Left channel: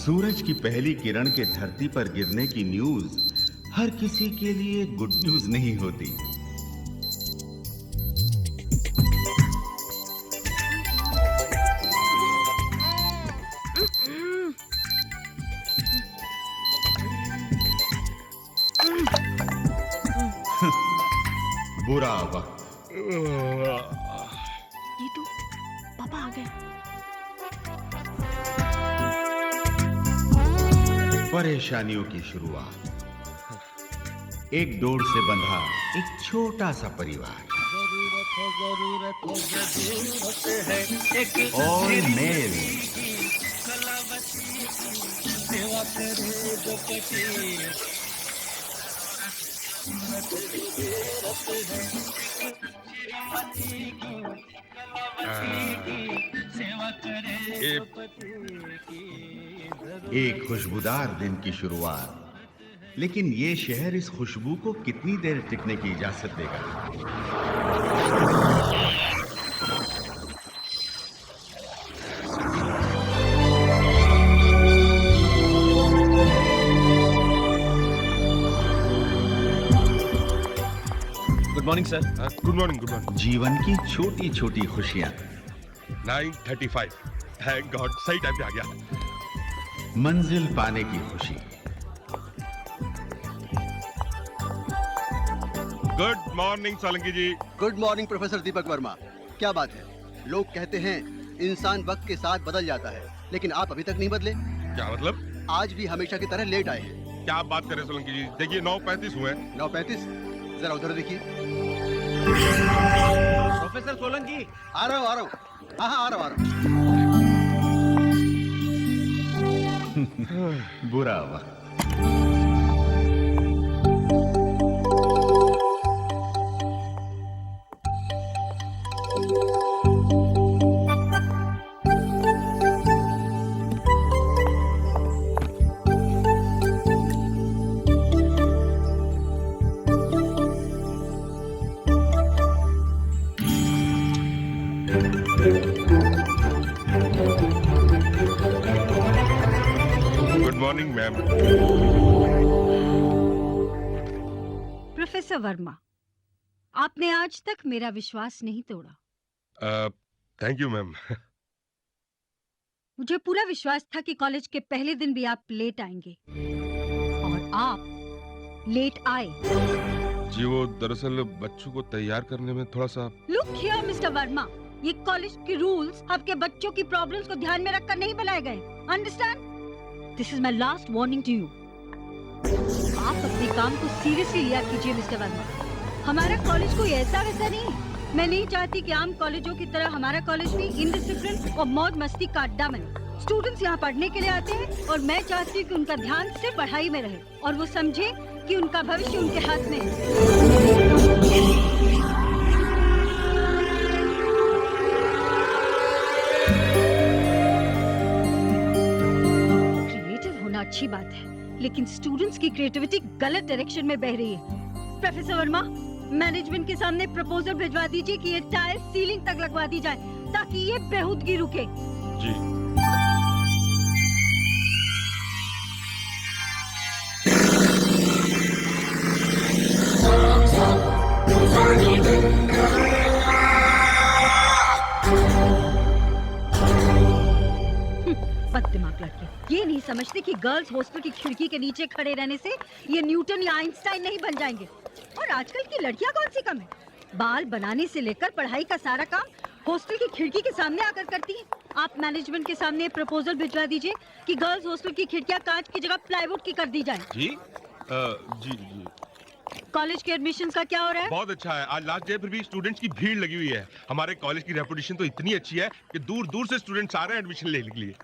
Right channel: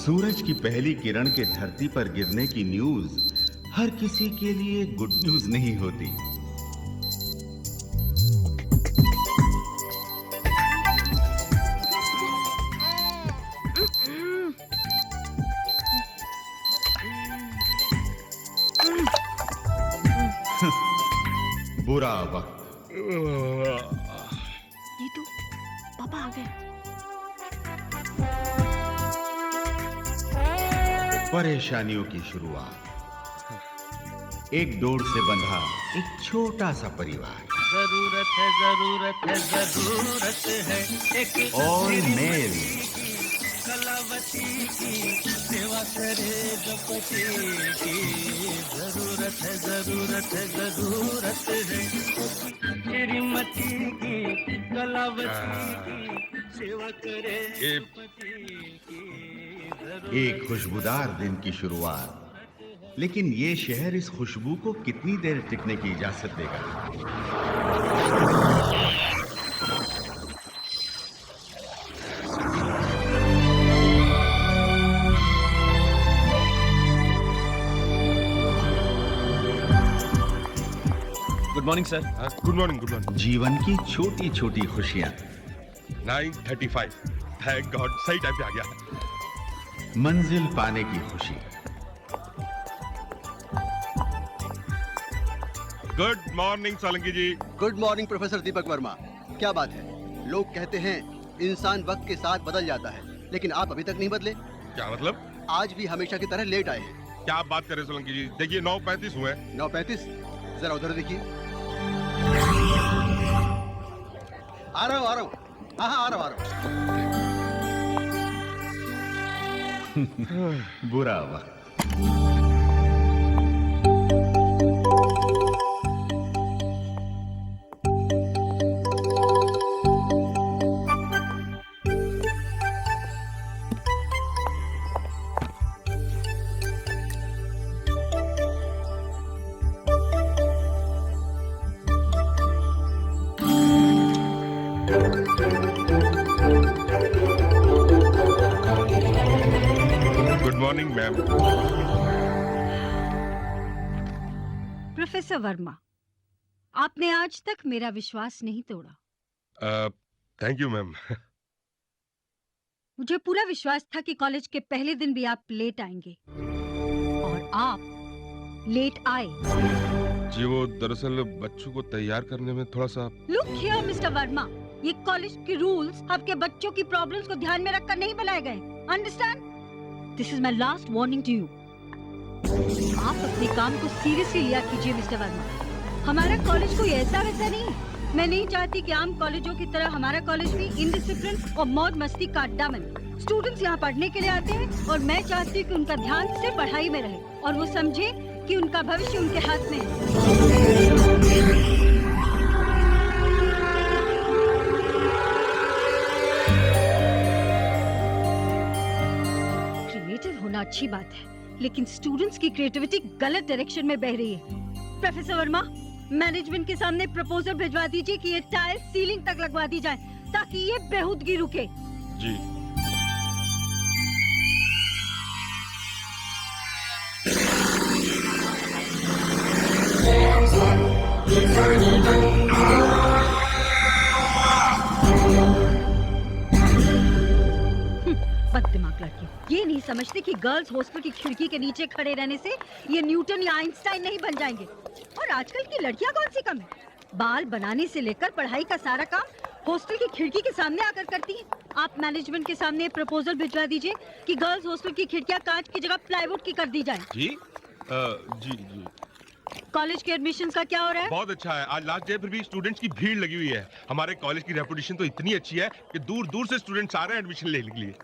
सूरज की पहली किरण के धरती पर गिरने की न्यूज हर किसी के लिए गुड न्यूज नहीं होती। बुरा वक्त। नीतू, पापा आ गए। परेशानियों की शुरुआत। एक डोर से बंधा एक छोटा सा परिवार। और मेल। एक खुशबूदार दिन की शुरुआत। लेकिन ये शहर इस खुशबू को कितनी देर टिकने की इजाजत देगा? Good morning sir. Good morning, good morning. जीवन की छोटी छोटी खुशियां। 9:35। थैंक गॉड, सही टाइम पे आ गया। मंजिल पाने की खुशी। गुड मॉर्निंग सोलंकी जी। Good morning professor Deepak Verma. क्या बात है, लोग कहते हैं इंसान वक्त के साथ बदल जाता है, लेकिन आप अभी तक नहीं बदले। क्या मतलब? आज भी हमेशा की तरह लेट आए हैं। क्या आप बात कर रहे हैं सोलंकी जी? देखिए 9:35 हुए। 9:35? जरा उधर देखिए। प्रोफेसर सोलंकी। आ रहा हूँ, आ रहा हूँ। हाँ, आ रहा हूँ। बुरा वक्त। Good morning ma'am. Professor Verma, आपने आज तक मेरा विश्वास नहीं तोड़ा। Thank you ma'am. मुझे पूरा विश्वास था कि कॉलेज के पहले दिन भी आप लेट आएंगे, और आप लेट आए। जी वो दरअसल बच्चों को तैयार करने में थोड़ा सा। लुक हियर मिस्टर वर्मा, ये कॉलेज के रूल्स आपके बच्चों की प्रॉब्लम्स को ध्यान में रखकर नहीं बनाए गए। Understand? This is my last warning to you. आप अपने काम को सीरियसली लिया कीजिए मिस्टर वर्मा। हमारा कॉलेज कोई ऐसा वैसा नहीं है। मैं नहीं चाहती कि आम कॉलेजों की तरह हमारा कॉलेज भी इनडिसिप्लिन और मौज मस्ती का अड्डा बने। स्टूडेंट्स यहाँ पढ़ने के लिए आते हैं, और मैं चाहती हूँ कि उनका ध्यान सिर्फ पढ़ाई में रहे, और वो समझे कि उनका भविष्य उनके हाथ में है। अच्छी बात है, लेकिन स्टूडेंट्स की क्रिएटिविटी गलत डायरेक्शन में बह रही है। प्रोफेसर वर्मा, मैनेजमेंट के सामने प्रपोजल भिजवा दीजिए कि ये टाइल सीलिंग तक लगवा दी जाए, ताकि ये बेहूदगी रुके। जी। बददिमाग लड़के ये नहीं समझते कि गर्ल्स हॉस्टल की खिड़की के नीचे खड़े रहने से ये न्यूटन या आइंस्टाइन नहीं बन जाएंगे। और आजकल की लड़कियां कौन सी कम है, बाल बनाने से लेकर पढ़ाई का सारा काम हॉस्टल की खिड़की के सामने आकर करती हैं। आप मैनेजमेंट के सामने प्रपोजल भिजवा दीजिए कि गर्ल्स हॉस्टल की खिड़कियां कांच की जगह प्लाईवुड की कर दी जाए। जी जी। कॉलेज के एडमिशन का क्या हो रहा है? बहुत अच्छा है। आज लास्ट डे फिर भी स्टूडेंट्स की भीड़ लगी हुई है। हमारे कॉलेज की रेपुटेशन तो इतनी अच्छी है कि दूर दूर से स्टूडेंट्स आ रहे हैं एडमिशन लेने के लिए।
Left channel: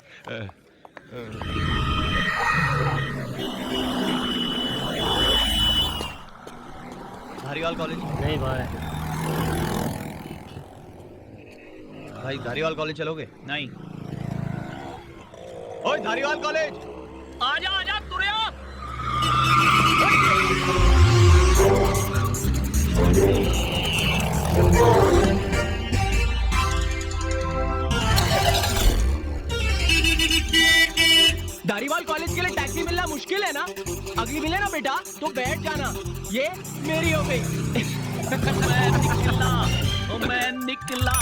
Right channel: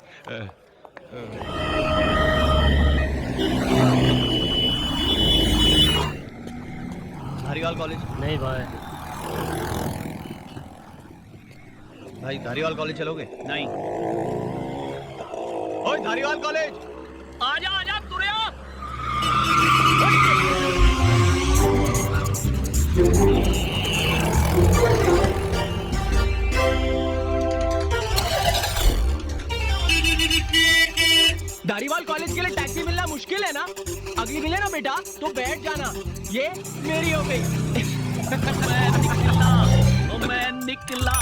धारीवाल कॉलेज? नहीं भाई धारीवाल कॉलेज चलोगे? नहीं। ओए धारीवाल कॉलेज, आजा तुरे आ। धारीवाल कॉलेज के लिए टैक्सी मिलना मुश्किल है ना? अगली मिले ना बेटा तो बैठ जाना, ये मेरी हो गई। मैं निकला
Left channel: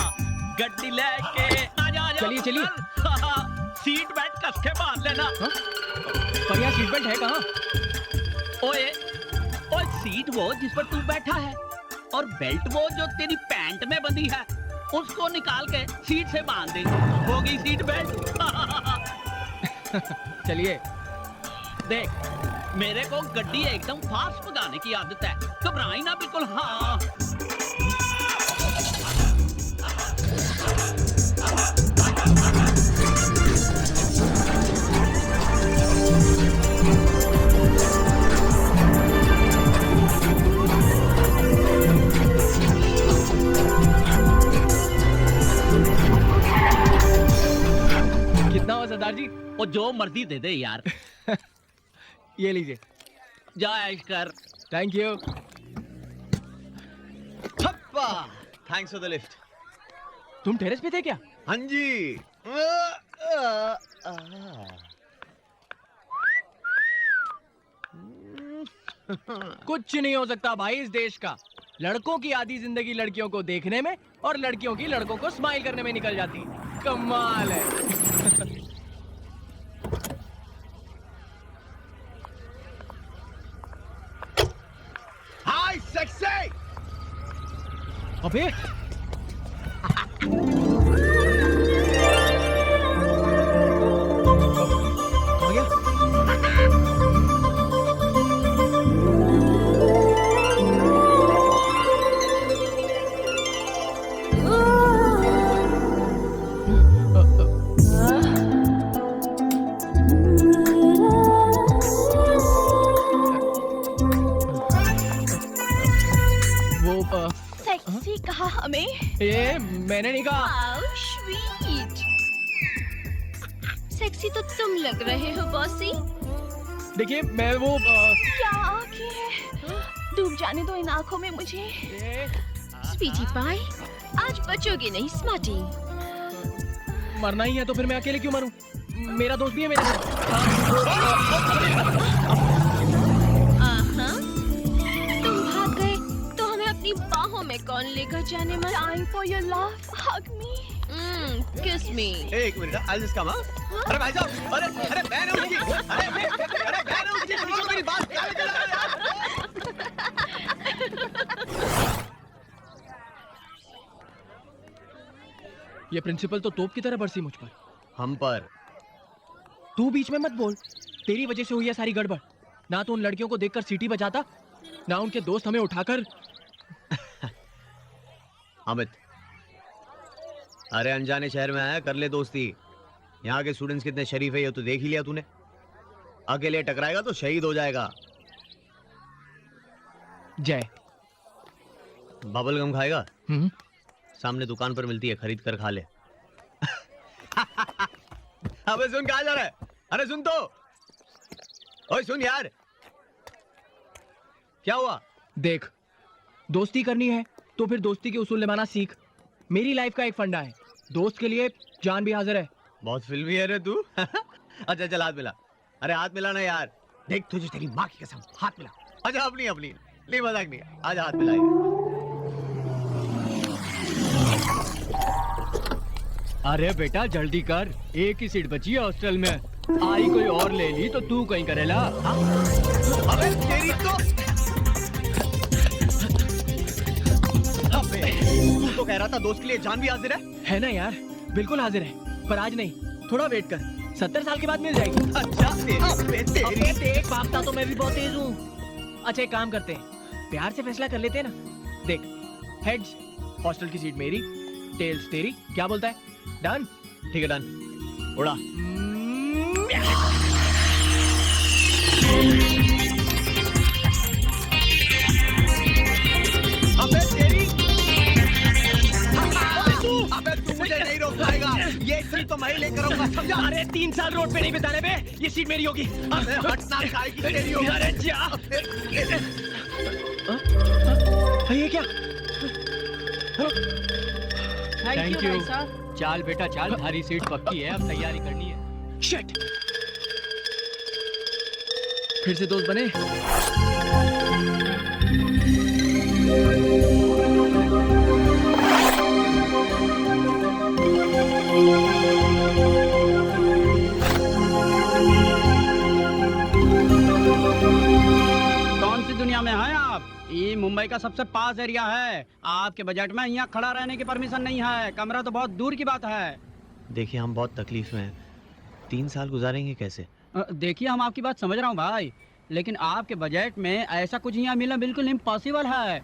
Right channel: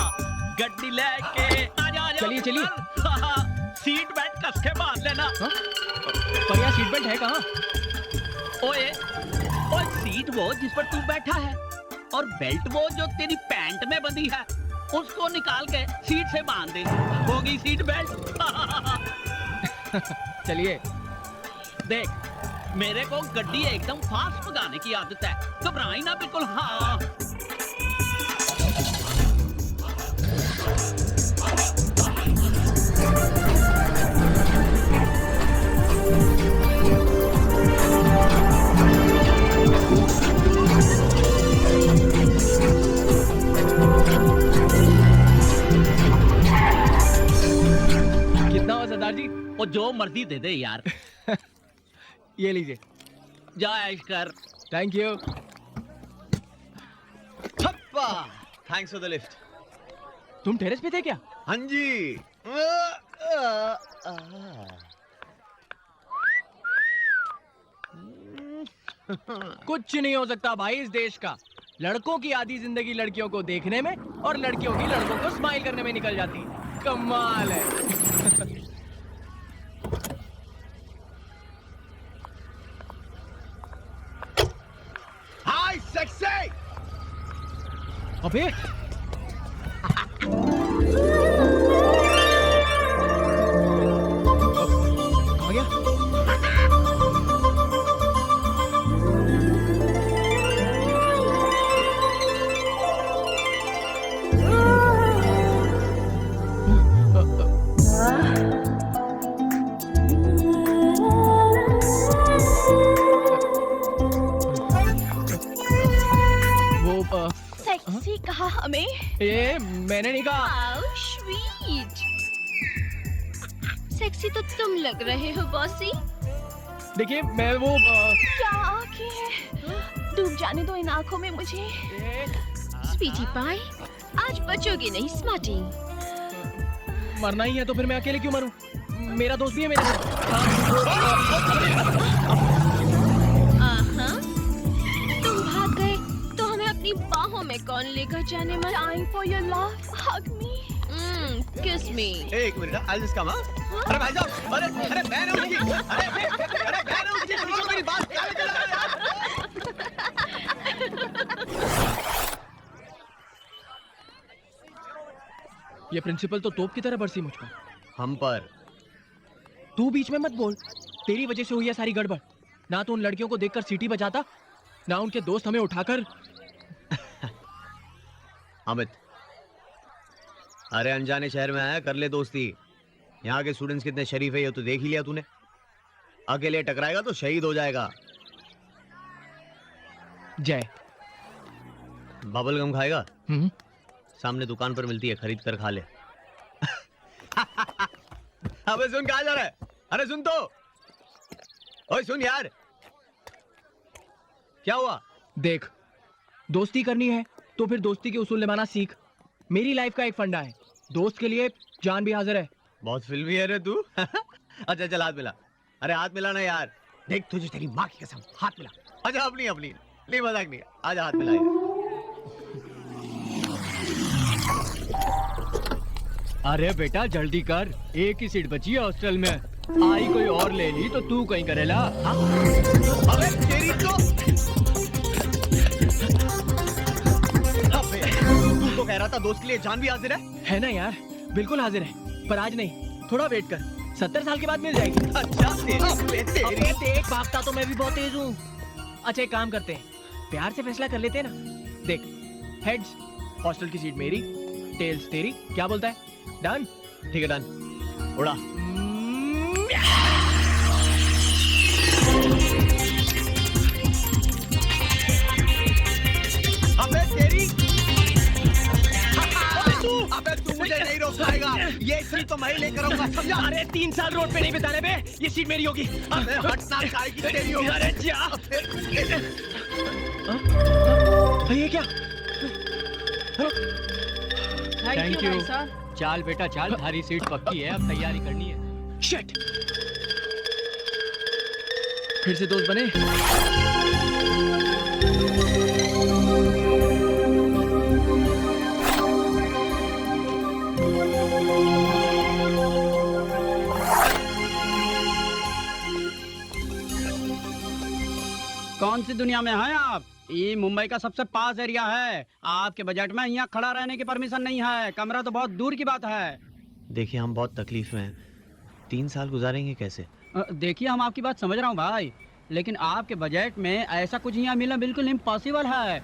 गड्डी लेके आजा चलिए, चलिए। सीट बेल्ट कस के बांध लेना। पर यहाँ सीट बेल्ट है कहाँ? ओए ओए, सीट वो जिस पर तू बैठा है और बेल्ट वो जो तेरी पैंट में बंधी है, उसको निकाल के सीट से बांध दे, हो गई सीट बेल्ट। चलिए। देख, मेरे को गड्डी एकदम फास्ट भगाने की आदत है, घबराई ना बिल्कुल। हाँ कितना हो सरदार जी? और जो मर्जी दे दे यार। ये लीजिए। जा ऐश कर। Thank you. थप्पा। Thanks for the lift. तुम टेरेस पे थे क्या? हाँ जी। कुछ नहीं हो सकता भाई इस देश का। लड़कों की आधी जिंदगी लड़कियों को देखने में और लड़कियों की लड़कों को स्माइल करने में निकल जाती है। कमाल है। हाय सेक्सी। अबे कहाँ गया? वो सेक्सी कहा हमें? ये मैंने नहीं कहा। How sweet. सेक्सी तो तुम लग रहे हो बॉसी। देखिए मैं वो क्या आंखें हैं, डूब जाने दो इन आंखों में मुझे। स्वीटी पाई, आज बचोगे नहीं स्मार्टी। मरना ही है तो फिर मैं अकेले क्यों मरूं? मेरा दोस्त भी है मेरे साथ। तुम भाग गए तो हमें अपनी बाहों में कौन लेकर जाने मन? Time for your love, hug me, kiss me। एक मिनट, I'll just come, हाँ? अरे भाई साहब, अरे बहन है उसकी, अरे बहन है उसकी, सुनो मेरी बात, ये प्रिंसिपल तो तोप की तरह बरसी मुझ पर। हम पर। तू बीच में मत बोल, तेरी वजह से हुई है सारी गड़बड़। ना तो उन लड़कियों को देखकर सीटी बजाता, ना उनके दोस्त हमें उठाकर। अमित, अरे अनजाने शहर में आया, कर ले दोस्ती। यहाँ के स्टूडेंट्स कितने शरीफ है ये तो देख ही लिया तूने। अकेले टकराएगा तो शहीद हो जाएगा। जय। बबल गम खाएगा? सामने दुकान पर मिलती है, खरीद कर खा ले। अबे सुन, कहाँ जा रहा है? अरे सुन तो, ओए सुन यार। क्या हुआ? देख, दोस्ती करनी है तो फिर दोस्ती के उसूल निभाना सीख। मेरी लाइफ का एक फंडा है, दोस्त के लिए जान भी हाजिर है। बहुत फिल्मी है रे तू। अच्छा चल हाथ मिला। अरे हाथ मिला ना यार। देख तुझे तेरी माँ की कसम, हाथ मिला। अच्छा अपनी अपनी, नहीं मजाक नहीं, आज हाथ मिला यार। अरे बेटा जल्दी कर, एक ही सीट बची है हॉस्टल में। आई कोई और ले ली तो तू कहीं करेला। अबे तेरी तो, अबे तू तो कह रहा था दोस्त के लिए जान भी हाजिर है ना यार, बिल्कुल हाजिर है, पर आज नहीं, थोड़ा वेट कर, 70 साल के बाद मिल जाएगी। अच्छा तेरी देख, भागता तो मैं भी बहुत तेज हूँ। अच्छा एक काम करते हैं, प्यार से फैसला कर लेते हैं ना। देख, हेड्स हॉस्टल की सीट मेरी, टेल्स तेरी, क्या बोलता है? डन? ठीक है डन, उड़ा। अबे तेरी, अबे तू मुझे नहीं रोक पाएगा, ये सीट तो मैं ही लेकर आऊंगा, समझा? अरे 3 साल रोड पे नहीं बिताने बे, ये सीट मेरी होगी। अबे हटना, काय की तेरी होगी। अरे जा। ये क्या? Thank you. चाल बेटा चाल, थारी सीट पक्की है, अब तैयारी करनी है। शिट, फिर से दोस्त बने? कौन सी दुनिया में हैं आप? ये मुंबई का सबसे पास एरिया है। आपके बजट में यहाँ खड़ा रहने की परमिशन नहीं है। कमरा तो बहुत दूर की बात है। देखिए हम बहुत तकलीफ में हैं, 3 साल गुजारेंगे कैसे? देखिए हम आपकी बात समझ रहा हूँ भाई, लेकिन आपके बजट में ऐसा कुछ यहाँ मिलना बिल्कुल इम्पॉसिबल है।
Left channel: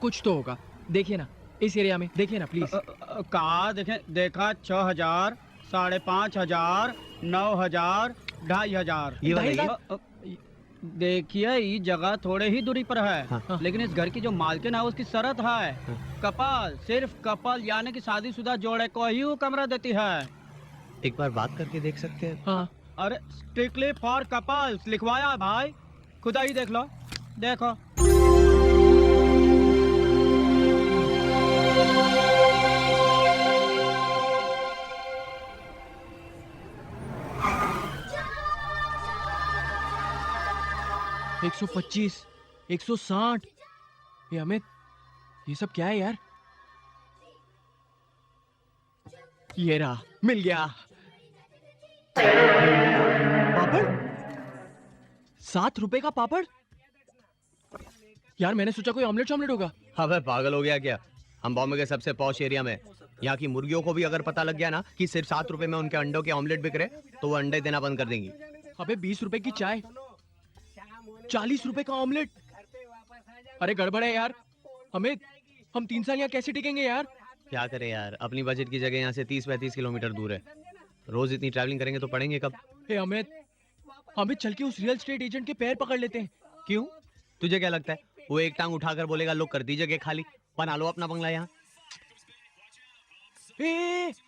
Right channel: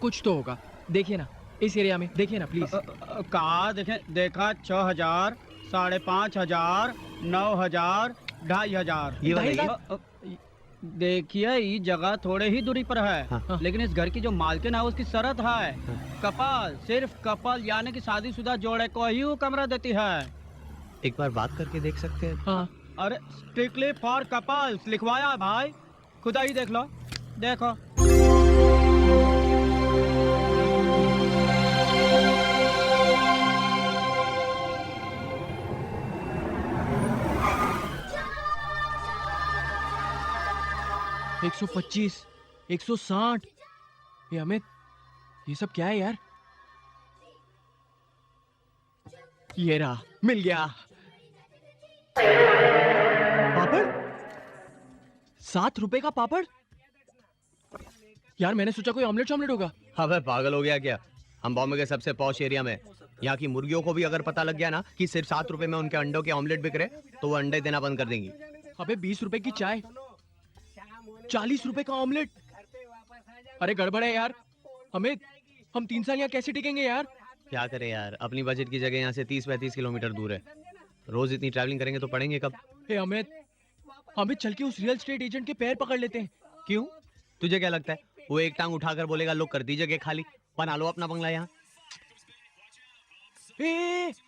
कुछ तो होगा, देखिए ना इस एरिया में, देखिए ना प्लीज। कहा देखा 6,000, 5,500, 9,000, 2,500। ये वाला देखिए ये जगह थोड़े ही दूरी पर है। हाँ। लेकिन इस घर की जो मालकिन है उसकी शर्त है, कपल, सिर्फ कपल यानी कि शादीशुदा जोड़े को ही वो कमरा देती है। एक बार बात करके देख सकते हैं? हाँ अरे स्ट्रिक्टली फॉर कपल्स लिखवाया है भाई, खुदा ही देख लो। देखो एक 125, 160। ये अमित, ये सब क्या है यार? ये रहा, मिल गया। पापड़, 7 रुपए का पापड़। यार मैंने सोचा कोई ऑमलेट होगा। अबे पागल हो गया क्या? हम बॉम्बे के सबसे पॉश एरिया में, यहाँ की मुर्गियों को भी अगर पता लग गया ना कि सिर्फ 7 रुपए में उनके अंडों के ऑमलेट बिक रहे, तो वो अंडे देना बंद कर देंगी। अबे 20 रुपए की चाय, 40 रुपए का ऑमलेट। अरे गड़बड़ है यार। अमित, हम 3 साल यहाँ कैसे टिकेंगे यार? क्या करें यार, अपनी बजट की जगह यहाँ से 30-35 किलोमीटर दूर है। रोज इतनी ट्रैवलिंग करेंगे तो पढ़ेंगे कब? हे अमित, हमें चल के उस रियल एस्टेट एजेंट के पैर पकड़ लेते हैं। क्यों? तुझे क्या लगता है वो एक टांग उठाकर बोलेगा लो कर दी जगह खाली, बना लो अपना बंगला यहाँ?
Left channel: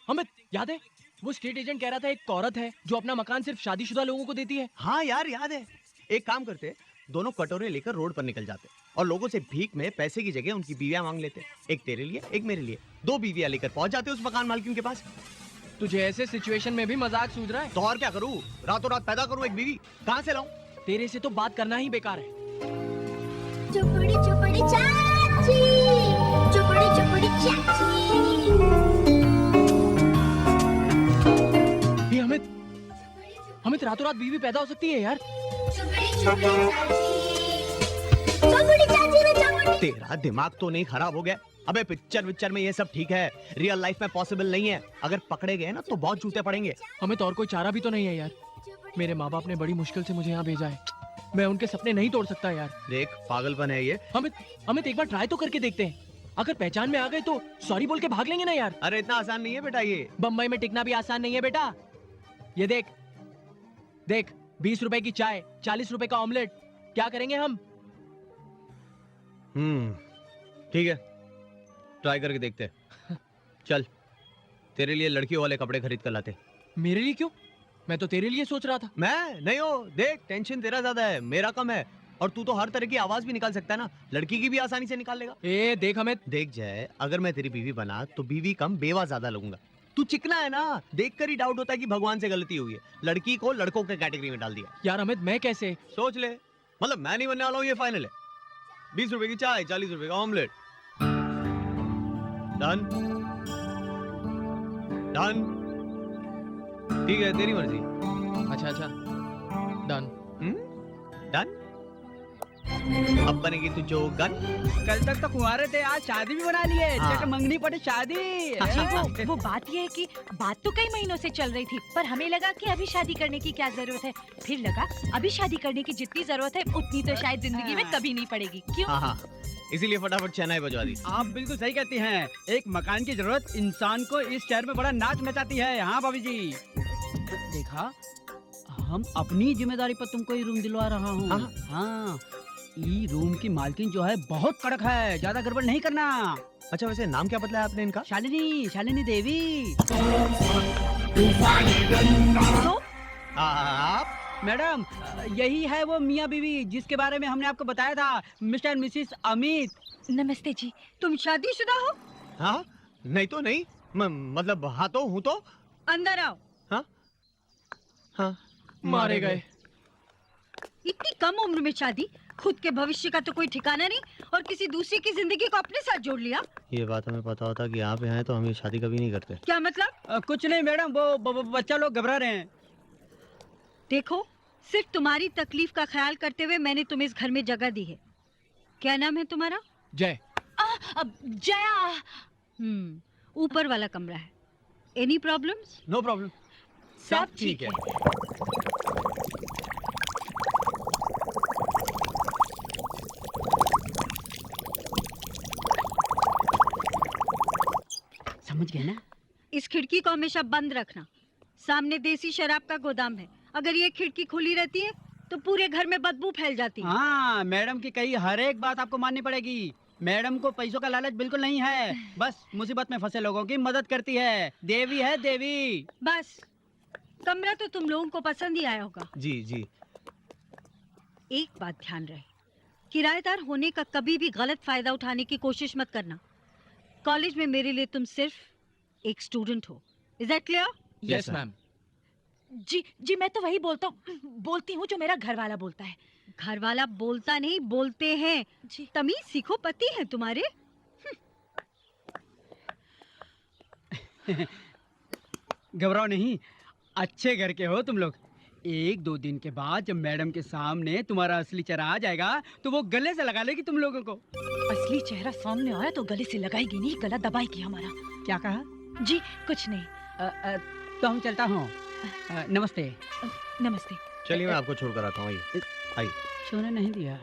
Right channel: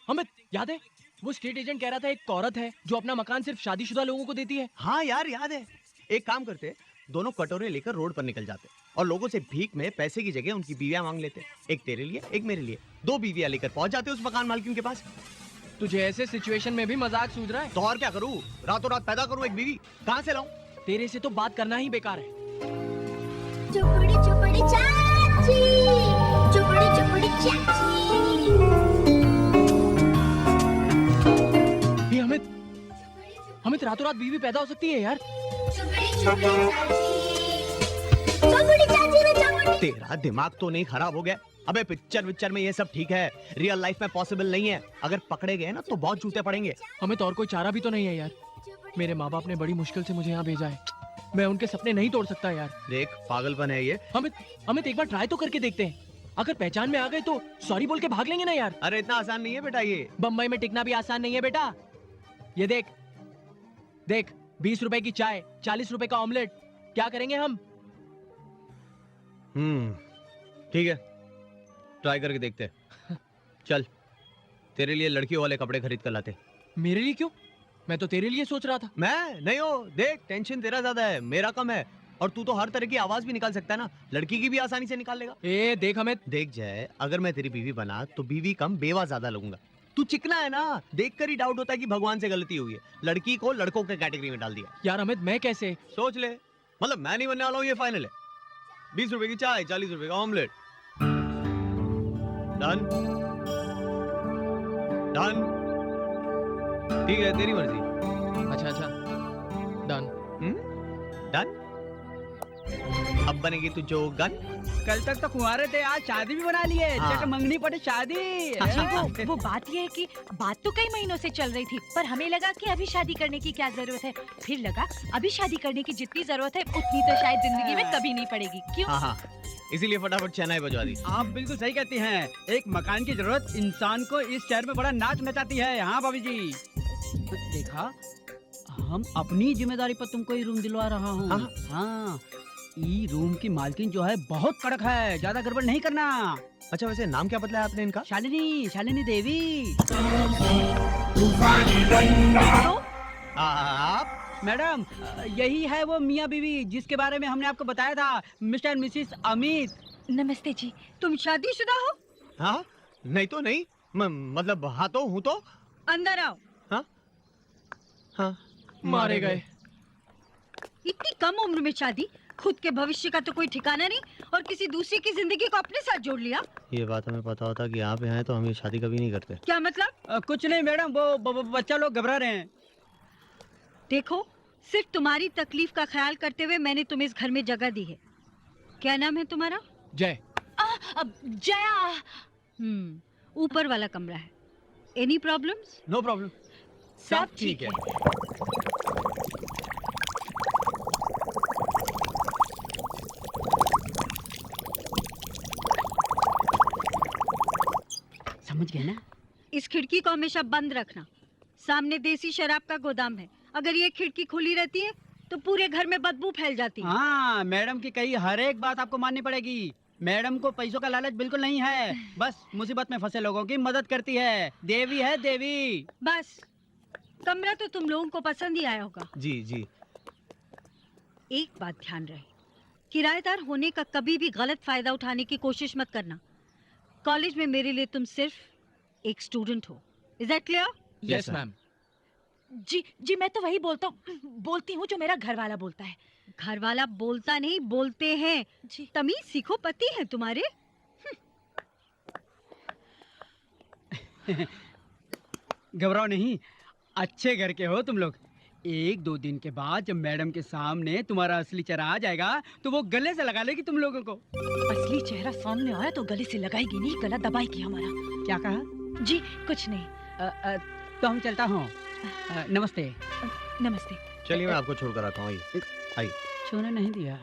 अमित याद है वो स्टेट एजेंट कह रहा था एक औरत है जो अपना मकान सिर्फ शादीशुदा लोगों को देती है। हाँ यार याद है। एक काम करते, दोनों कटोरे लेकर रोड पर निकल जाते और लोगों से भीख में पैसे की जगह उनकी बीवियां मांग लेते। एक तेरे लिए एक मेरे लिए, 2 बीवियां लेकर पहुंच जाते उस मकान मालकिन के पास। तुझे ऐसे सिचुएशन में भी मजाक सूझ रहा है? तो और क्या करूं, रातों रात पैदा करूं एक बीवी? कहां से लाऊं? तेरे से तो बात करना ही बेकार है। चुपड़ी चुपड़ी चाची, चुपड़ी चुपड़ी चाची। ये अमित, अमित रातों रात बीवी पैदा हो सकती है यार। तेरा दिमाग तो नहीं खराब हो गया? अबे पिक्चर में ये सब ठीक है, रियल लाइफ में पॉसिबल नहीं है। अगर पकड़े गए ना तो बहुत जूते पड़ेंगे। हमें तो और कोई चारा भी तो नहीं है यार। मेरे माँ बाप ने बड़ी मुश्किल से मुझे यहाँ भेजा है, मैं उनके सपने नहीं तोड़ सकता यार। देख पागलपन है ये। अमित एक बार ट्राई तो करके देखते हैं, अगर पहचान में आ गए तो सॉरी बोल के भाग लेंगे ना यार। अरे इतना आसान नहीं है बेटा ये। बम्बई में टिकना भी आसान नहीं है बेटा। ये देख देख, 20 रुपए की चाय, 40 रुपए का ऑमलेट, क्या करेंगे हम? ठीक है, ट्राई करके देखते हैं। चल तेरे लिए लड़कियों वाले कपड़े खरीद कर लाते। मेरे लिए क्यों? मैं तो तेरे लिए सोच रहा था। मैं नहीं हो, देख टेंशन तेरा ज्यादा है, मेरा कम है। और तू तो हर तरह की आवाज भी निकाल सकता है ना, लड़की की भी आसानी से निकाल लेगा। देख हमें, देख जाए, अगर मैं तेरी बीवी बना तो बीवी कम बेवा ज्यादा लगूंगा। तू चिकना है ना, देखकर ही डाउट होता है कि भगवान से गलती हुई है। लड़की को लड़कों के कैटेगरी में डाल दिया। यार अमित मैं कैसे? सोच ले, मतलब मैं नहीं बनने वाला हूँ, ये फाइनल है। 20 रुपए की चाय, 40 रुपए का ऑमलेट। Done done. ठीक है तेरी मर्जी। अच्छा डन। डन। अब बनेगी तू जो गन। कल तक तो कुंवारे थे, आज शादी भी बना लिए। हाँ। चट मंगनी पड़े शादी। वो बात ये है कि बात तो कई महीनों से चल रही थी, पर हमें लगा कि अभी शादी करने की क्या जरूरत है। फिर लगा अभी शादी करने की जितनी जरूरत है उतनी तो शायद जिंदगी में कभी नहीं पड़ेगी। क्यों? हाँ, इसीलिए फटाफट शहनाई बजवा दी। आप बिल्कुल सही कहती हैं। एक मकान की जरूरत इंसान को इस शहर में बड़ा नाच नचाती है। हाँ भाभी जी, देखा हम अपनी जिम्मेदारी पर तुमको ये रूम दिलवा रहा हूँ। हाँ, ये रूम की मालकिन जो है बहुत कड़क है, ज्यादा गड़बड़ नहीं करना। अच्छा वैसे नाम क्या बतलाया आपने इनका? शालिनी देवी। तो आप? मैडम यही है वो मियाँ बीवी जिसके बारे में हमने आपको बताया था, मिस्टर मिसिस अमित। नमस्ते जी। तुम शादीशुदा हो? हाँ नहीं तो नहीं, मतलब हाँ तो हूँ तो। अंदर आओ। हाँ हाँ मारे गए। इतनी कम उम्र में शादी, खुद के भविष्य का तो कोई ठिकाना नहीं और किसी दूसरे की जिंदगी को अपने साथ जोड़ लिया। ये बात हमें पता होता कि यहाँ पे आए तो हम ये शादी कभी नहीं करते। क्या मतलब? कुछ नहीं मैडम, वो बच्चा लोग घबरा रहे हैं। देखो, सिर्फ तुम्हारी तकलीफ का ख्याल करते हुए मैंने तुम्हें इस घर में जगह दी है। क्या नाम है तुम्हारा? जय। जया। ऊपर वाला कमरा है। Any problems? नो प्रॉब्लम, सब ठीक है। समझ गए ना? इस खिड़की को हमेशा बंद रखना। सामने देसी शराब का गोदाम है। अगर ये खिड़की खुली रहती है तो पूरे घर में बदबू फैल जाती है। हाँ, मैडम की कही हर एक बात आपको माननी पड़ेगी। मैडम को पैसों का लालच बिल्कुल नहीं है, बस मुसीबत में फंसे लोगों की मदद करती है। देवी है देवी। बस, कमरा तो तुम लोगों को पसंद ही आया होगा। जी जी। एक बात ध्यान रहे, किराएदार होने का कभी भी गलत फायदा उठाने की कोशिश मत करना। कॉलेज में मेरे लिए तुम सिर्फ एक स्टूडेंट हो। Is that clear? Yes ma'am. जी जी, मैं तो वही बोलती हूँ जो मेरा घर वाला बोलता है। घर वाला बोलता नहीं, बोलते हैं। जी। तमीज सीखो, पति है तुम्हारे। घबराओ नहीं, अच्छे घर के हो तुम लोग। एक दो दिन के बाद जब मैडम के सामने तुम्हारा असली चेहरा आ जाएगा तो वो गले से लगा लेगी तुम लोगों को। असली चेहरा सामने आया तो गले से लगाएगी नहीं, गला दबाएगी हमारा। क्या कहा? जी कुछ नहीं। तो हम चलता हूँ। नमस्ते। नमस्ते। चलिए मैं आपको छोड़ कर आता हूँ। आइए आइए। छोड़ने नहीं दिया।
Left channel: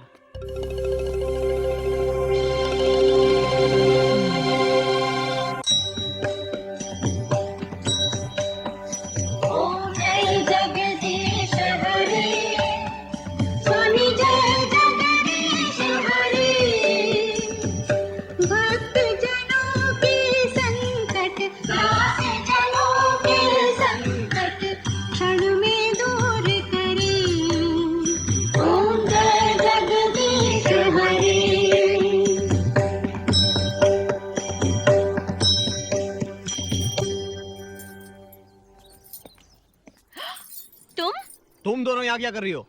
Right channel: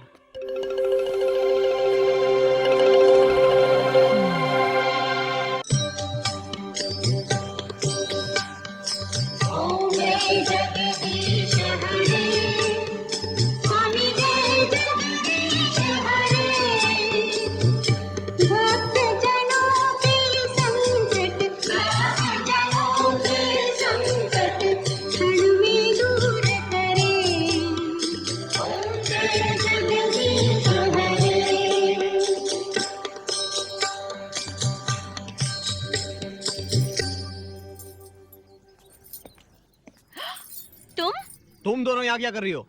तुम दोनों यहाँ क्या कर रही हो?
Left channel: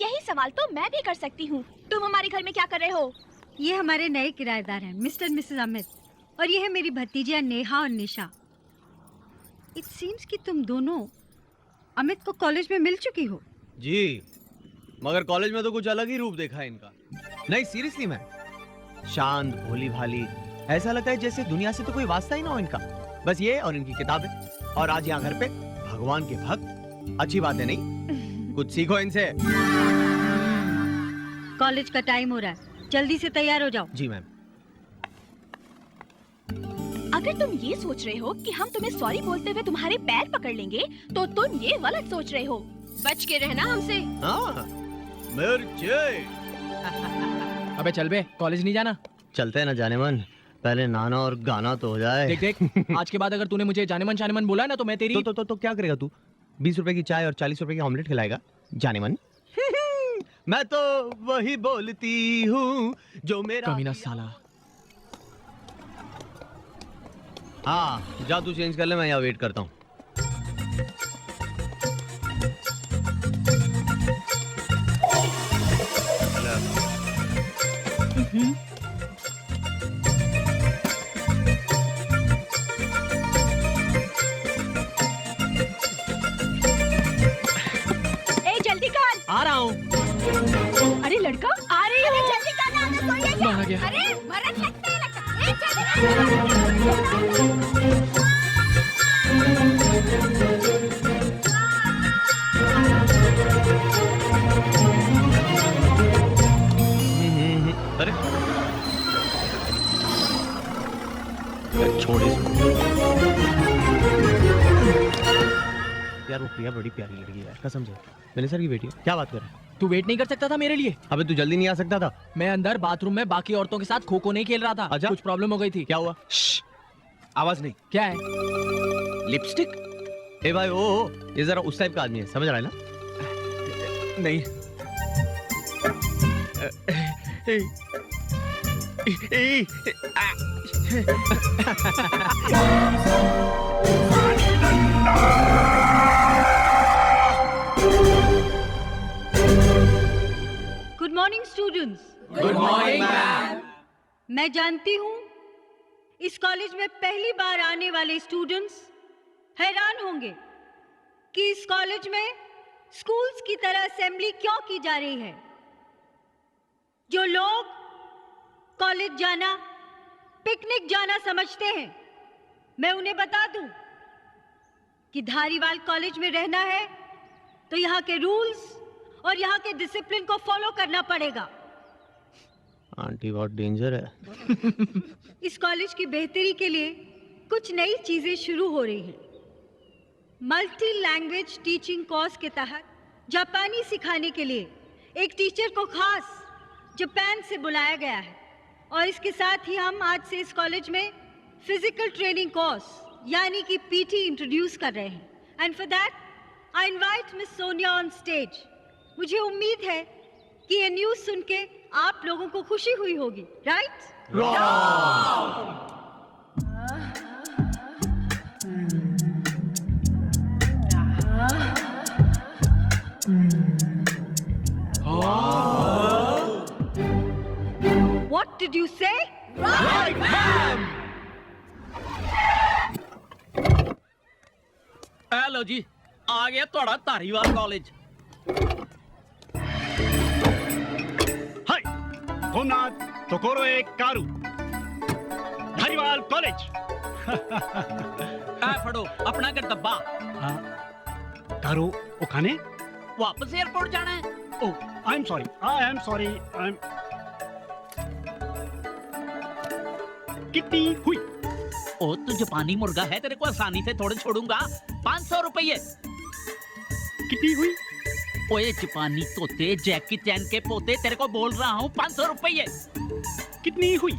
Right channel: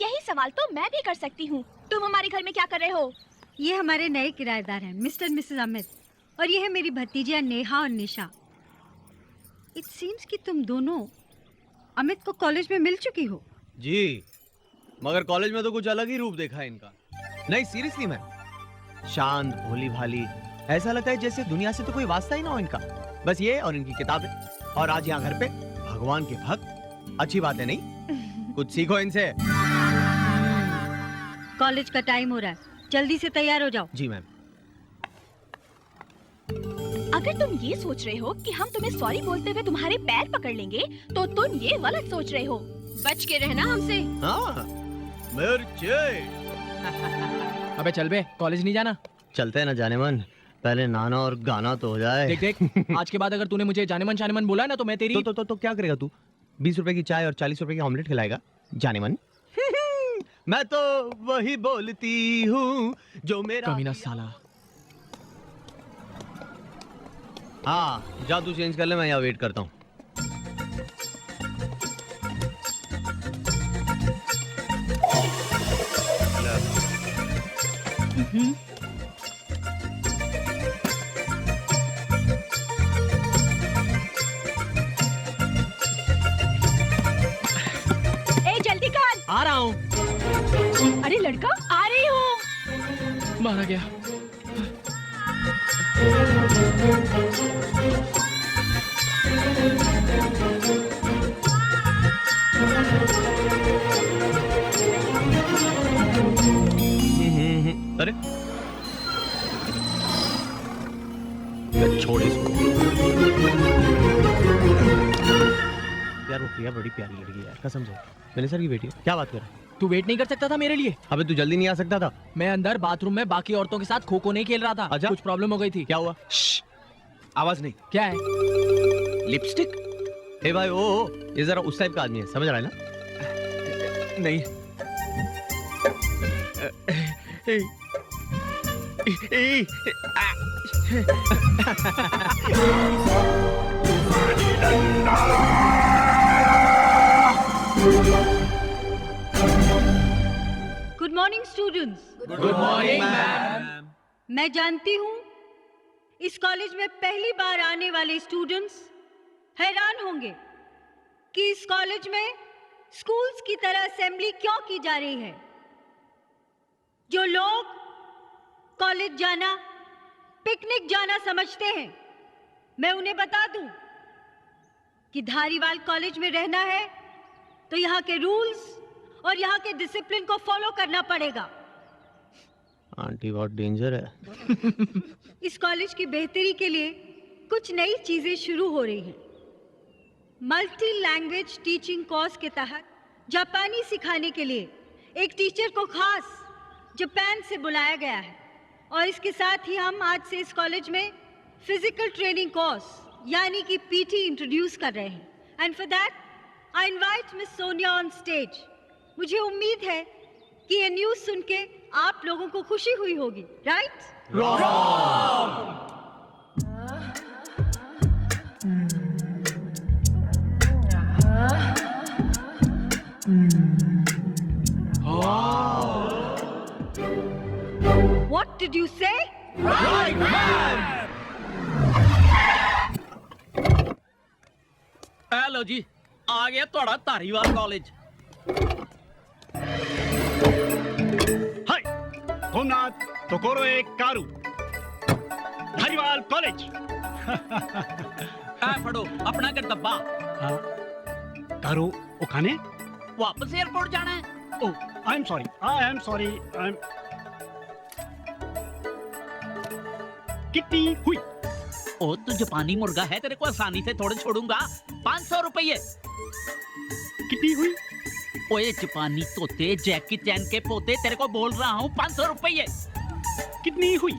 यही सवाल तो मैं भी कर सकती हूँ। तुम हमारे घर में क्या कर रहे हो? ये हमारे नए किराएदार हैं, मिस्टर मिसेस अमित, और ये है मेरी भतीजियाँ नेहा और निशा। इट सीम्स कि तुम दोनों अमित को कॉलेज में मिल चुकी हो। जी, मगर कॉलेज में तो कुछ अलग ही रूप देखा है इनका। नहीं सीरियसली मैम, शांत भोली भाली, ऐसा लगता है जैसे दुनिया से तो कोई वास्ता ही ना हो इनका। बस ये और इनकी किताबें, और आज यहाँ घर पे भगवान के भक्त। अच्छी बात है नहीं? कुछ सीखो इनसे। कॉलेज का टाइम हो रहा है, जल्दी से तैयार हो जाओ। जी मैम। अगर तुम ये सोच रहे हो कि हम तुम्हें सॉरी बोलते हुए तुम्हारे पैर पकड़ लेंगे तो तुम ये गलत सोच रहे हो। बच के रहना हमसे। हाँ, मिर्चे। अबे चल बे, कॉलेज नहीं जाना? चलते हैं ना जाने मन, पहले नाना और गाना तो हो जाए। देख देख, आज के बाद अगर तूने मुझे जाने मन बोला ना तो मैं तेरी तो क्या करेगा तू? 20 रुपए की चाय और 40 रुपए की ऑमलेट खिलाएगा जाने मन? मैं तो वही बोलती हूँ जो मेरा कमीना साला। हाँ जा, तू चेंज कर ले, मैं यहाँ वेट करता हूँ। जल्दी कर। आ रहा हूँ। अरे लड़का, आ रही हूँ। मारा गया। अरे छोड़ इसको यार, वो प्रिया बड़ी प्यारी लड़की है यार, कसम से। मैंने सर की बेटी है। क्या बात कर रहा है? तू वेट नहीं कर सकता था मेरे लिए? अबे तू जल्दी नहीं आ सकता था? मैं अंदर बाथरूम में बाकी औरतों के साथ खो खो नहीं खेल रहा था। अच्छा? कुछ प्रॉब्लम हो गई थी। क्या हुआ? आवाज नहीं। क्या है? लिपस्टिक? ए भाई, ओ ये जरा उस टाइप का आदमी है, समझ रहा है ना? नहीं। स्टूडेंट्स। Good morning ma'am. मैं जानती हूँ इस कॉलेज में पहली बार आने वाले स्टूडेंट्स हैरान होंगे कि इस कॉलेज में स्कूल्स की तरह असेंबली क्यों की जा रही है। जो लोग कॉलेज जाना पिकनिक जाना समझते हैं, मैं उन्हें बता दूं कि धारीवाल कॉलेज में रहना है तो यहाँ के रूल्स और यहाँ के डिसिप्लिन को फॉलो करना पड़ेगा। आंटी बहुत डेंजर है। इस कॉलेज की बेहतरी के लिए कुछ नई चीजें शुरू हो रही हैं। मल्टी लैंग्वेज टीचिंग कोर्स के तहत जापानी सिखाने के लिए एक टीचर को खास जापान से बुलाया गया है और इसके साथ ही हम आज से इस कॉलेज में फिजिकल ट्रेनिंग कोर्स यानी कि पीटी इंट्रोड्यूस कर रहे हैं। And for that I invite miss Sonia on stage. मुझे उम्मीद है कि ये न्यूज़ सुन के आप लोगों को खुशी हुई होगी, right? What did you say? Right, ma'am. Hello जी, आ गया थोड़ा धारीवाल कॉलेज। हाय, होमनाथ तोकोरोए कारू, धारीवाल कॉलेज। फड़ो अपना कर डब्बा। कारू ओखाने वापस एयरपोर्ट जाना है। ओह, आई एम सॉरी, कितनी हुई? ओ तू जापानी मुर्गा है, तेरे को आसानी से थोड़े छोड़ूंगा। 500 रुपये। कितनी हुई? ओए जापानी तोते, जैकी चैन के पोते, तेरे को बोल रहा हूँ 500 रुपये। कितनी हुई?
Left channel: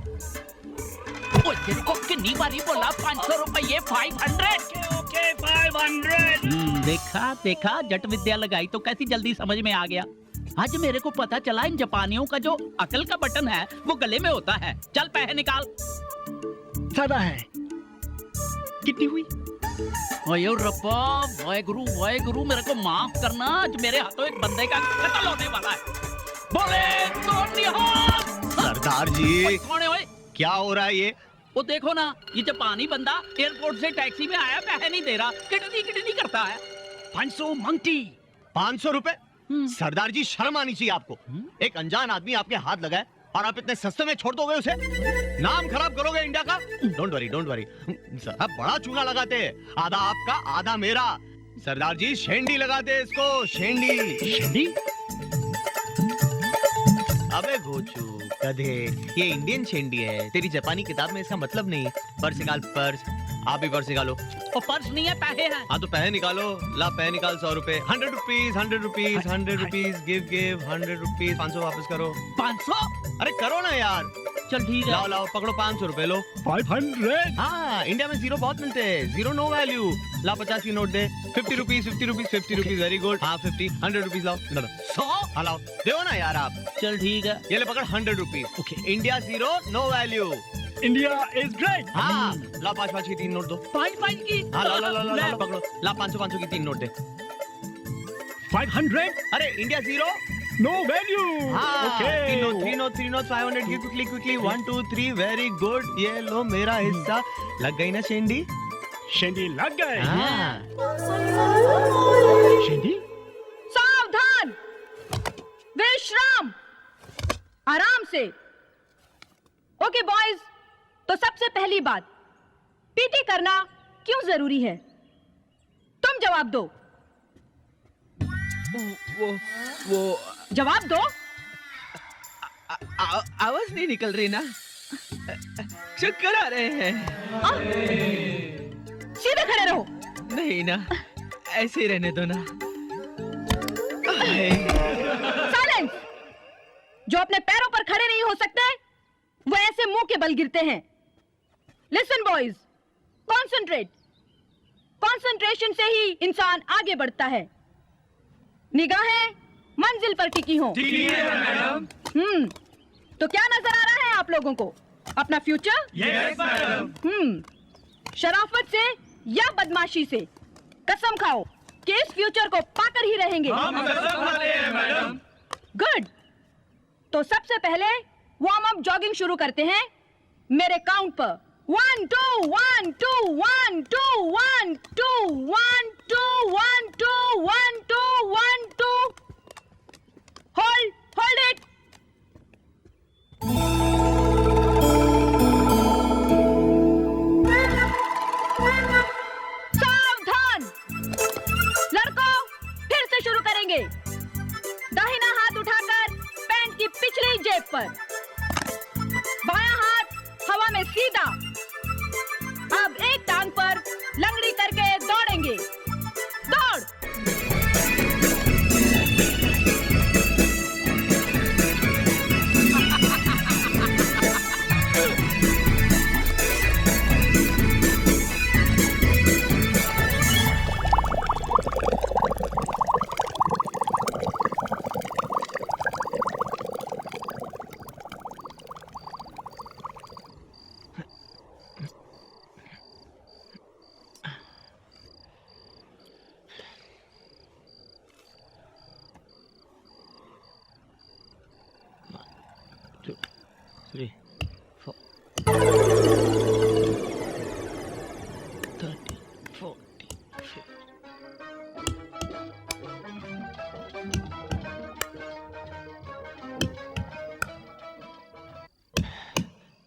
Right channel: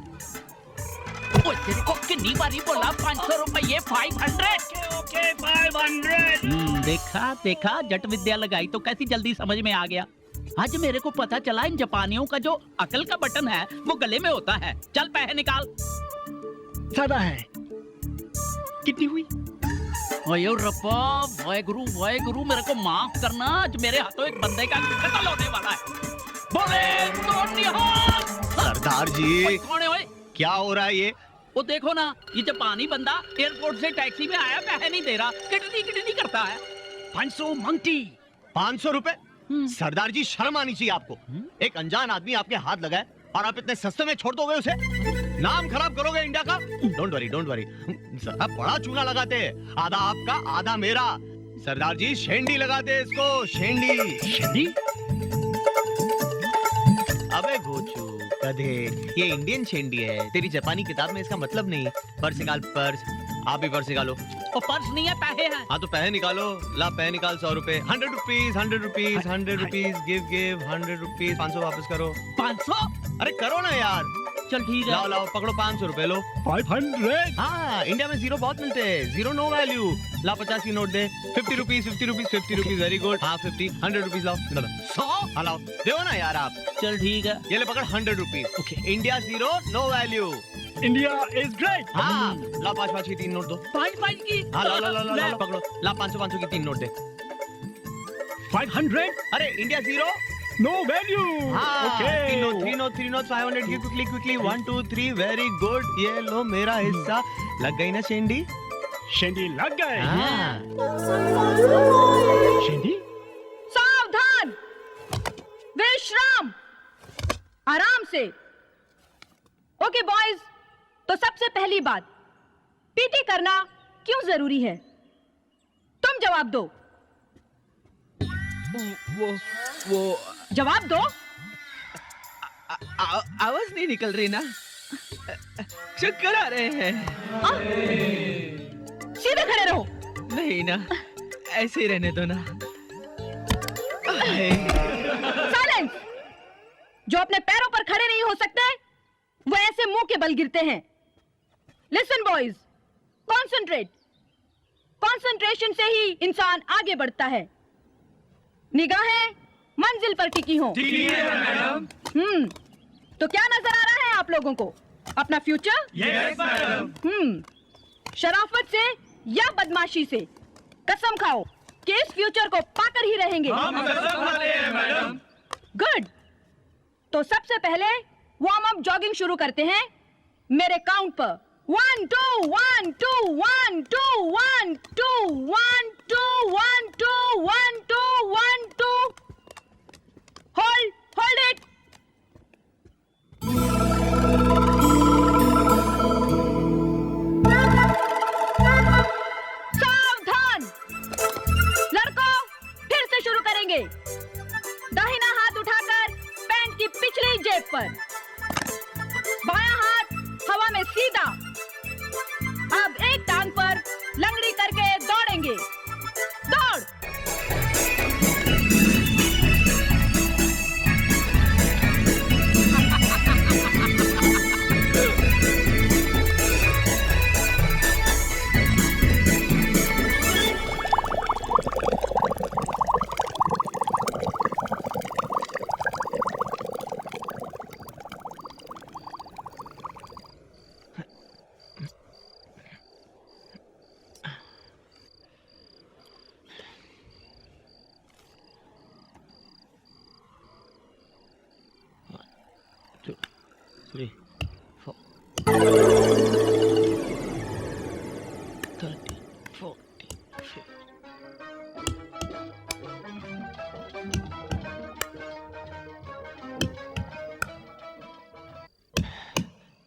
ओए तेरे को कितनी बारी बोला 500 रुपये। 500। ओके 500। देखा देखा, जट विद्या लगाई तो कैसी जल्दी समझ में आ गया। आज मेरे को पता चला इन जापानियों का जो अकल का बटन है वो गले में होता है। चल पैसे निकाल। ज्यादा है। कितनी हुई? ओए रब्बा, वाहे गुरु मेरे को माफ करना। आज मेरे हाथों एक बंदे का कत्ल होने वाला है। बोले तो निहाल। सरदार जी, कौन है ओए? क्या हो रहा है ये? वो देखो ना, ये जापानी बंदा एयरपोर्ट से टैक्सी में आया, पैसे नहीं दे रहा, किटनी करता है। 500 मंगती। 500 रुपए? सरदार जी, शर्म आनी चाहिए आपको। एक अनजान आदमी आपके हाथ लगाए और आप इतने सस्ते में छोड़ दोगे उसे? नाम खराब करोगे इंडिया का। Don't worry. आप बड़ा चूना लगाते हैं, आधा आपका आधा मेरा। सरदार जी, शेंडी लगाते हैं इसको, शेंडी। अबे घोचू गधे, ये इंडियन शेंडी है। तेरी जापानी किताब में इसका मतलब नहीं। पर्स निकाल, पर्स। आप भी पर्स निकालो। वो पर्स नहीं है, पैसे हैं। हाँ तो पैसे निकालो। ला पैसे निकाल। 100 रुपए। 100 rupees, 100 rupees, 100 rupees. Give 100 rupees. 500 वापस करो। 500? अरे करो ना यार। चल ठीक है। लाओ पकड़ो, 500 रुपए लो। 500। हाँ, इंडिया में जीरो बहुत मिलते हैं। Zero no value. ला 50 की नोट दे। 50 रुपीज, 50 रुपीज। Very good. हाँ 50, 100 रुपीज लाओ। 100? हाँ लाओ, दो ना यार आप। चल ठीक है। ये ले पकड़, 100 rupees. Okay. India zero no value. India is great. हाँ, ला 5 की 3 नोट दो। 5 की? हाँ ला पकड़ो। ला 500 की 3 नोट दे। 500। अरे इंडिया जीरो नो वैल्यू। हाँ, okay. 3 note 500। Give quickly 1 2 3। Very good. ये लो मेरा हिस्सा। लग गई ना शेंडी? शेंडी लग गए। हाँ। शेंडी, सावधान, विश्राम, आराम से। ओके बॉयज, तो सबसे पहली बात, पीटी करना क्यों जरूरी है? तुम जवाब दो। वो जवाब दो। आवाज नहीं निकल रही ना, चक्कर आ रहे हैं। सीधे खड़े रहो। नहीं ना, ऐसे ही रहने दो ना। साइलेंस। जो अपने पैरों पर खड़े नहीं हो सकते वो ऐसे मुंह के बल गिरते हैं। Listen boys, concentrate. कॉन्सेंट्रेशन से ही इंसान आगे बढ़ता है। निगाहें मंजिल पर टिकी हों। ठीक है मैडम। तो क्या नजर आ रहा है आप लोगों को? अपना फ्यूचर? Yes madam. शराफत से या बदमाशी से कसम खाओ कि इस फ्यूचर को पाकर ही रहेंगे। हम कसम खाते हैं मैडम। गुड। तो सबसे पहले वार्म अप जॉगिंग शुरू करते हैं मेरे काउंट पर। 1 2 1 2 1 2 1 2 1 2 1 2 1 2 1 2 होल्ड इट। सावधान लड़कों, फिर से शुरू करेंगे। दाहिना हाथ उठाकर पैंट की पिछली जेब पर, बायां हाथ हवा में सीधा। अब एक टांग पर लंगड़ी करके दौड़ेंगे। दौड़।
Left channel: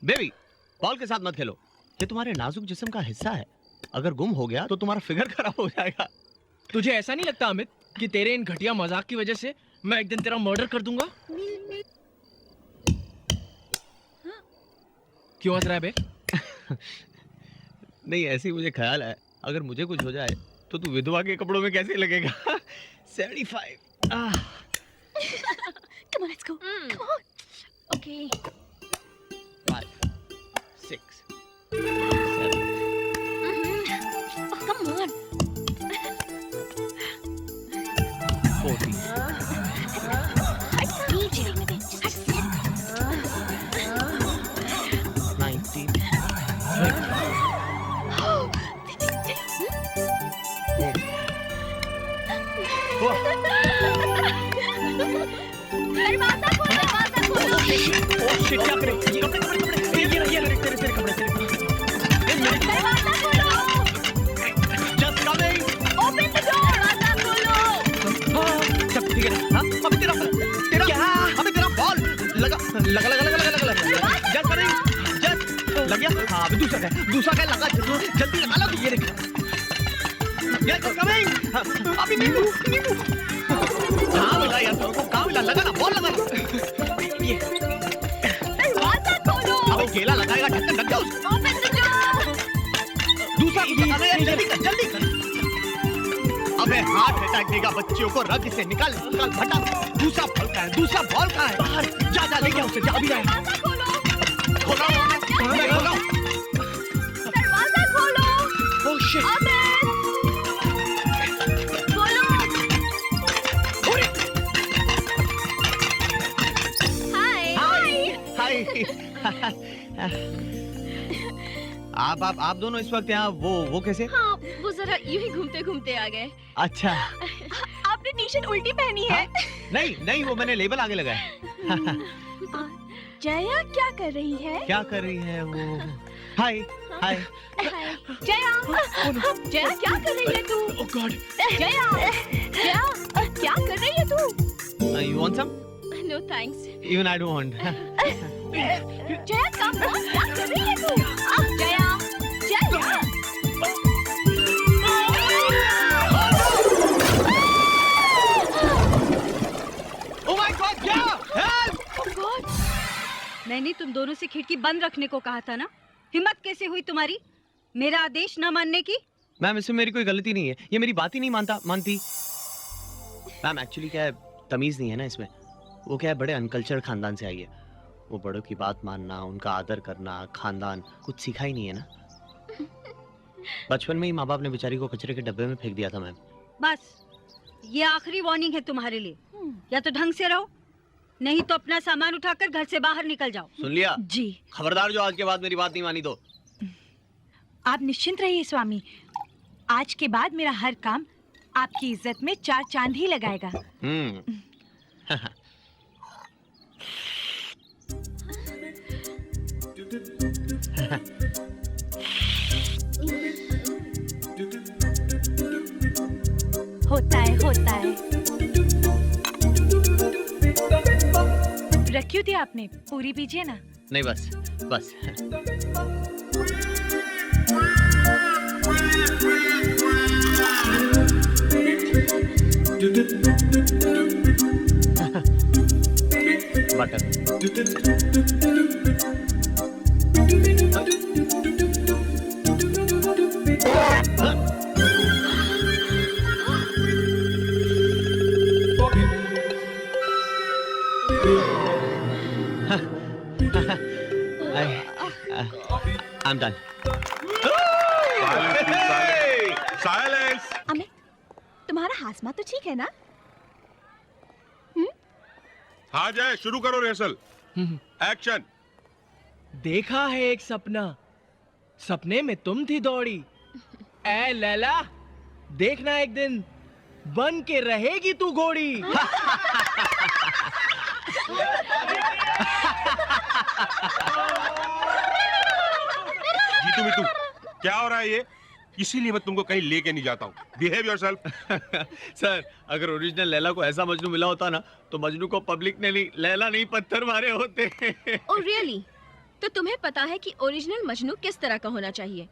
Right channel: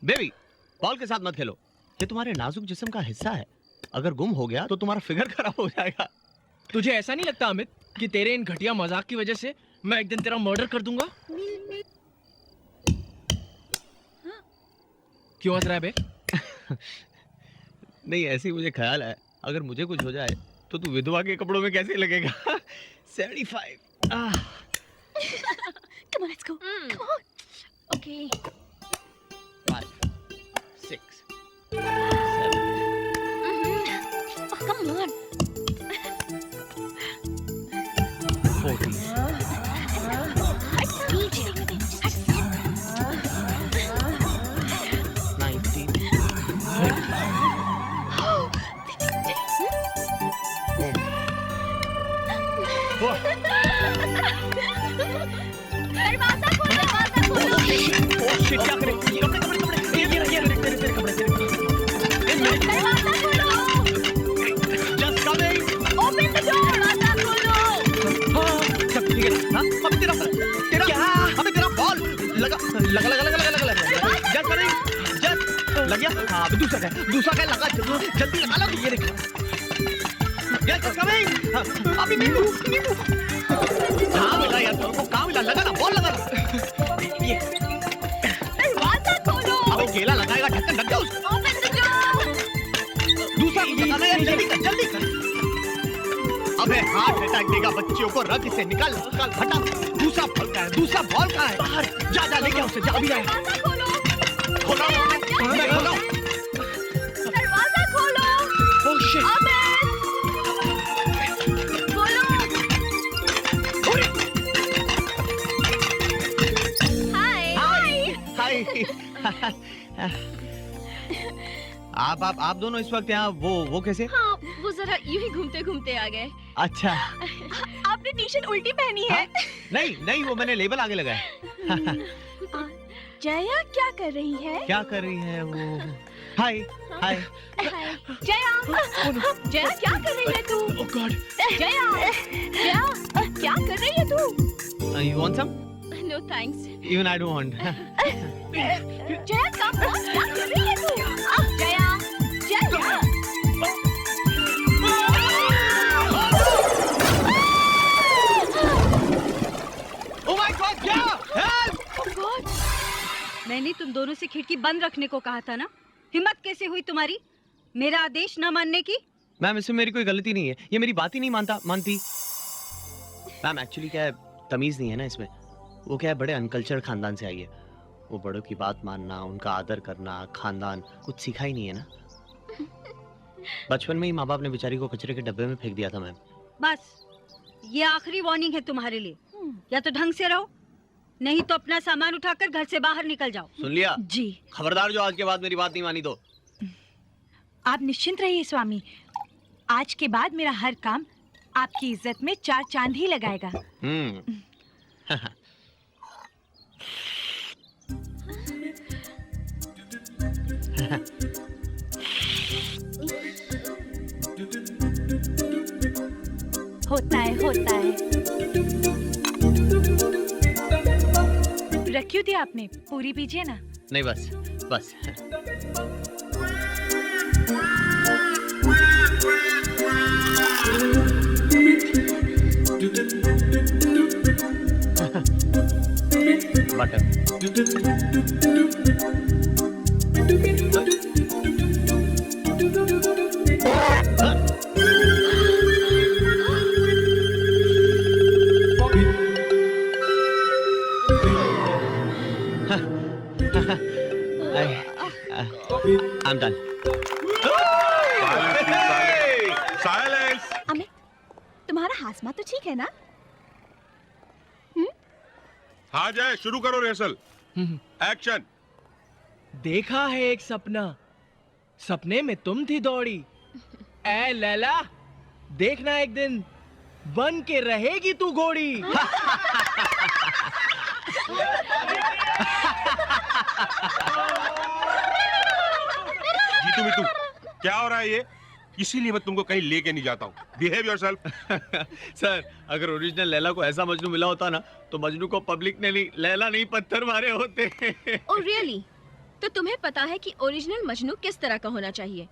बेबी, बॉल के साथ मत खेलो। ये तुम्हारे नाजुक जिस्म का हिस्सा है। अगर गुम हो गया तो तुम्हारा फिगर खराब हो जाएगा। तुझे ऐसा नहीं लगता अमित कि तेरे इन घटिया मजाक की वजह से मैं एक दिन तेरा मर्डर कर दूंगा? क्यों हंस रहा है बे? नहीं, ऐसी मुझे ख्याल है, अगर मुझे कुछ हो जाए तो तू विधवा के कपड़ों में कैसे लगेगा? 75। Come on, let's go. Come on. Okay. 5, 6, 7. Oh, come on. 40. DJ. 19. 20. दरवाजा खोलो, दरवाजा खोलो। ओह शिट, क्या करें? कपड़े ये तेरे कपड़े। दरवाजा खोलो। Just coming. Open the door. दरवाजा खोलो। हाँ, सब ठीक है ना? हाँ, अबे तेरा बॉल लगा। Just coming. Just लग गया? हाँ, अभी दूसरा का लगा। जल्दी लगा लो। ये देख। Just coming. हाँ, अभी नींबू। हाँ मिला यार, तुमको कहाँ मिला? लगा ना, बॉल लगा ना। ये दरवाजा खोलो। अबे केला लगाएगा, ढक्कन ढक जाओ उसको। Open the door. दूसरा कुछ लगाना यार, जल्दी कर। अबे हार्ट अटैक देगा बच्चियों को, रग से निकाल हटा। दूसरा बॉल कहाँ है? बाहर जा लेके उसे, जा अभी जाए। दरवाजा खोलो। खोलो। दरवाजा खोलो। Oh shit. अमित खोलो। हाय। आप दोनों इस वक्त यहाँ वो कैसे? हाँ, वो जरा यूं ही घूमते घूमते आ गए। अच्छा। आपने टी शर्ट उल्टी पहनी है। नहीं, वो मैंने लेबल आगे लगाया। जया क्या कर रही है? क्या कर रही है वो? हाय। जया क्या कर रही है तू? Oh God. जया क्या कर रही है तू? You want some? No thanks. Even I don't want. Jaya come on, क्या कर रही है तू? Jaya. Oh my God, Jaya! Help! Oh God! मैंने तुम दोनों से खिड़की बंद रखने को कहा था ना। हिम्मत कैसे हुई तुम्हारी मेरा आदेश न मानने की? मैम, इसमें मेरी कोई गलती नहीं है। ये मेरी बात ही नहीं मानती। मैम एक्चुअली क्या है, तमीज नहीं है ना इसमें। वो क्या है, बड़े अनकल्चर्ड खानदान से आई है। वो बड़ों की बात मानना, उनका आदर करना, खानदान कुछ सीखा ही नहीं है ना। बचपन में ही माँ बाप ने बेचारी को कचरे के डब्बे में फेंक दिया था मैम। बस ये आखिरी वार्निंग है तुम्हारे लिए। या तो ढंग से रहो, नहीं तो अपना सामान उठाकर घर से बाहर निकल जाओ। सुन लिया? जी। खबरदार जो आज के बाद मेरी बात नहीं मानी तो। आप निश्चिंत रहिए स्वामी, आज के बाद मेरा हर काम आपकी इज्जत में 4 चांद ही लगाएगा। होता है होता है। रखी थी आपने, पूरी पीजिए ना। नहीं बस बस। Butter. I'm done. Silence. Amit, तुम्हारा हाजमा तो ठीक है ना? हाँ जय, शुरू करो रिहर्सल। एक्शन। देखा है एक सपना, सपने में तुम थी दौड़ी। ए लैला, देखना एक दिन बन के रहेगी तू घोड़ी। जीतू मितू, क्या हो रहा है ये? इसीलिए मैं तुमको कहीं लेके नहीं जाता हूँ। Behave yourself. सर, अगर ओरिजिनल लैला को ऐसा मजनू मिला होता ना, तो मजनू को पब्लिक ने नहीं, लैला नहीं पत्थर मारे होते। Oh really? तो तुम्हें पता है कि ओरिजिनल मजनू किस तरह का होना चाहिए?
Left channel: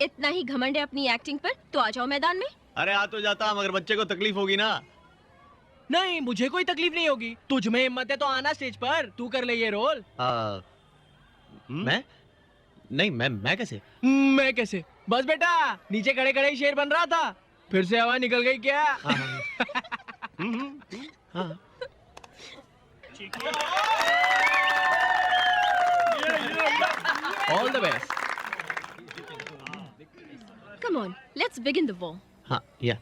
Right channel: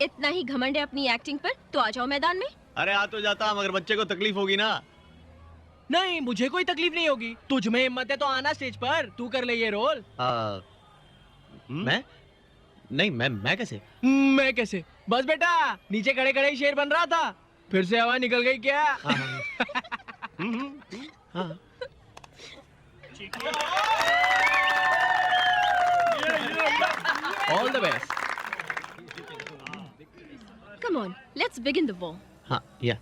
इतना ही घमंड है अपनी एक्टिंग पर तो आ जाओ मैदान में। अरे आ तो जाता, मगर बच्चे को तकलीफ होगी ना। नहीं, मुझे कोई तकलीफ नहीं होगी। तुझ में हिम्मत है तो आना स्टेज पर, तू कर ले ये रोल। मैं नहीं, मैं कैसे? मैं कैसे? बस बेटा, नीचे खड़े खड़े ही शेर बन रहा था, फिर से हवा निकल गई क्या? हाँ। All the best. Come on, let's begin the war. हाँ, या।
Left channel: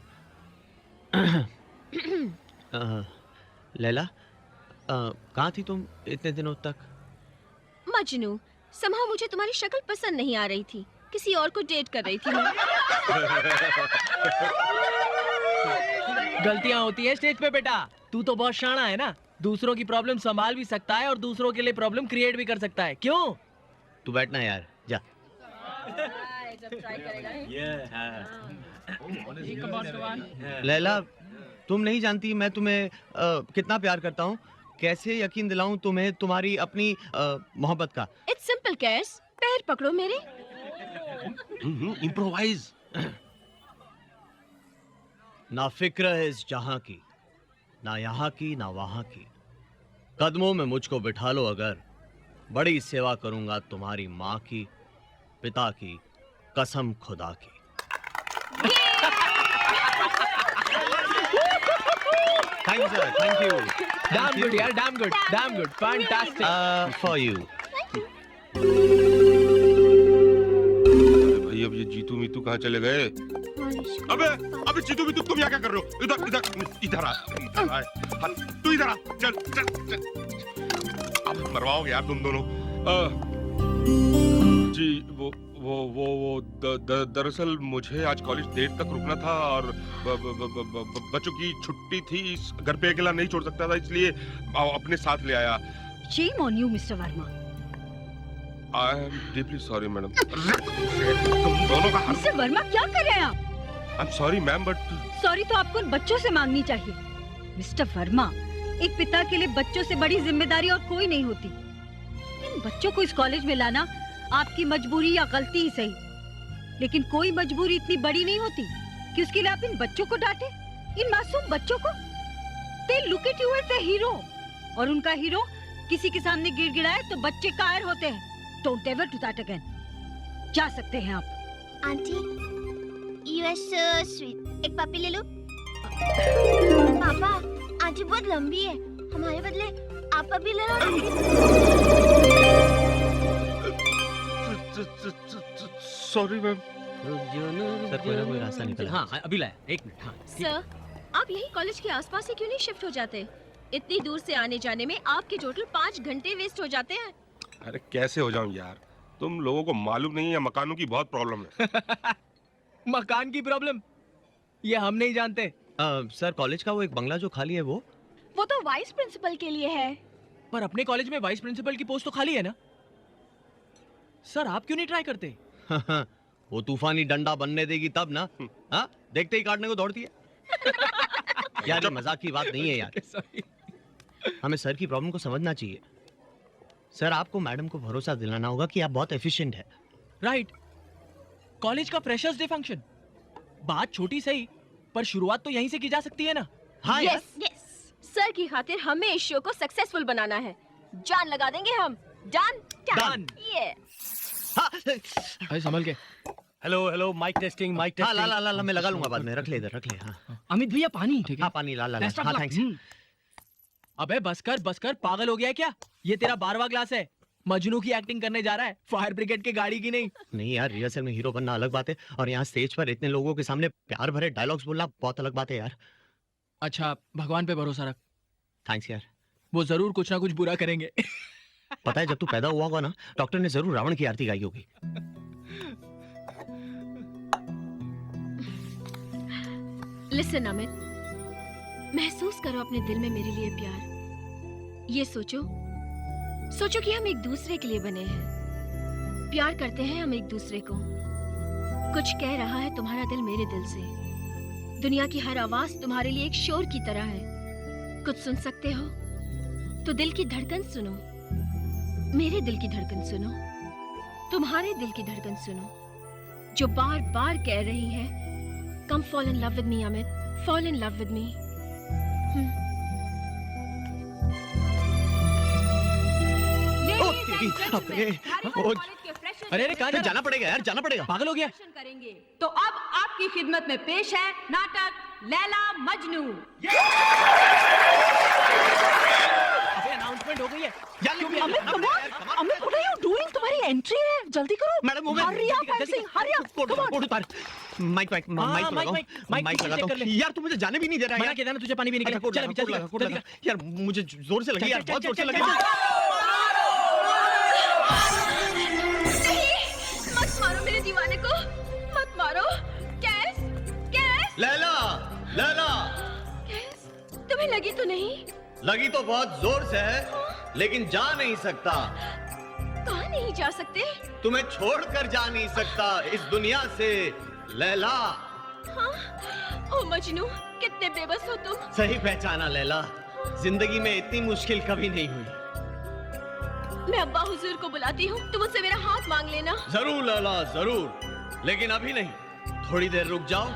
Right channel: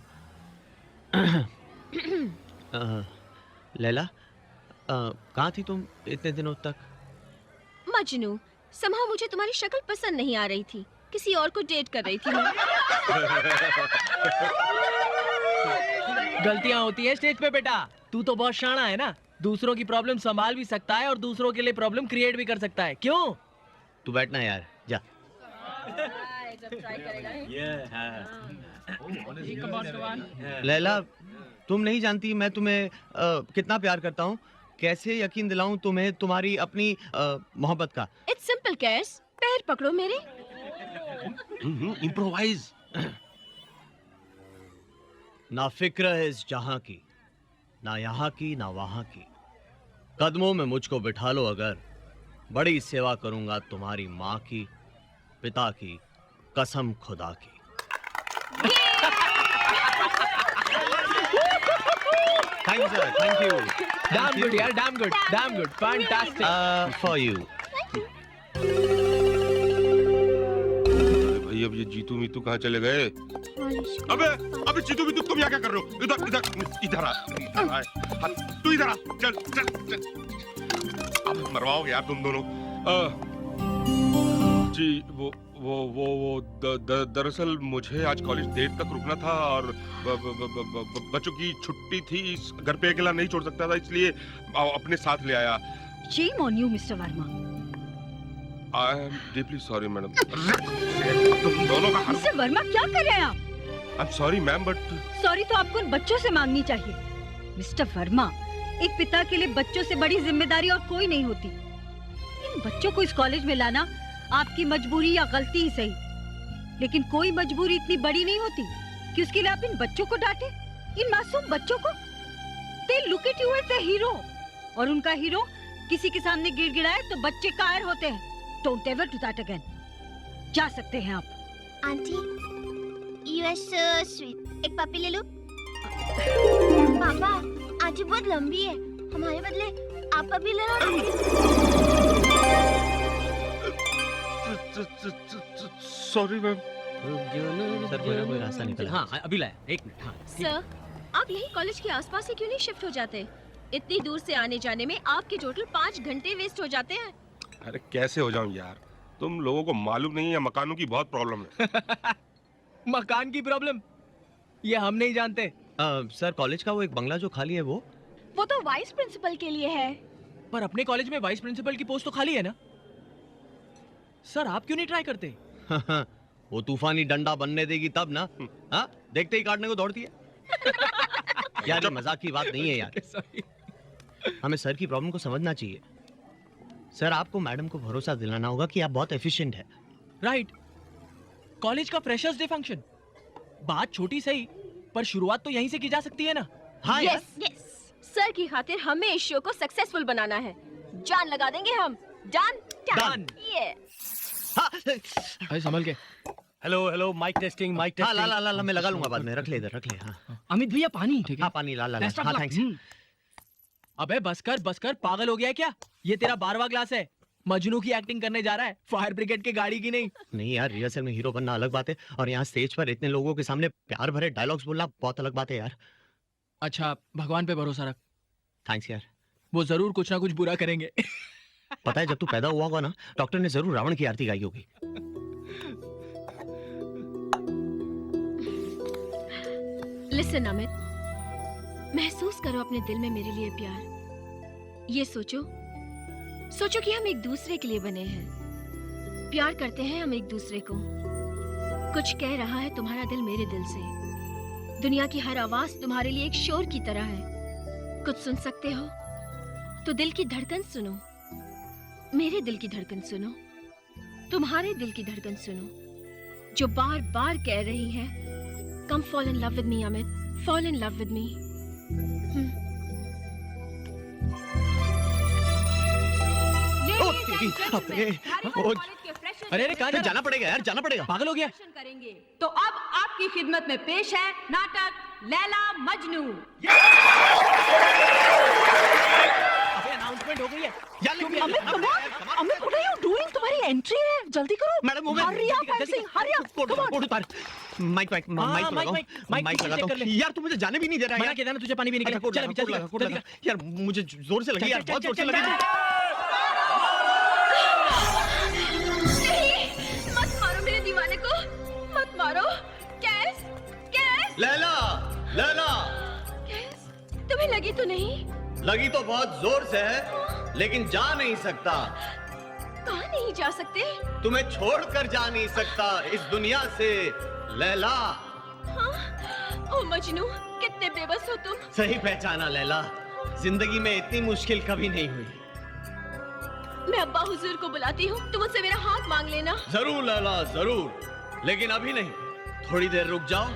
लैला, कहाँ थी तुम इतने दिनों तक? मजनू, somehow मुझे तुम्हारी शक्ल पसंद नहीं आ रही थी, किसी और को डेट कर रही थी मैं। गलतियां होती है स्टेज पे बेटा। तू तो बहुत शाना है ना, दूसरों की प्रॉब्लम संभाल भी सकता है और दूसरों के लिए प्रॉब्लम क्रिएट भी कर सकता है। क्यों? तू बैठना यार, जा। लैला, तुम नहीं जानती मैं तुम्हें कितना प्यार करता हूँ। कैसे यकीन दिलाऊं तुम्हें तुम्हारी अपनी मोहब्बत का। It's simple, कैस। पैर पकड़ो मेरे। इम्प्रोवाइज। ना फिक्र है इस जहां की, ना यहाँ की ना वहां की। कदमों में मुझको बिठा लो अगर, बड़ी सेवा करूंगा तुम्हारी माँ की, पिता की, कसम खुदा की। Thank you sir, thank you. Damn good यार, damn good, damn good, fantastic. For you. अरे भाई, अब ये जीतू मीतू कहाँ चले गए? अबे जीतू मीतू, तुम यहाँ क्या कर रहे हो? इधर इधर इधर आ, तू इधर आ, चल चल चल। अब मरवाओगे यार तुम दोनों। जी वो दरअसल मुझे आज कॉलेज देर तक रुकना था और बच्चों की छुट्टी थी, घर पे अकेला नहीं छोड़ सकता था, इसलिए अपने साथ ले आया। Shame on you, Mr. Verma. I am deeply sorry, madam. तुम दोनों का Mr. Verma, क्या कर रहे हैं आप? I'm sorry, ma'am, but sorry तो आपको उन बच्चों से मांगनी चाहिए। मिस्टर वर्मा, एक पिता के लिए बच्चों से बड़ी जिम्मेदारी और कोई नहीं होती। इन बच्चों को इस कॉलेज में लाना आपकी मजबूरी या गलती ही सही, लेकिन कोई मजबूरी इतनी बड़ी नहीं होती कि उसके लिए आप इन बच्चों को डांटे, इन मासूम बच्चों को। They look at you as a hero, और उनका हीरो किसी के सामने गिड़गिड़ाए तो बच्चे कायर होते हैं। Don't ever do that again. जा सकते हैं आप। Aunty, you are so sweet. एक पपी ले लो। पापा, आंटी बहुत लंबी है, हमारे बदले आप पपी ले लो ना। Sorry ma'am. सर, कोई ना कोई रास्ता निकला। हाँ, अभी लाया, एक मिनट। हाँ, सर, आप यही कॉलेज के आसपास से क्यों नहीं शिफ्ट हो जाते? इतनी दूर से आने जाने में आपके टोटल 5 घंटे वेस्ट हो जाते हैं। अरे कैसे हो जाऊं यार, तुम लोगों को मालूम नहीं है मकानों की बहुत प्रॉब्लम है। मकान की प्रॉब्लम ये हम नहीं जानते। सर, कॉलेज का वो एक बंगला जो खाली है वो तो वाइस प्रिंसिपल के लिए है। पर अपने कॉलेज में वाइस प्रिंसिपल की पोस्ट तो खाली है ना? सर आप क्यों नहीं ट्राई करते? वो तूफानी डंडा बनने देगी तब ना। हाँ, देखते ही काटने को दौड़ती है। यार ये मजाक की बात नहीं है यार। हमें सर की प्रॉब्लम को समझना चाहिए। सर आपको मैडम को भरोसा दिलाना होगा कि आप बहुत एफिशिएंट है। राइट। कॉलेज का फ्रेशर्स डे फंक्शन, बात छोटी सही पर शुरुआत तो यहीं से की जा सकती है ना। हाँ यस यस, सर की खातिर हमें इस शो को सक्सेसफुल बनाना है। जान लगा देंगे हम। Done Done. ये अरे संभल के। Hello hello, mike testing, mike हाँ ला टेस्टिंग। ला ला मैं लगा लूंगा बाद में। रख ले इधर, रख ले। हाँ अमित भैया पानी। ठीक है। हाँ पानी ला ला ला। Best of हाँ luck. थैंक्स। अबे बस कर, पागल हो गया है क्या? ये तेरा 12वां क्लास है। मजनू की एक्टिंग करने जा रहा है, फायर ब्रिगेड की गाड़ी की नहीं। नहीं यार, रिहर्सल में हीरो बनना अलग बात है और यहाँ स्टेज पर इतने लोगों के सामने प्यार भरे डायलॉग्स बोलना बहुत अलग बात है यार। अच्छा भगवान पे भरोसा रख, थैंक्स यार। वो जरूर कुछ ना कुछ बुरा करेंगे। पता है जब तू पैदा हुआ होगा ना, डॉक्टर ने जरूर रावण की आरती गाई होगी। लिसन अमित, महसूस करो अपने दिल में मेरे लिए प्यार। ये सोचो कि हम एक दूसरे के लिए बने हैं, प्यार करते हैं हम एक दूसरे को। कुछ कह रहा है तुम्हारा दिल मेरे दिल से। दुनिया की हर आवाज तुम्हारे लिए एक शोर की तरह है। कुछ सुन सकते हो तो दिल की धड़कन सुनो, मेरे दिल की धड़कन सुनो, तुम्हारे दिल की धड़कन सुनो, जो बार बार कह रही है come fall in love with me Amit, fall in love with me. अरे कहाँ जाना पड़ेगा यार, जाना पड़ेगा। पागल हो गया? करेंगे तो अब आपकी खिदमत में पेश है नाटक लैला मजनू। अबे अनाउंसमेंट हो गई है। Amit what are you doing? तुम्हारी एंट्री है, जल्दी करो। मैडम वो हरी अप ऐसे, हरी अप। कोट उतार। माइक लगाता हूँ। यार तू मुझे जाने भी नहीं दे रहा है। मना किया था ना तुझे, पानी भी नहीं अच्छा, चल अभी चल। यार मुझे जोर से लगी यार, बहुत जोर से लगी। मत मारो मेरे दीवाने को, मत मारो। कैस, कैस, लैला, लैला। कैस, तुम्हें लगी तो नहीं? लगी तो बहुत जोर से है, लेकिन जा नहीं सकता। कहाँ नहीं जा सकते? तुम्हें छोड़कर जा नहीं सकता इस दुनिया से लैला। हाँ? ओ मजनू, कितने बेबस हो तुम। सही पहचाना लैला, जिंदगी में इतनी मुश्किल कभी नहीं हुई। मैं अब्बा हुजूर को बुलाती हूँ, तुम मुझसे मेरा हाथ मांग लेना। जरूर लैला जरूर, लेकिन अभी नहीं। थोड़ी देर रुक जाओ,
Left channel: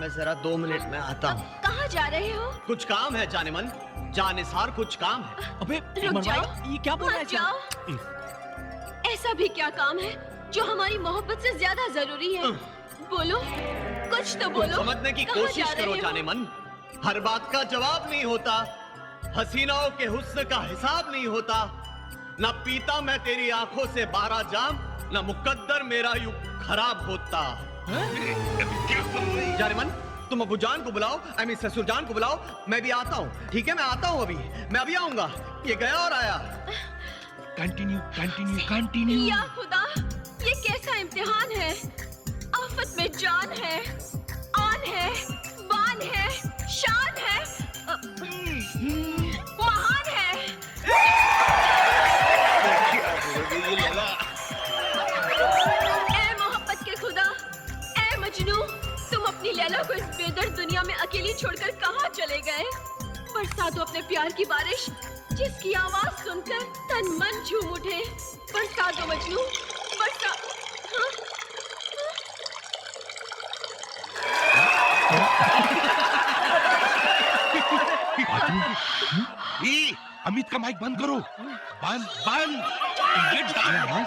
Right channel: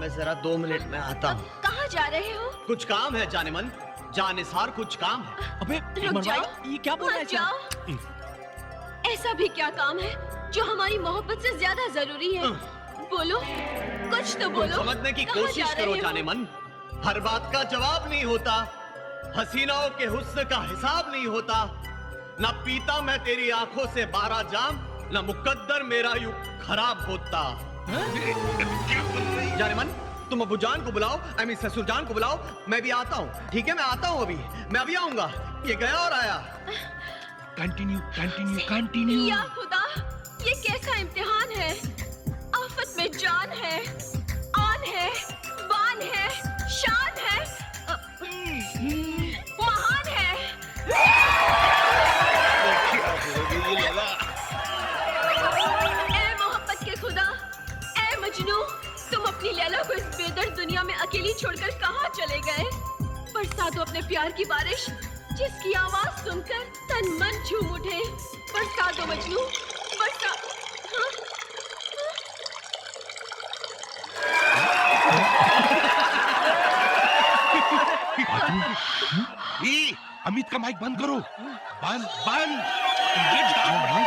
मैं जरा 2 मिनट में आता हूँ। कहाँ जा रहे हो? कुछ काम है जाने मन, जानिसार कुछ काम है। अबे रुक जाओ, ये क्या बोल रहा है? मत जाओ। ऐसा भी क्या काम है जो हमारी मोहब्बत से ज्यादा जरूरी है? बोलो, कुछ तो बोलो। समझने की कहाँ कोशिश जा रहे करो हो? जाने मन। हर बात का जवाब नहीं होता, हसीनाओं के हुस्न का हिसाब नहीं होता। ना पीता मैं तेरी आंखों से 12 जाम, ना मुकद्दर मेरा यूं खराब होता। जाने मन, तुम अबू जान को बुलाओ, आई मीन ससुर जान को बुलाओ, मैं भी आता हूँ। ठीक है, मैं आता हूँ अभी, मैं अभी आऊंगा। ये गया और आया। Continue continue continue. या खुदा, ये कैसा इम्तिहान है? आफत में जान है, आन है, बान है, शान है, महान है। ए मोहब्बत के खुदा, ए मजनू, तुम अपनी लैला को इस बेदर्द दुनिया में अकेली छोड़कर कहाँ चले गए? बरसा दो अपने प्यार की बारिश, जिसकी आवाज सुनकर तन मन झूम उठे। बरसा दो मजनू, बरसा। हाँ? अमित का माइक बंद करो, बंद बंद। Get down.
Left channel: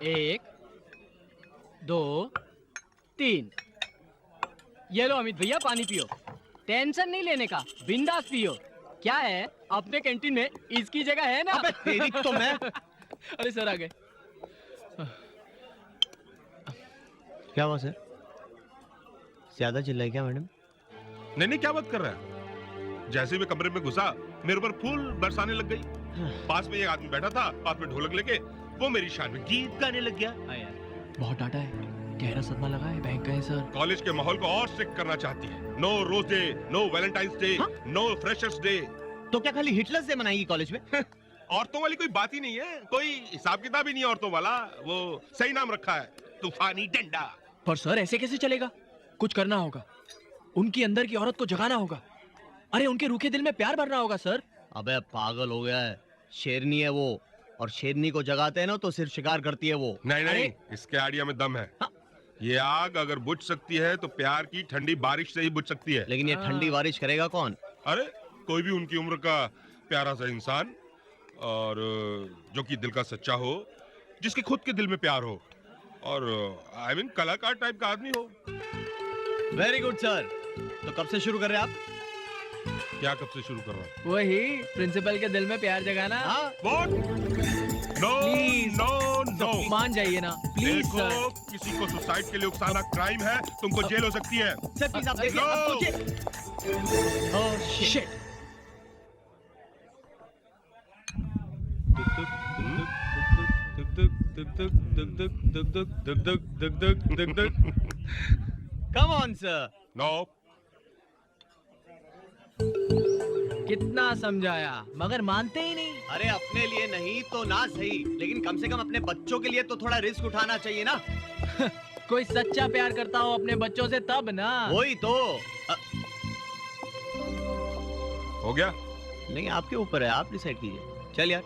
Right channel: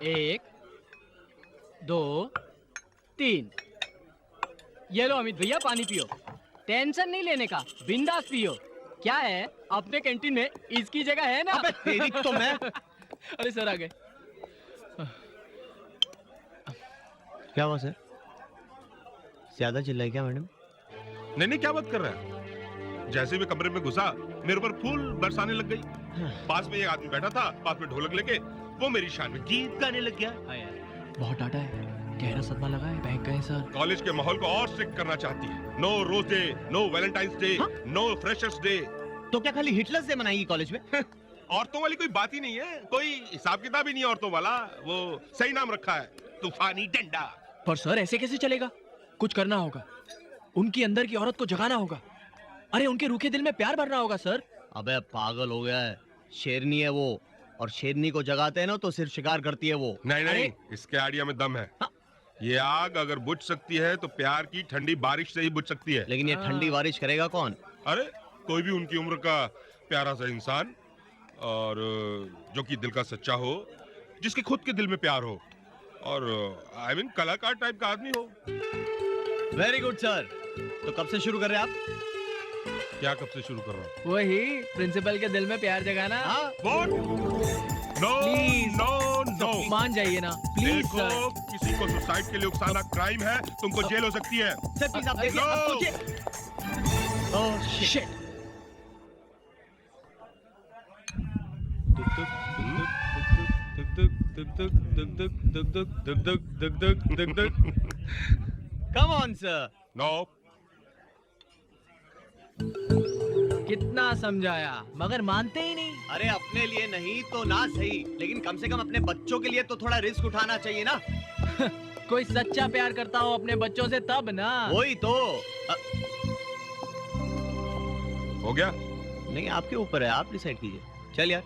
एक, 2, 3। ये लो अमित भैया पानी पियो, टेंशन नहीं लेने का, बिंदास पियो। क्या है, अपने कैंटीन में इसकी जगह है ना? अबे तेरी तो मैं। अरे सर आ गए। क्या हुआ सर, ज्यादा चिल्लाई क्या मैडम? नहीं नहीं, क्या बात कर रहा है? जैसे ही मैं कमरे में घुसा, मेरे ऊपर फूल बरसाने लग गई। पास में एक आदमी बैठा था, पास में ढोलक लेके, वो मेरी शान में गीत गाने लग गया। हाँ यार, बहुत डांटा है, गहरा सदमा लगा है। बैंक गए सर। कॉलेज के माहौल को और स्ट्रिक्ट करना चाहती है। No Rose Day, no Valentine's Day, no freshers day. तो क्या खाली हिटलर्स डे मनाएगी कॉलेज में? औरतों वाली कोई बात ही नहीं है, कोई हिसाब किताब ही नहीं है औरतों वाला। वो सही नाम रखा है, तूफानी डंडा। पर सर ऐसे कैसे चलेगा? कुछ करना होगा, उनकी अंदर की औरत को जगाना होगा। अरे उनके रूखे दिल में प्यार भरना होगा सर। अबे पागल हो गया है, शेरनी है वो, और शेरनी को जगाते हैं ना तो सिर्फ शिकार करती है वो। नहीं नहीं, इसके आइडिया में दम है। ये आग अगर बुझ सकती है तो प्यार की ठंडी बारिश से ही बुझ सकती है। लेकिन ये ठंडी बारिश करेगा कौन? अरे कोई भी उनकी उम्र का प्यारा सा इंसान, और जो कि दिल का सच्चा हो, जिसके खुद के दिल में प्यार हो, और आई मीन कलाकार टाइप का आदमी हो। Very good sir. तो कब से शुरू कर रहे हैं आप? क्या कब से शुरू कर रहा हूँ? वही प्रिंसिपल के दिल में प्यार जगाना। What? No, Please. no, no. मान जाइए ना प्लीज देखो, सर। किसी को सुसाइड के लिए उकसाना क्राइम है, तुमको जेल हो सकती है। सर प्लीज आप देखिए, आप सोचिए। Oh shit. Come on sir. No. कितना समझाया मगर मानते ही नहीं। अरे अपने लिए नहीं तो ना सही, लेकिन कम से कम अपने बच्चों के लिए तो थोड़ा रिस्क उठाना चाहिए ना। कोई सच्चा प्यार करता हो अपने बच्चों से तब ना। वही तो। हो गया? नहीं आपके ऊपर है, आप डिसाइड कीजिए। चल यार।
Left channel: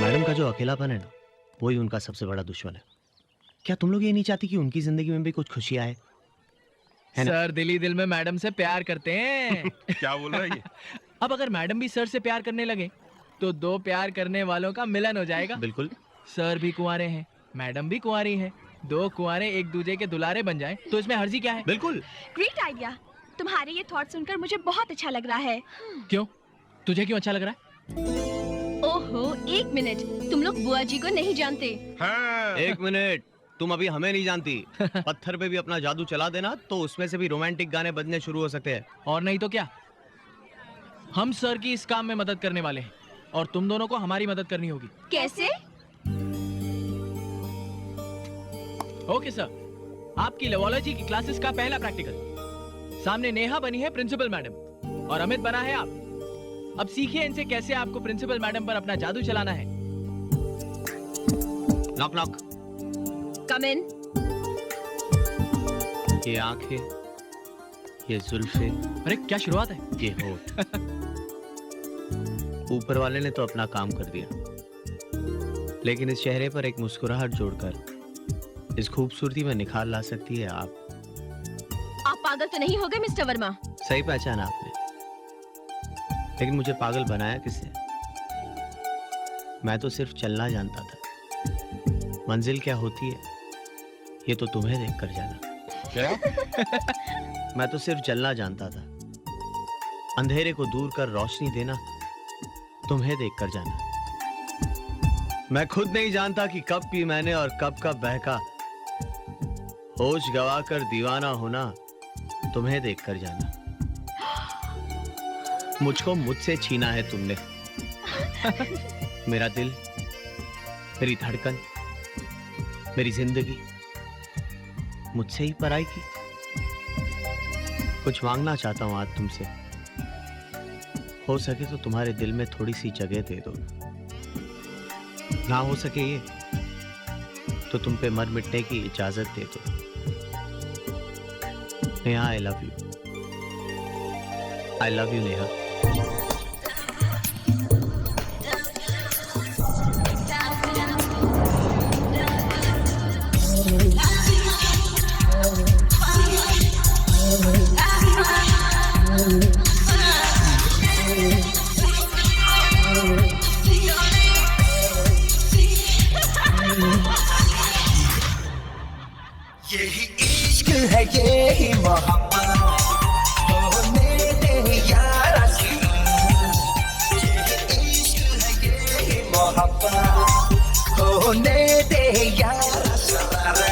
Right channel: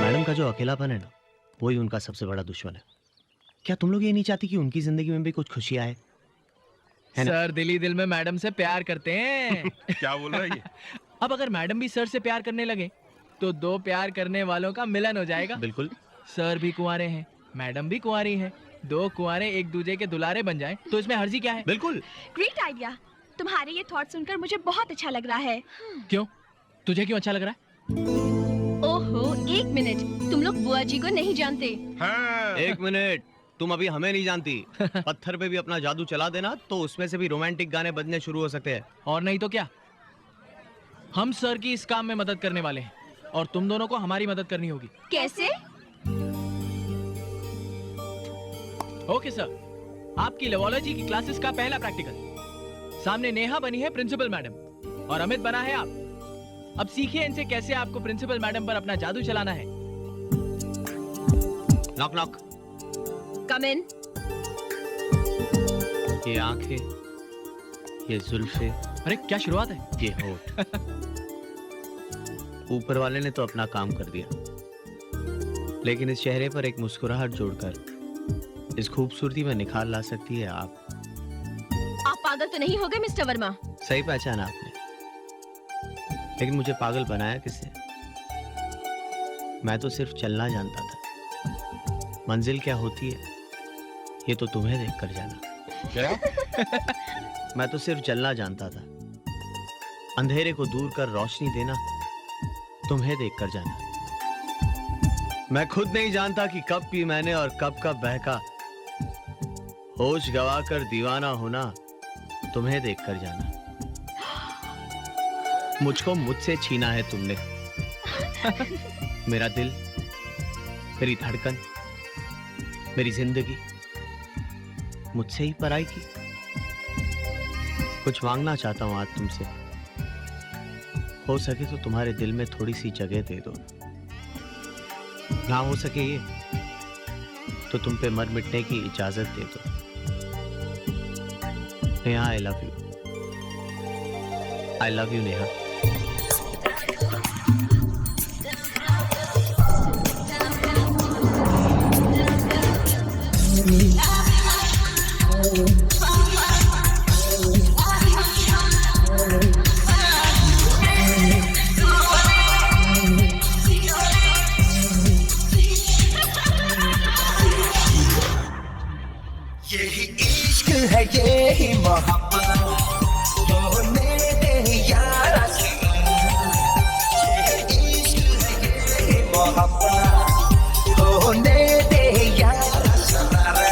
मैडम का जो अकेलापन है ना, वही उनका सबसे बड़ा दुश्मन है। क्या तुम लोग ये नहीं चाहती कि उनकी जिंदगी में भी कुछ खुशी आए? सर दिल ही दिल में मैडम से प्यार करते हैं। क्या बोल रहा है ये? अब अगर मैडम भी सर से प्यार करने लगे तो दो प्यार करने वालों का मिलन हो जाएगा। बिल्कुल। सर भी कुंवारे हैं, मैडम भी कुंवारी है, दो कुंवारे एक दूसरे के दुलारे बन जाएं तो इसमें हर्जी क्या है? बिल्कुल। Great idea. तुम्हारे ये थॉट सुनकर मुझे बहुत अच्छा लग रहा है। क्यों? तुझे क्यों अच्छा लग रहा है? ओहो एक मिनट, तुम लोग बुआ जी को नहीं जानते। हाँ। एक मिनट, तुम अभी हमें नहीं जानती। पत्थर पे भी अपना जादू चला देना तो उसमें से भी रोमांटिक गाने बजने शुरू हो सकते हैं। और नहीं तो क्या, हम सर की इस काम में मदद करने वाले हैं और तुम दोनों को हमारी मदद करनी होगी। कैसे? ओके सर, आपकी लेवोलॉजी की क्लासेस का पहला प्रैक्टिकल। सामने नेहा बनी है प्रिंसिपल मैडम और अमित बना है आप। अब सीखिए इनसे कैसे आपको प्रिंसिपल मैडम पर अपना जादू चलाना है। Knock knock. Come in. ये आंखें, ये जुल्फे, अरे क्या शुरुआत है। ये होठ। ऊपर वाले ने तो अपना काम कर दिया, लेकिन इस चेहरे पर एक मुस्कुराहट जोड़कर इस खूबसूरती में निखार ला सकती है आप। आप पागल तो नहीं हो गए मिस्टर वर्मा? सही पहचाना आपने, लेकिन मुझे पागल बनाया किसने? मैं तो सिर्फ चलना जानता था। मंजिल क्या होती है ये तो तुम्हें देखकर जाना। क्या? मैं तो सिर्फ जलना जानता था, अंधेरे को दूर कर रोशनी देना तुम्हें देखकर जाना। मैं खुद नहीं जानता कि कब पी मैंने और कब कब बहका, होश गवाकर दीवाना होना तुम्हें देखकर जाना। मुझको मुझसे छीना है तुमने। मेरा दिल, मेरी धड़कन, मेरी जिंदगी मुझसे ही पराई की। कुछ मांगना चाहता हूं आज तुमसे, हो सके तो तुम्हारे दिल में थोड़ी सी जगह दे दो। ना हो सके ये तो तुम पे मर मिटने की इजाजत दे दो। Neha, I love you. I love you Neha. यही इश्क है, यही मोहब्बत, होने दे यारा से। यही इश्क है, यही मोहब्बत, होने दे यारा शरारा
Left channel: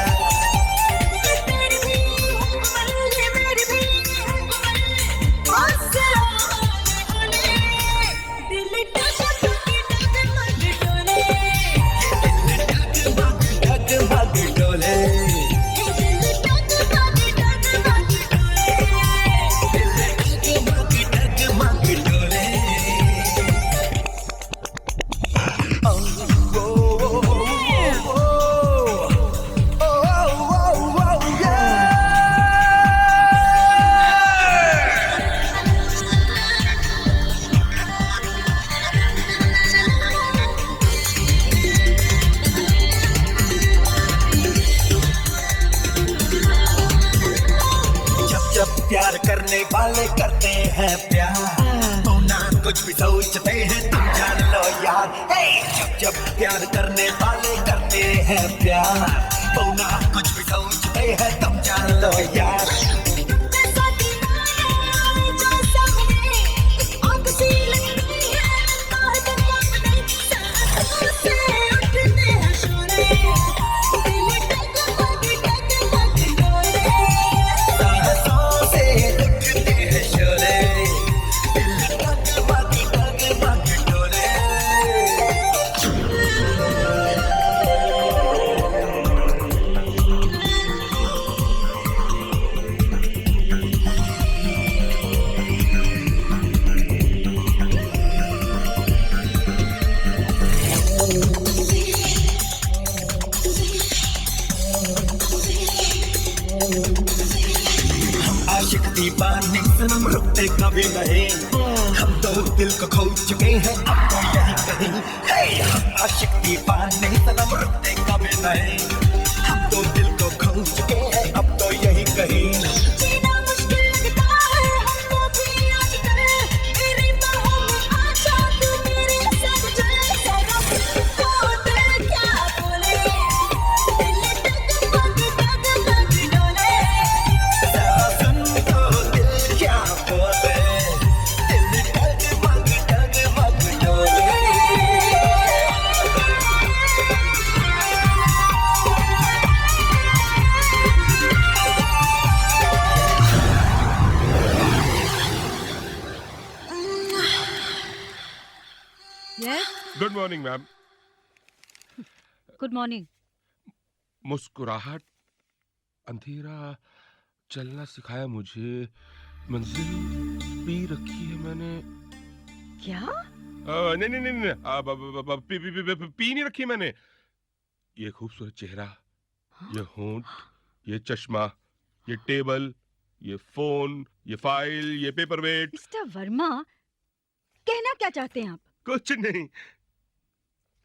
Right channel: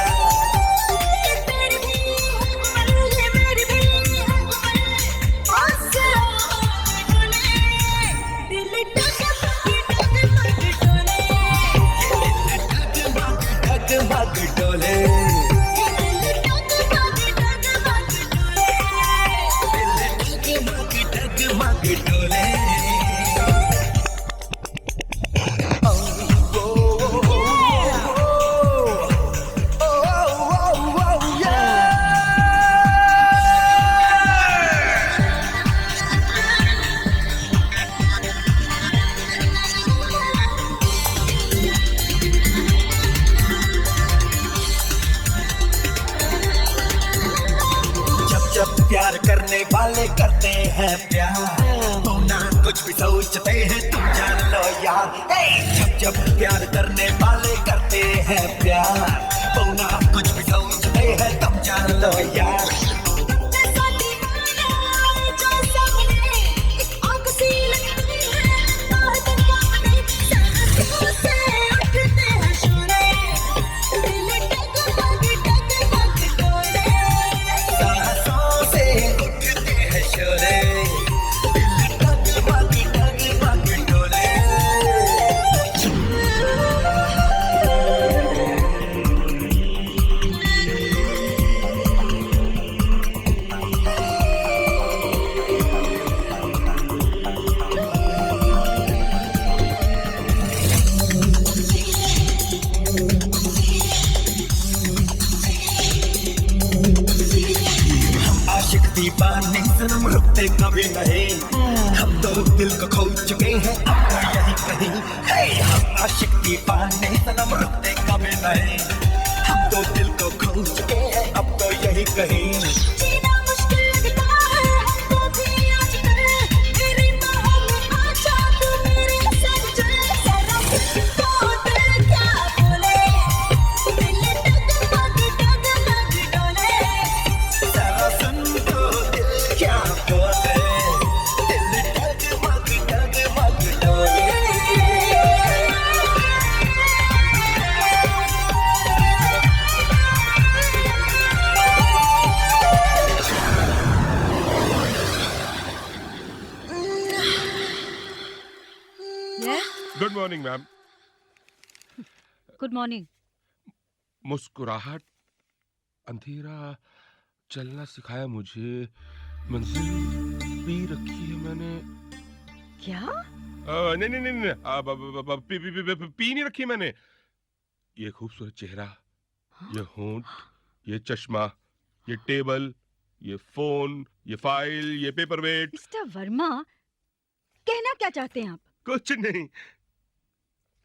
ये तेरी भी है उम्र ये मेरी भी है उम्र बस होने दिल डगमग डोले ये दिल डगमग डोले ये दिल डगमग डोले दिल डगमग डोले जब प्यार करने वाले करते हैं प्यार तो ना कुछ भी सोचते हैं तुम जान लो यार जब प्यार करने वाले करते हैं प्यार तो ना कुछ भी सोचते हैं तुम जान लो यार दीवाने सनम रुकते कभी नहीं हम तो दिल को खो चुके हैं अब तो यही कहीं हम आशिक दीवाने सनम रुकते कभी नहीं हम तो दिल को खो चुके हैं अब तो यही कहीं जीना मुश्किल लगता है हमको भी आजकल मेरी बाहों में आ जा तू मेरे संग चल जरा तो दिल क्या बोले दिल डगमग डोले जरा सुन क्या बोले दिल डगमग डोले Yes? Good morning ma'am. Good morning. मुस्कुराहट अंधेरा चलना सिखाया मुझे मंजिल पी रखी है मैंने। क्या? नहीं नहीं नहीं नहीं पी नहीं रखी मैंने। ये खूबसूरत चेहरा, ये होंठ, ये चश्मा, ये टेबल, ये फोन, ये फाइल, ये पेपरवेट। मिस्टर वर्मा, कहना क्या चाहते हैं आप? कुछ नहीं।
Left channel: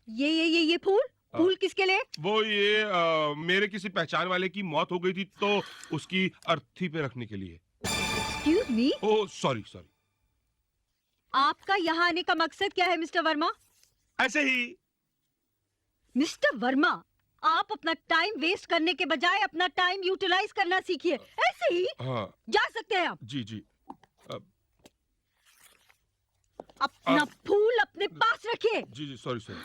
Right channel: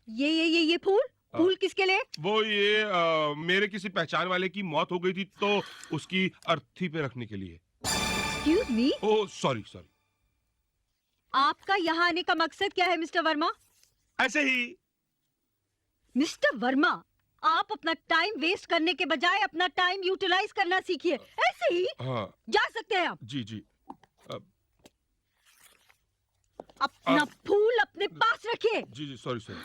ये फूल फूल किसके लिए? वो ये मेरे किसी पहचान वाले की मौत हो गई थी तो उसकी अर्थी पे रखने के लिए। Excuse me? Oh sorry sorry. आपका यहाँ आने का मकसद क्या है मिस्टर वर्मा? ऐसे ही। मिस्टर वर्मा, आप अपना टाइम वेस्ट करने के बजाय अपना टाइम यूटिलाइज करना सीखिए। ऐसे ही। हाँ। जा सकते हैं आप। जी जी। अपना फूल अपने पास रखिए। जी जी सॉरी सॉरी।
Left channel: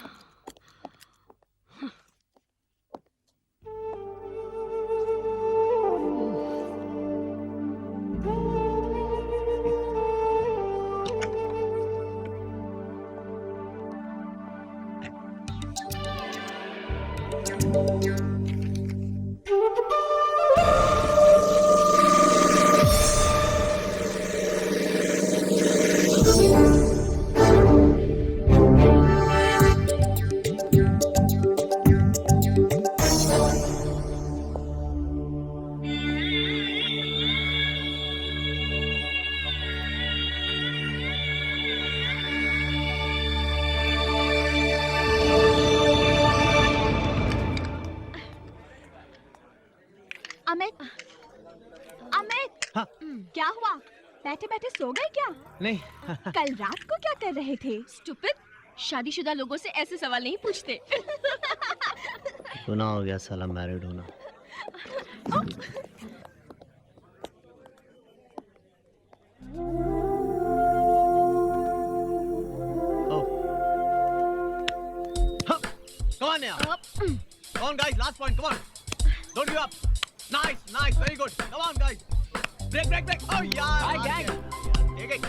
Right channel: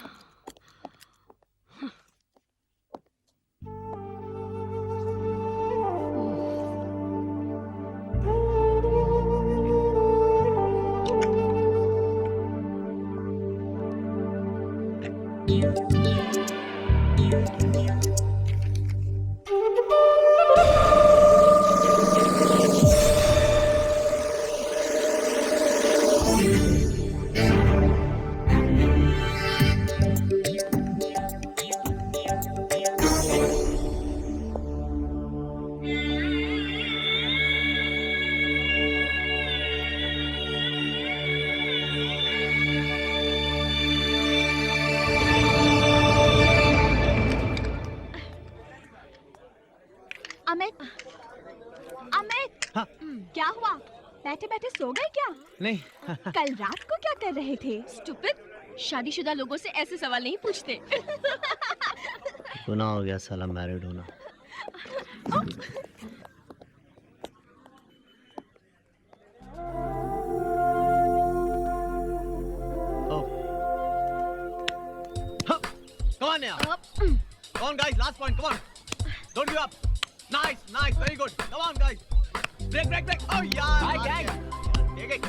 अमित, अमित, हाँ? क्या हुआ? बैठे बैठे सो गए क्या? नहीं। कल रात को क्या कर रहे थे? स्टूपिड, शादीशुदा लोगों से ऐसे सवाल नहीं पूछते। गुनाह हो गया साला मैरिड होना। कौन है आप? Come on, guys. Last point. Come on. Don't give up. Nice, nice. Very good. Come on, guys. Break, break, break. Oh, यार. Hi, gang. यार, take it.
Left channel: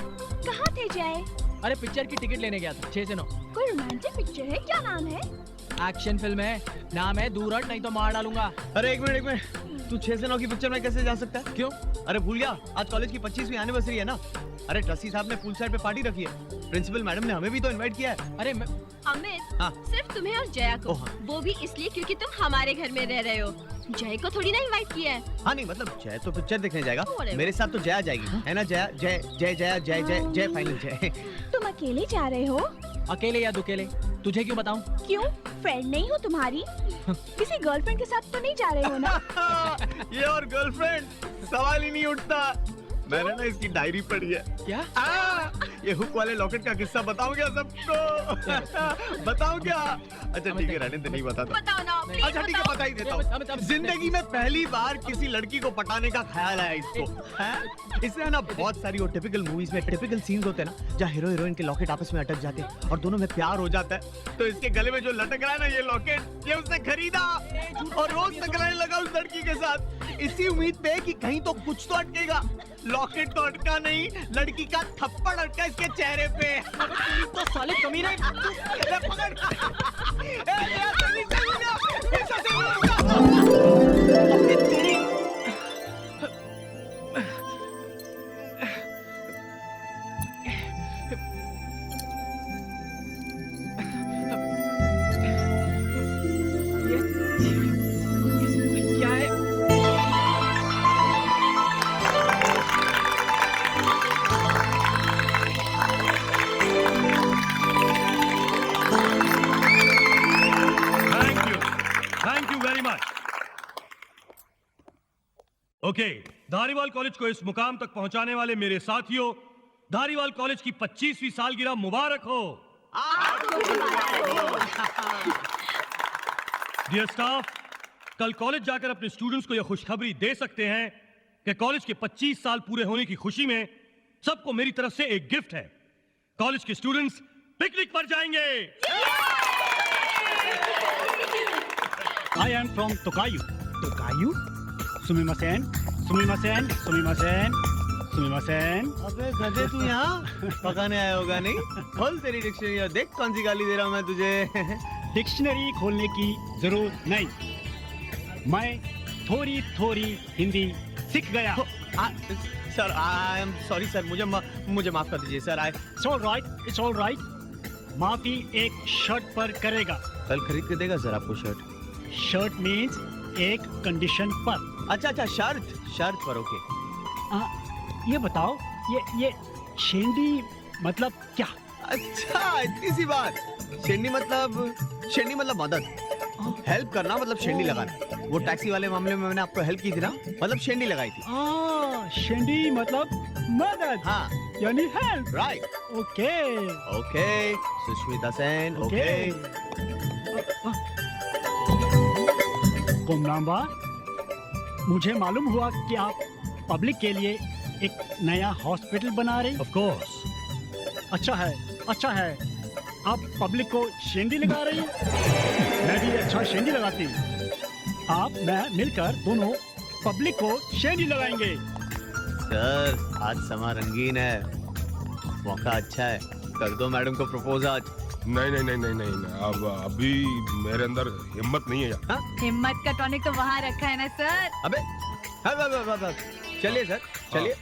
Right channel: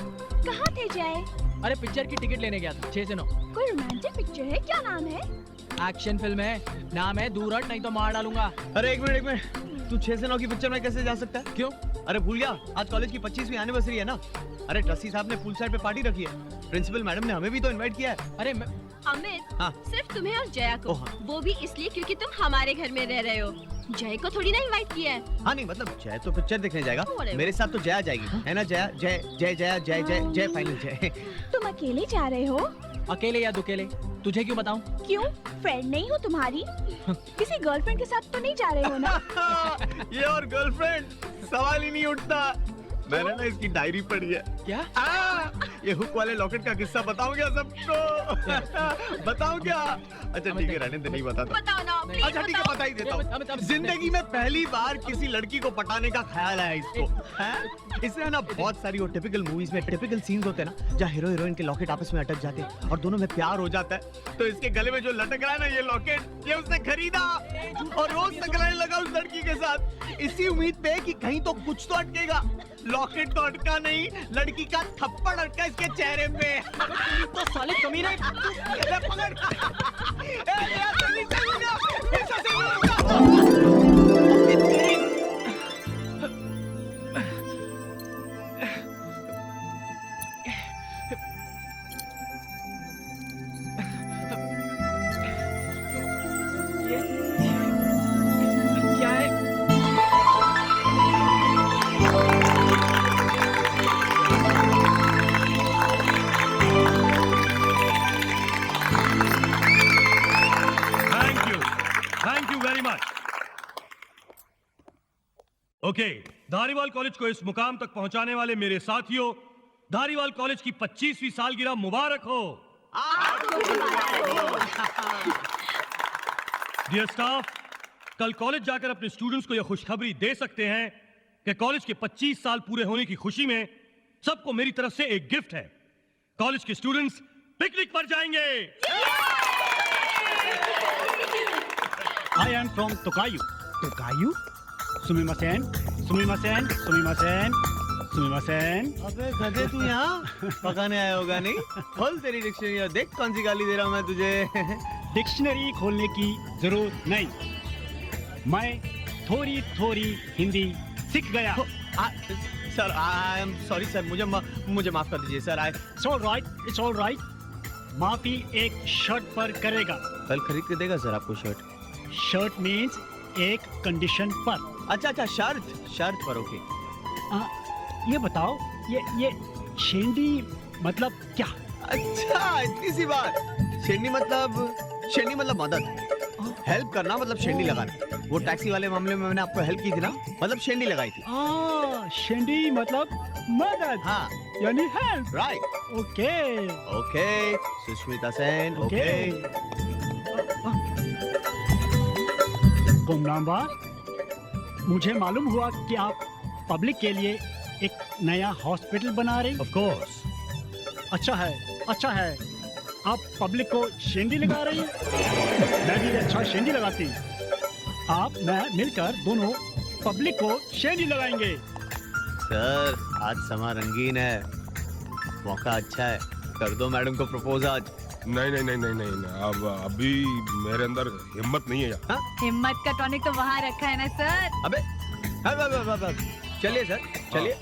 कहाँ थे जय? अरे पिक्चर की टिकट लेने गया था 6 से 9। कोई रोमांटिक पिक्चर है? क्या नाम है? एक्शन फिल्म है, नाम है दूर हट नहीं तो मार डालूंगा। अरे एक मिनट। तू 6 से 9 की पिक्चर में कैसे जा सकता है? क्यों? अरे भूल गया, आज कॉलेज की 25वीं एनिवर्सरी है ना। अरे ट्रस्टी साहब ने पूल साइड पे पार्टी रखी है। प्रिंसिपल मैडम ने हमें भी तो इनवाइट किया है। अरे अमित, हाँ। सिर्फ तुम्हें और जया को। ओ हाँ। वो भी इसलिए क्योंकि तुम हमारे घर में रह रहे हो। जय को थोड़ी ना इनवाइट किया है। हाँ नहीं मतलब जय तो पिक्चर देखने जाएगा, Whatever. मेरे साथ तो जया जाएगी, है ना? जया जय जय जया जय जय जय फाइनल जय। तुम अकेले जा रहे हो? अकेले या दुकेले तुझे क्यों बताऊं? क्यों? फ्रेंड नहीं हो तुम्हारी? किसी गर्लफ्रेंड के साथ तो नहीं जा रहे हो ना? ये और गर्लफ्रेंड सवाल ही नहीं उठता। मैंने ना इसकी डायरी पढ़ी है। क्या? ये हुक वाले लॉकेट का किस्सा बताऊं क्या सबको? बताऊं क्या? अच्छा ठीक है, रहने दे, नहीं बताता। बताओ ना, please अच्छा ठीक है, बताओ। बता ही देता अमित, हूँ। जिंदगी में पहली बार किसी लड़की को पटाने का ख्याल आया इसको। हैं? इसमें ना बहुत सारी वो टिपिकल मूवीज में टिपिकल सीन्स होते हैं ना, जहाँ हीरो हीरोइन के लॉकेट आपस में अटक जाते हैं और दोनों में प्यार हो जाता है। तो इसके गले में जो लटक रहा है ना ये लॉकेट, ये उसने खरीदा और रोज टकराने लगा उस लड़की के साथ, इसी उम्मीद पे कि कहीं तो कुछ तो अटकेगा। लॉकेट तो अटका नहीं, लड़की का थप्पड़ अटका इसके चेहरे पे। तो साले कमीने। ले पकड़। ए यार जल्दी से उठा, ऐसा से नहीं उठा। अपनी तेरी ये क्या है? Thank you very much. Okay, Dhariwal college को इस मुकाम तक पहुंचाने वाले मेरे साथियों, धारीवाल कॉलेज की 25वीं सालगिरह मुबारक हो। डियर स्टाफ, कल कॉलेज जाकर अपने स्टूडेंट्स को यह खुशखबरी दे सकते हैं कि कॉलेज के 25 साल पूरे होने की खुशी में सबको मेरी तरफ से एक गिफ्ट है। कॉलेज के स्टूडेंट्स पिकनिक पर जाएंगे। I am from Tokayu. Tokayu? Sumimasen, sumimasen, sumimasen, sumimasen. अबे गधे तू यहाँ पकाने आया होगा नहीं? खोल तेरी डिक्शनरी और देख कौन सी गाली दे रहा हूँ मैं तुझे। डिक्शनरी खोलने की जरूरत नहीं। मैं थोड़ी थोड़ी हिंदी सीख गया। Sir I am sorry sir, मुझे माफ कर दीजिए sir. It's all right, it's all right. माफी एक शर्ट पर करेगा। कल खरीद के देगा सर आपको शर्ट? शर्ट मीन्स एक कंडीशन पर। अच्छा अच्छा, शर्त पर। ओके ये बताओ, ये शेंडी मतलब क्या? अच्छा इतनी सी बात। शेंडी मतलब मदद, हेल्प करना, मतलब शेंडी लगाना। वो टैक्सी वाले मामले में मैंने आपको हेल्प की थी ना, मतलब शेंडी लगाई थी। शेंडी मतलब मदद। हाँ यानी help. Right. Okay okay Sushmita Sen. Okay गुमनाम, मुझे मालूम हुआ कि आप पब्लिक के लिए एक नया हॉस्पिटल बना रहे। Of course. अच्छा है। आप पब्लिक को शेंडी लगा रही। मैं भी अच्छा शेंडी लगाती। आप मैं मिलकर दोनों पब्लिक को शेंडी लगाएंगे। सर आज समा रंगीन है, मौका अच्छा है, कर दो मैडम को प्रपोज आज। नहीं, अब अभी मेरे अंदर हिम्मत नहीं है यार। हिम्मत का टॉनिक तो वहाँ रखा है ना सर। अबे चलिए सर, चलिए।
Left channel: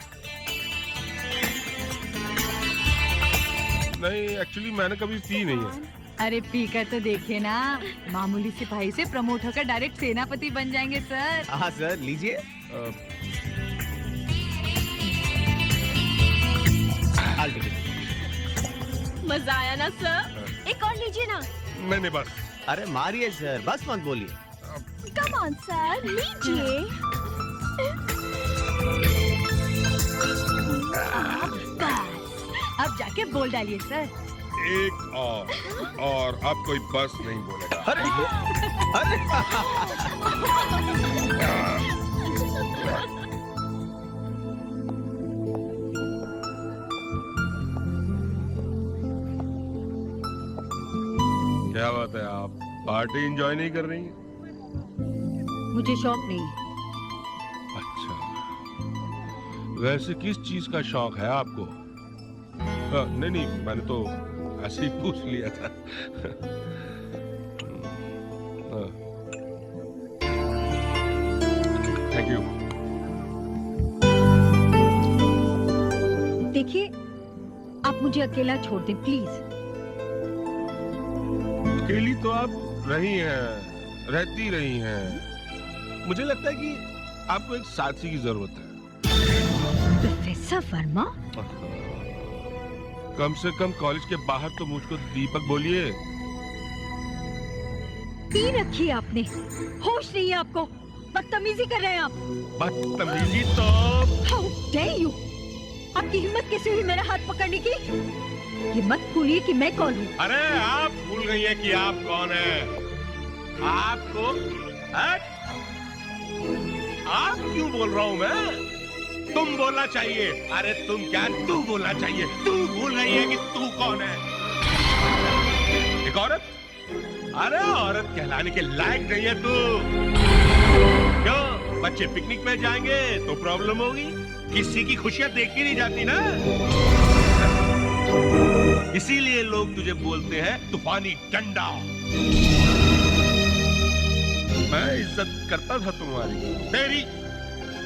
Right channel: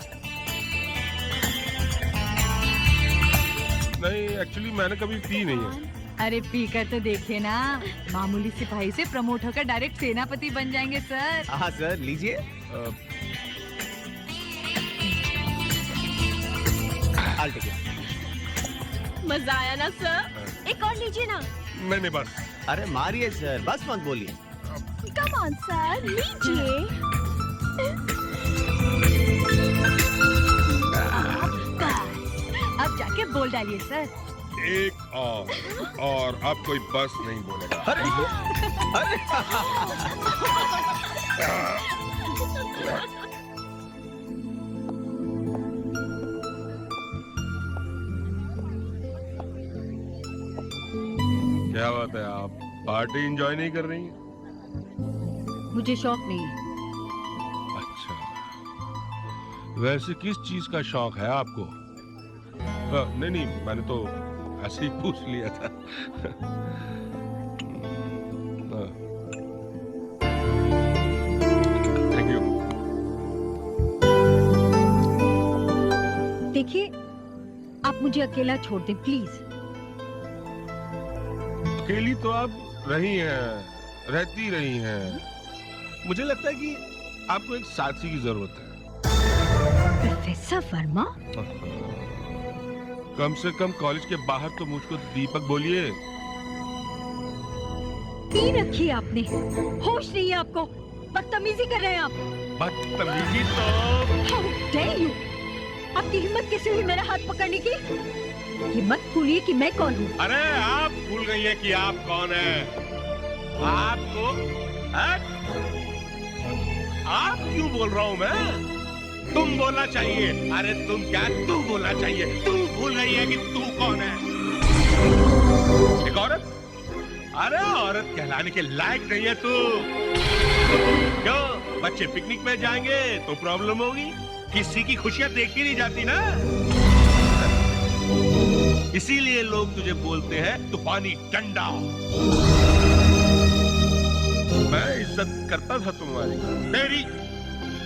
नहीं एक्चुअली मैंने कभी पी नहीं है। अरे पी कर तो देखिए ना, मामूली सिपाही से प्रमोट होकर डायरेक्ट सेनापति बन जाएंगे सर। हाँ सर लीजिए। I'll take it. मजा आया ना सर? एक और लीजिए ना। नहीं बस। अरे मारिए सर, बस मत बोलिए। कम ऑन सर, लीजिए। अब जाके बोल डालिए सर। एक और अब कोई बस नहीं बोलेगा। अरे क्या बात है, आप पार्टी एंजॉय नहीं कर रही हैं? मुझे शौक नहीं है। अच्छा, वैसे किस चीज का शौक है आपको? नहीं, मैंने तो ऐसे ही पूछ लिया था। Thank you. देखिए, आप मुझे अकेला छोड़ दें प्लीज। अकेली तो आप रहती रही हैं। मुझे लगता है कि आपको एक साथी की जरूरत है। प्रोफेसर वर्मा, कम से कम कॉलेज के बाहर तो मुझको दीपक बोलिए। पी रखी है आपने, होश नहीं है आपको, बदतमीजी कर रहे हैं आप। बदतमीजी तो How dare you? आपकी हिम्मत कैसे हुई मेरा हाथ पकड़ने की? ये मत भूलिए कि मैं कौन हूँ। अरे आप भूल गई हैं कि आप कौन हैं? आपको आप क्यों बोल रहा हूँ मैं? तुम बोलना चाहिए। अरे तुम क्या, तू बोलना चाहिए। तू भूल गई है कि तू कौन है? एक औरत? अरे औरत कहलाने के लायक नहीं है तू। क्यों? बच्चे पिकनिक में जाएंगे तो प्रॉब्लम होगी? किसी की खुशियां देखी नहीं जाती ना, इसीलिए लोग तुझे बोलते हैं तूफानी डंडा। मैं इज्जत करता था तुम्हारी, तेरी,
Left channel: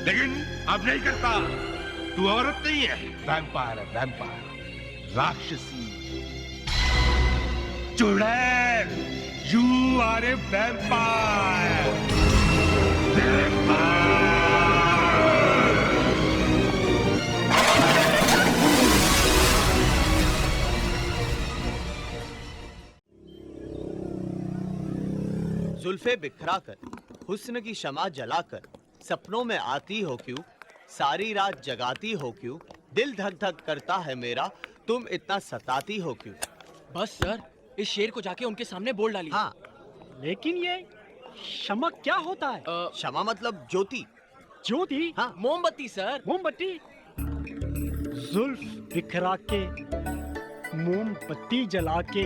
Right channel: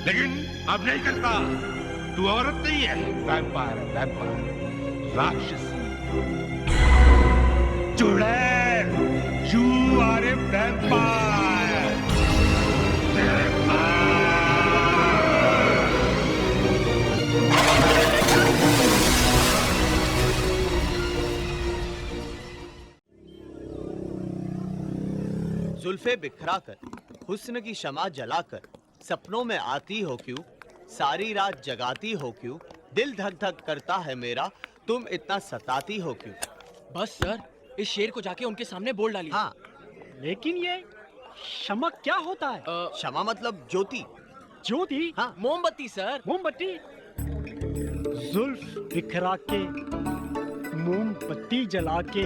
लेकिन अब नहीं करता। तू औरत नहीं है, वैम्पायर है, वैम्पायर, राक्षसी, चुड़ैल। You are a vampire. जुल्फे बिखरा कर, हुस्न की शमा जलाकर, सपनों में आती हो क्यों, सारी रात जगाती हो क्यों, दिल धक धक करता है मेरा, तुम इतना सताती हो क्यों। बस सर, इस शेर को जाके उनके सामने बोल डालिए। हाँ, लेकिन ये क्षमा क्या होता है? क्षमा मतलब ज्योति। ज्योति? हाँ, मोमबत्ती सर। मोमबत्ती? जुल्फ बिखरा के, मोमबत्ती जला के,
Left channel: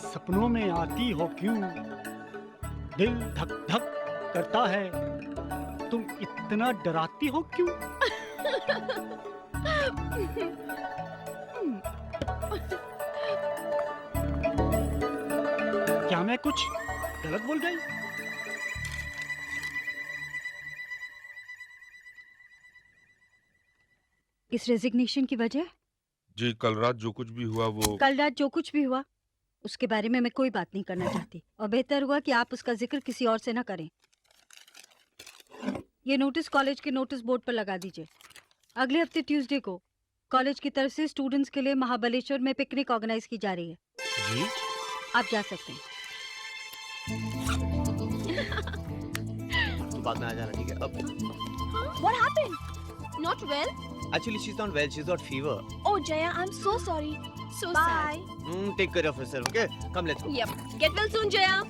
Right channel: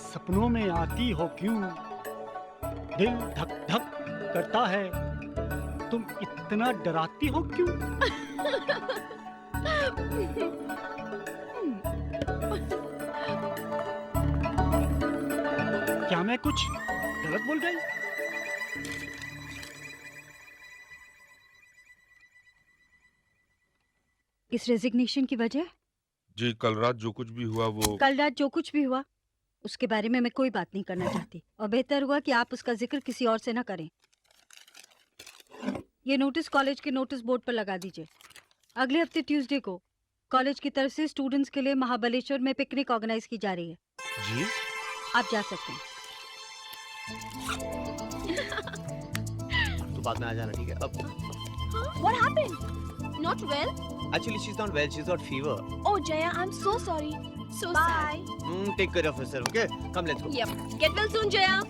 सपनों में आती हो क्यों, दिल धक धक करता है, तुम इतना डराती हो क्यों? क्या मैं कुछ गलत बोल गई? इस रेजिग्नेशन की वजह? जी, कल रात जो कुछ भी हुआ वो कल रात जो कुछ भी हुआ उसके बारे में मैं कोई बात नहीं करना चाहती, और बेहतर हुआ कि आप उसका जिक्र किसी और से ना करें। ये नोटिस कॉलेज के नोटिस बोर्ड पर लगा दीजिए। अगले हफ्ते ट्यूसडे को कॉलेज की तरफ से स्टूडेंट्स के लिए महाबलेश्वर में पिकनिक ऑर्गेनाइज की जा रही है। जी, आप जा सकते हैं। तो बाद में आ जाना, ठीक है? अब What happened? Not well? actually she's not well, she's got fever. Oh Jaya, I'm so sorry. So Bye. sad. Take care of yourself, okay? Come, let's go. Yep. Get well soon, Jaya.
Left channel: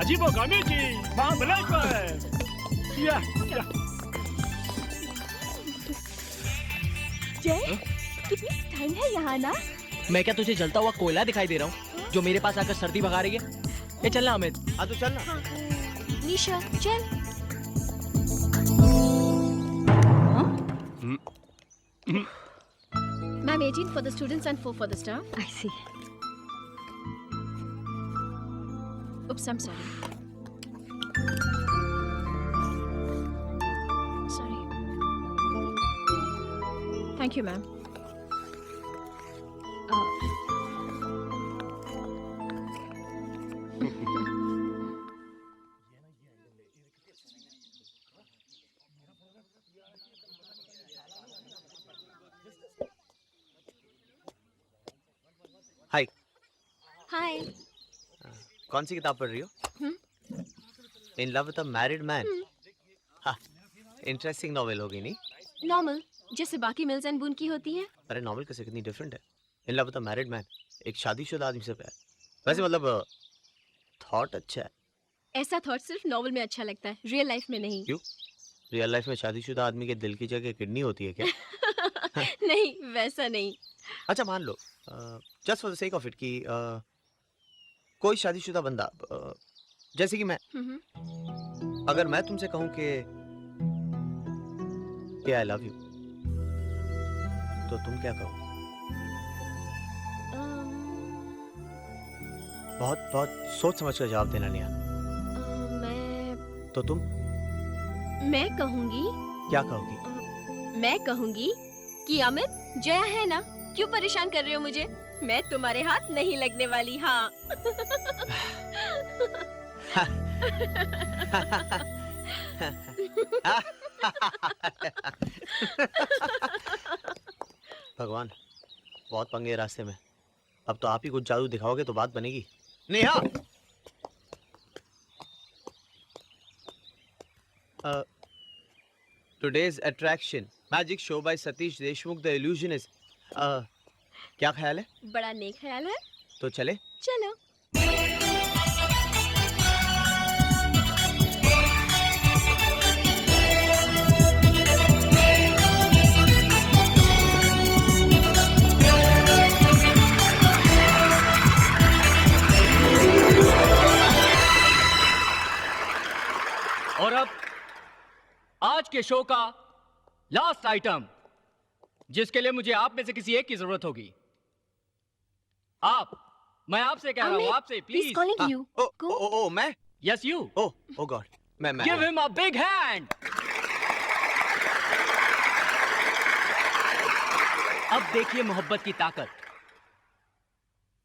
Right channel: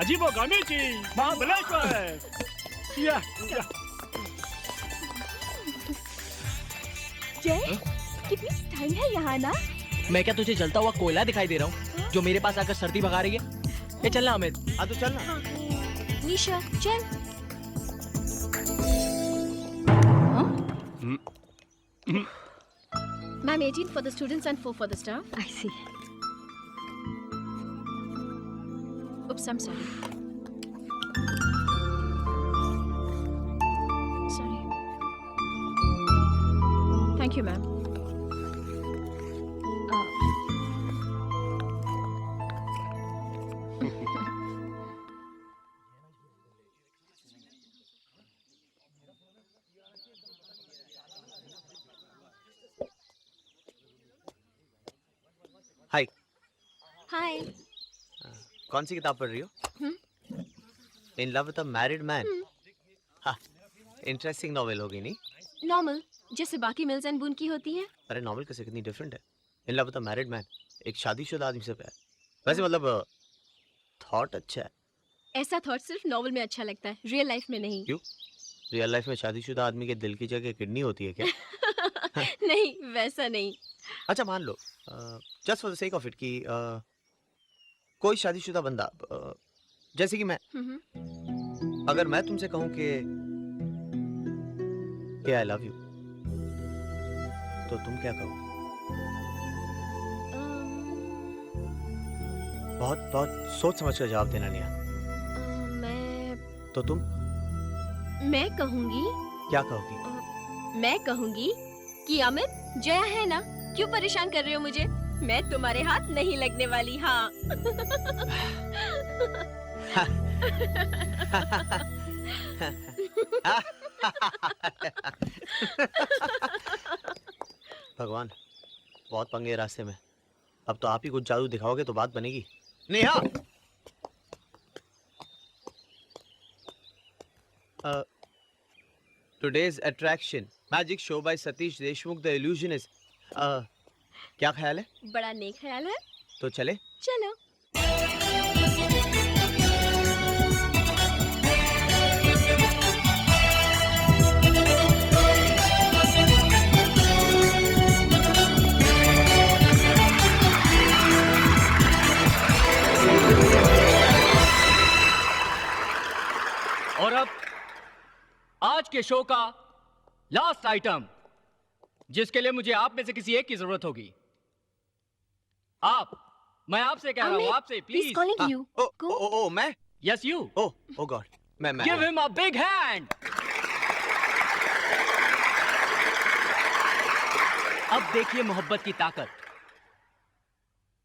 अजीबोगर्मी जी, महाबलेश्वर। या। जय, कितनी ठंड है यहाँ ना? मैं क्या तुझे जलता हुआ कोयला दिखाई दे रहा हूँ जो मेरे पास आकर सर्दी भगा रही है? ये चलना अमित। हाँ तो चलना। हाँ। निशा, चल। Ma'am, 18 for the students and 4 for the staff. I see. Oops, I'm sorry. Sorry. Thank you, ma'am. हाय। हाय। कौन सी किताब पढ़ रही हो? इन love with a married man. हाँ, इंटरेस्टिंग नॉवेल होगी नहीं? नॉर्मल, जैसे बाकी मिल्स एंड बून की होती हैं। अरे नॉवल कैसे कितनी डिफरेंट है। इन love with a married man, एक शादीशुदा आदमी से प्यार। वैसे मतलब थॉट अच्छा है। ऐसा थॉट सिर्फ नॉवल में अच्छा लगता है, रियल लाइफ में नहीं। क्यों? रियल लाइफ में शादीशुदा आदमी के दिल की जगह किडनी होती है क्या? नहीं, वैसा नहीं। अच्छा मान लो just for the sake of it कि कोई शादीशुदा बंदा जैसे कि मैं, अगर मैं तुमसे कहूं कि आई लव यू, तो तुम क्या कहो? बहुत बहुत सोच समझ कर जवाब देना नेहा। तो मैं कहूंगी। क्या कहोगी? मैं कहूंगी कि अमित, जया है ना, क्यों परेशान कर रहे हो मुझे? मैं तुम्हारे हाथ नहीं लगने वाली। हाँ। भगवान, बहुत पंगे रास्ते में। अब तो आप ही कुछ जादू दिखाओगे तो बात बनेगी। Neha, today's attraction magic show by Satish Deshmukh the illusionist. क्या ख्याल है? बड़ा नेक ख्याल है। तो चले? चलो। और अब आज के शो का लास्ट आइटम, जिसके लिए मुझे आप में से किसी एक की जरूरत होगी। मैं आपसे कह रहा हूं, आपसे प्लीज। ओ मैं? Yes you. ओ गॉड, मैं give him a big hand. अब देखिए मोहब्बत की ताकत।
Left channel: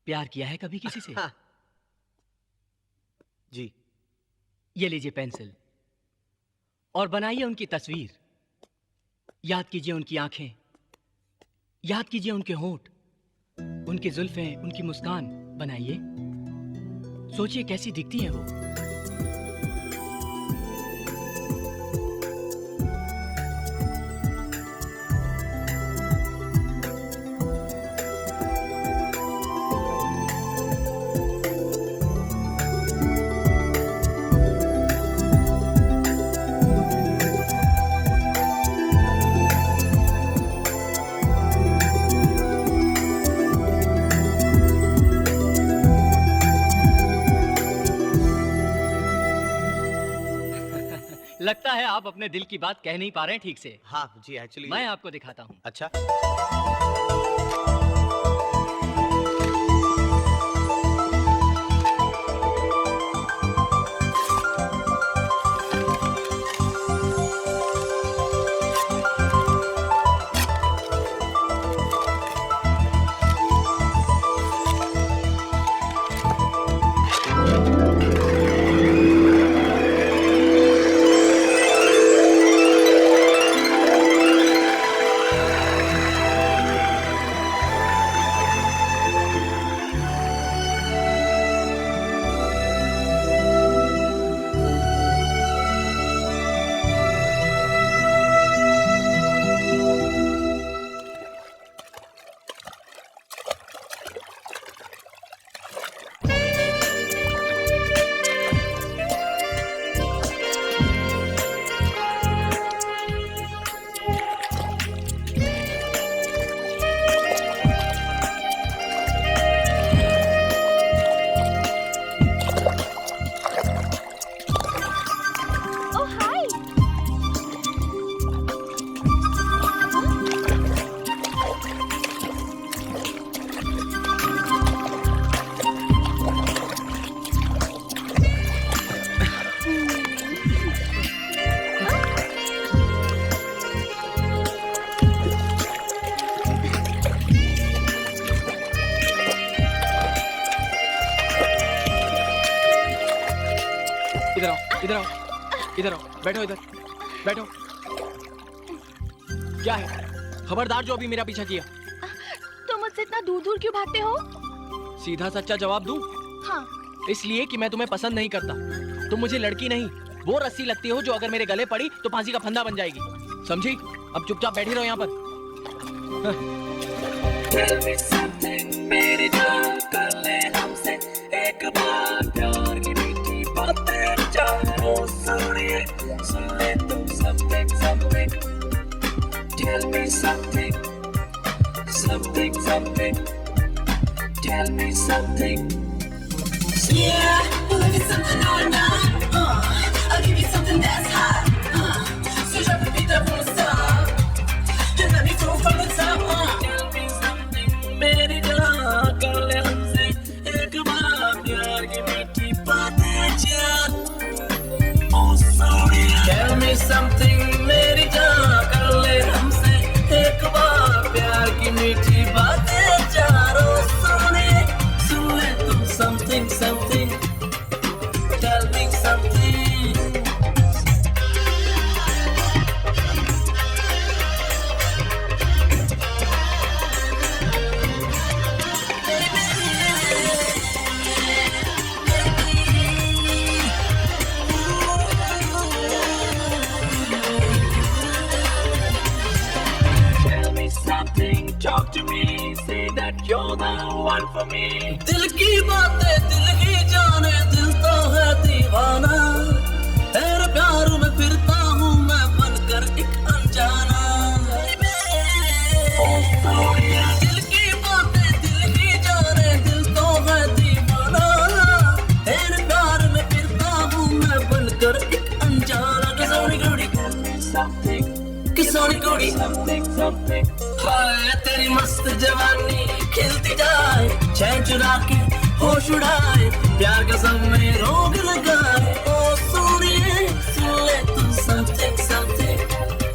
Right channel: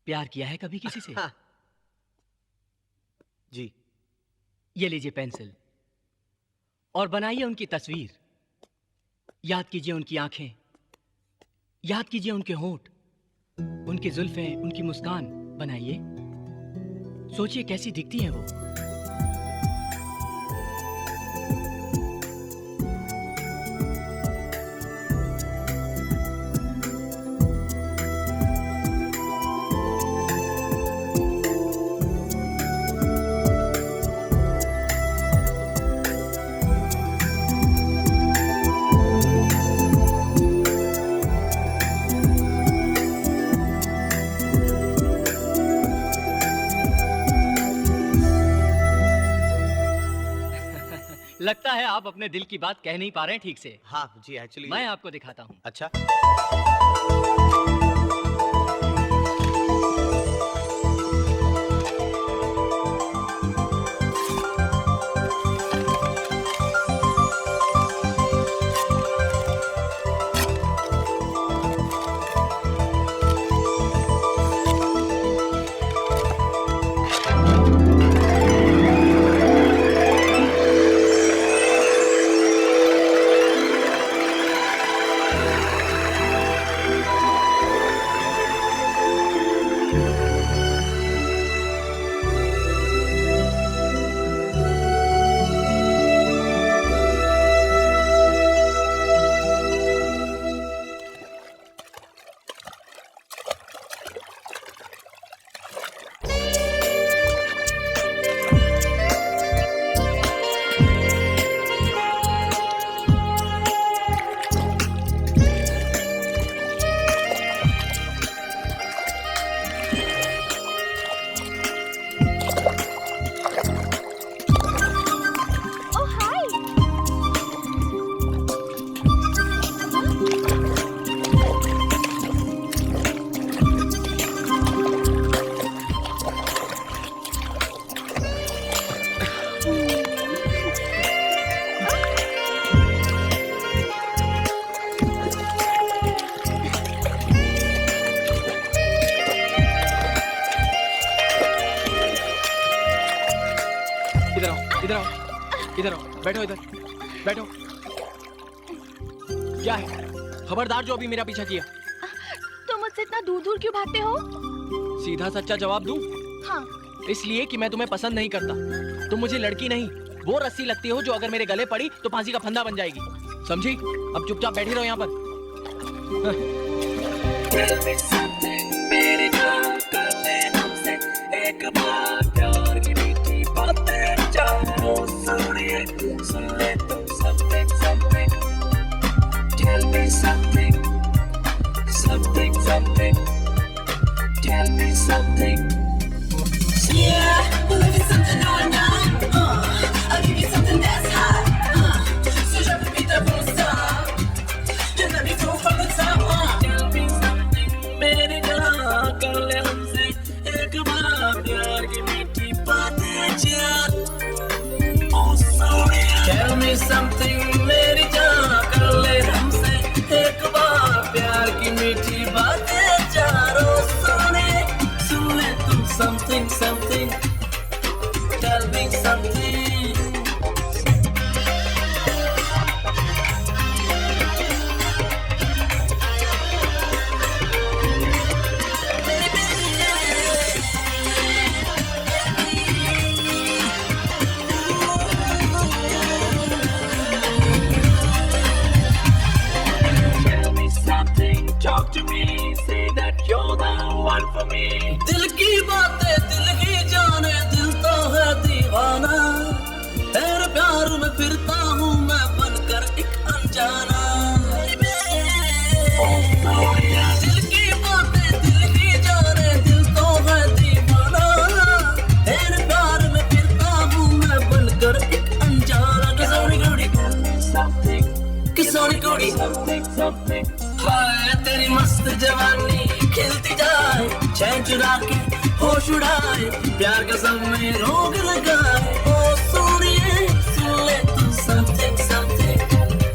प्यार किया है कभी किसी से? जी। ये लीजिए पेंसिल और बनाइए उनकी तस्वीर। याद कीजिए उनकी आंखें, याद कीजिए उनके होंठ, उनकी जुल्फें, उनकी मुस्कान बनाइए। सोचिए कैसी दिखती हैं वो। लगता है आप अपने दिल की बात कह नहीं पा रहे हैं ठीक से। हाँ जी, एक्चुअली मैं आपको दिखाता हूँ। अच्छा। इधर आओ, इधर आओ, इधर आओ, बैठो इधर, बैठो। क्या है? खबरदार जो अभी मेरा पीछा किया। तुम मुझसे इतना दूर दूर क्यों भागते हो? सीधा सच्चा जवाब दूं? हाँ। इसलिए कि मैं तुम्हें पसंद नहीं करता। तुम मुझे लड़की नहीं, वो रस्सी लगती हो जो अगर मेरे गले पड़ी तो फांसी का फंदा बन जाएगी। समझी? अब चुपचाप बैठी रहो यहाँ पर। Tell me something, मेरी जान, कर ले हमसे एक बार प्यार की मीठी बातें चारों सुनिए, सुन ले तुम something, something. Tell me something, something, something. Tell me something. Yeah, we'll give you something or not. I'll give you something that's hot. So drop the beat that won't stop. And let me throw from the top. Tell me something, मेरी जान, कर ले हमसे एक बार प्यार की मीठी बातें चार. Oh sorry. Tell me something, मेरी जान, कर ले हमसे एक बार प्यार की मीठी बातें चारों सुनिए, सुन ले तुम something, something. Tell me something. Something, talk to me, say that you're the one for me. दिल की बातें दिल ही जाने, दिल तो है दीवाना, तेरे प्यार में फिरता हूँ मैं बनकर एक अनजाना. दिल की बातें दिल ही जाने, दिल तो है दीवाना, तेरे प्यार में फिरता हूँ मैं बनकर एक अनजाना. किसोनी कुड़ी something, किसोनी कुड़ी something, something. हाय तेरी मस्त जवानी खिलती जाए, चैन चुरा के होश उड़ाए, प्यार का सब में रोग लगाए. ओ सुनिए, सुन ले तू something, something,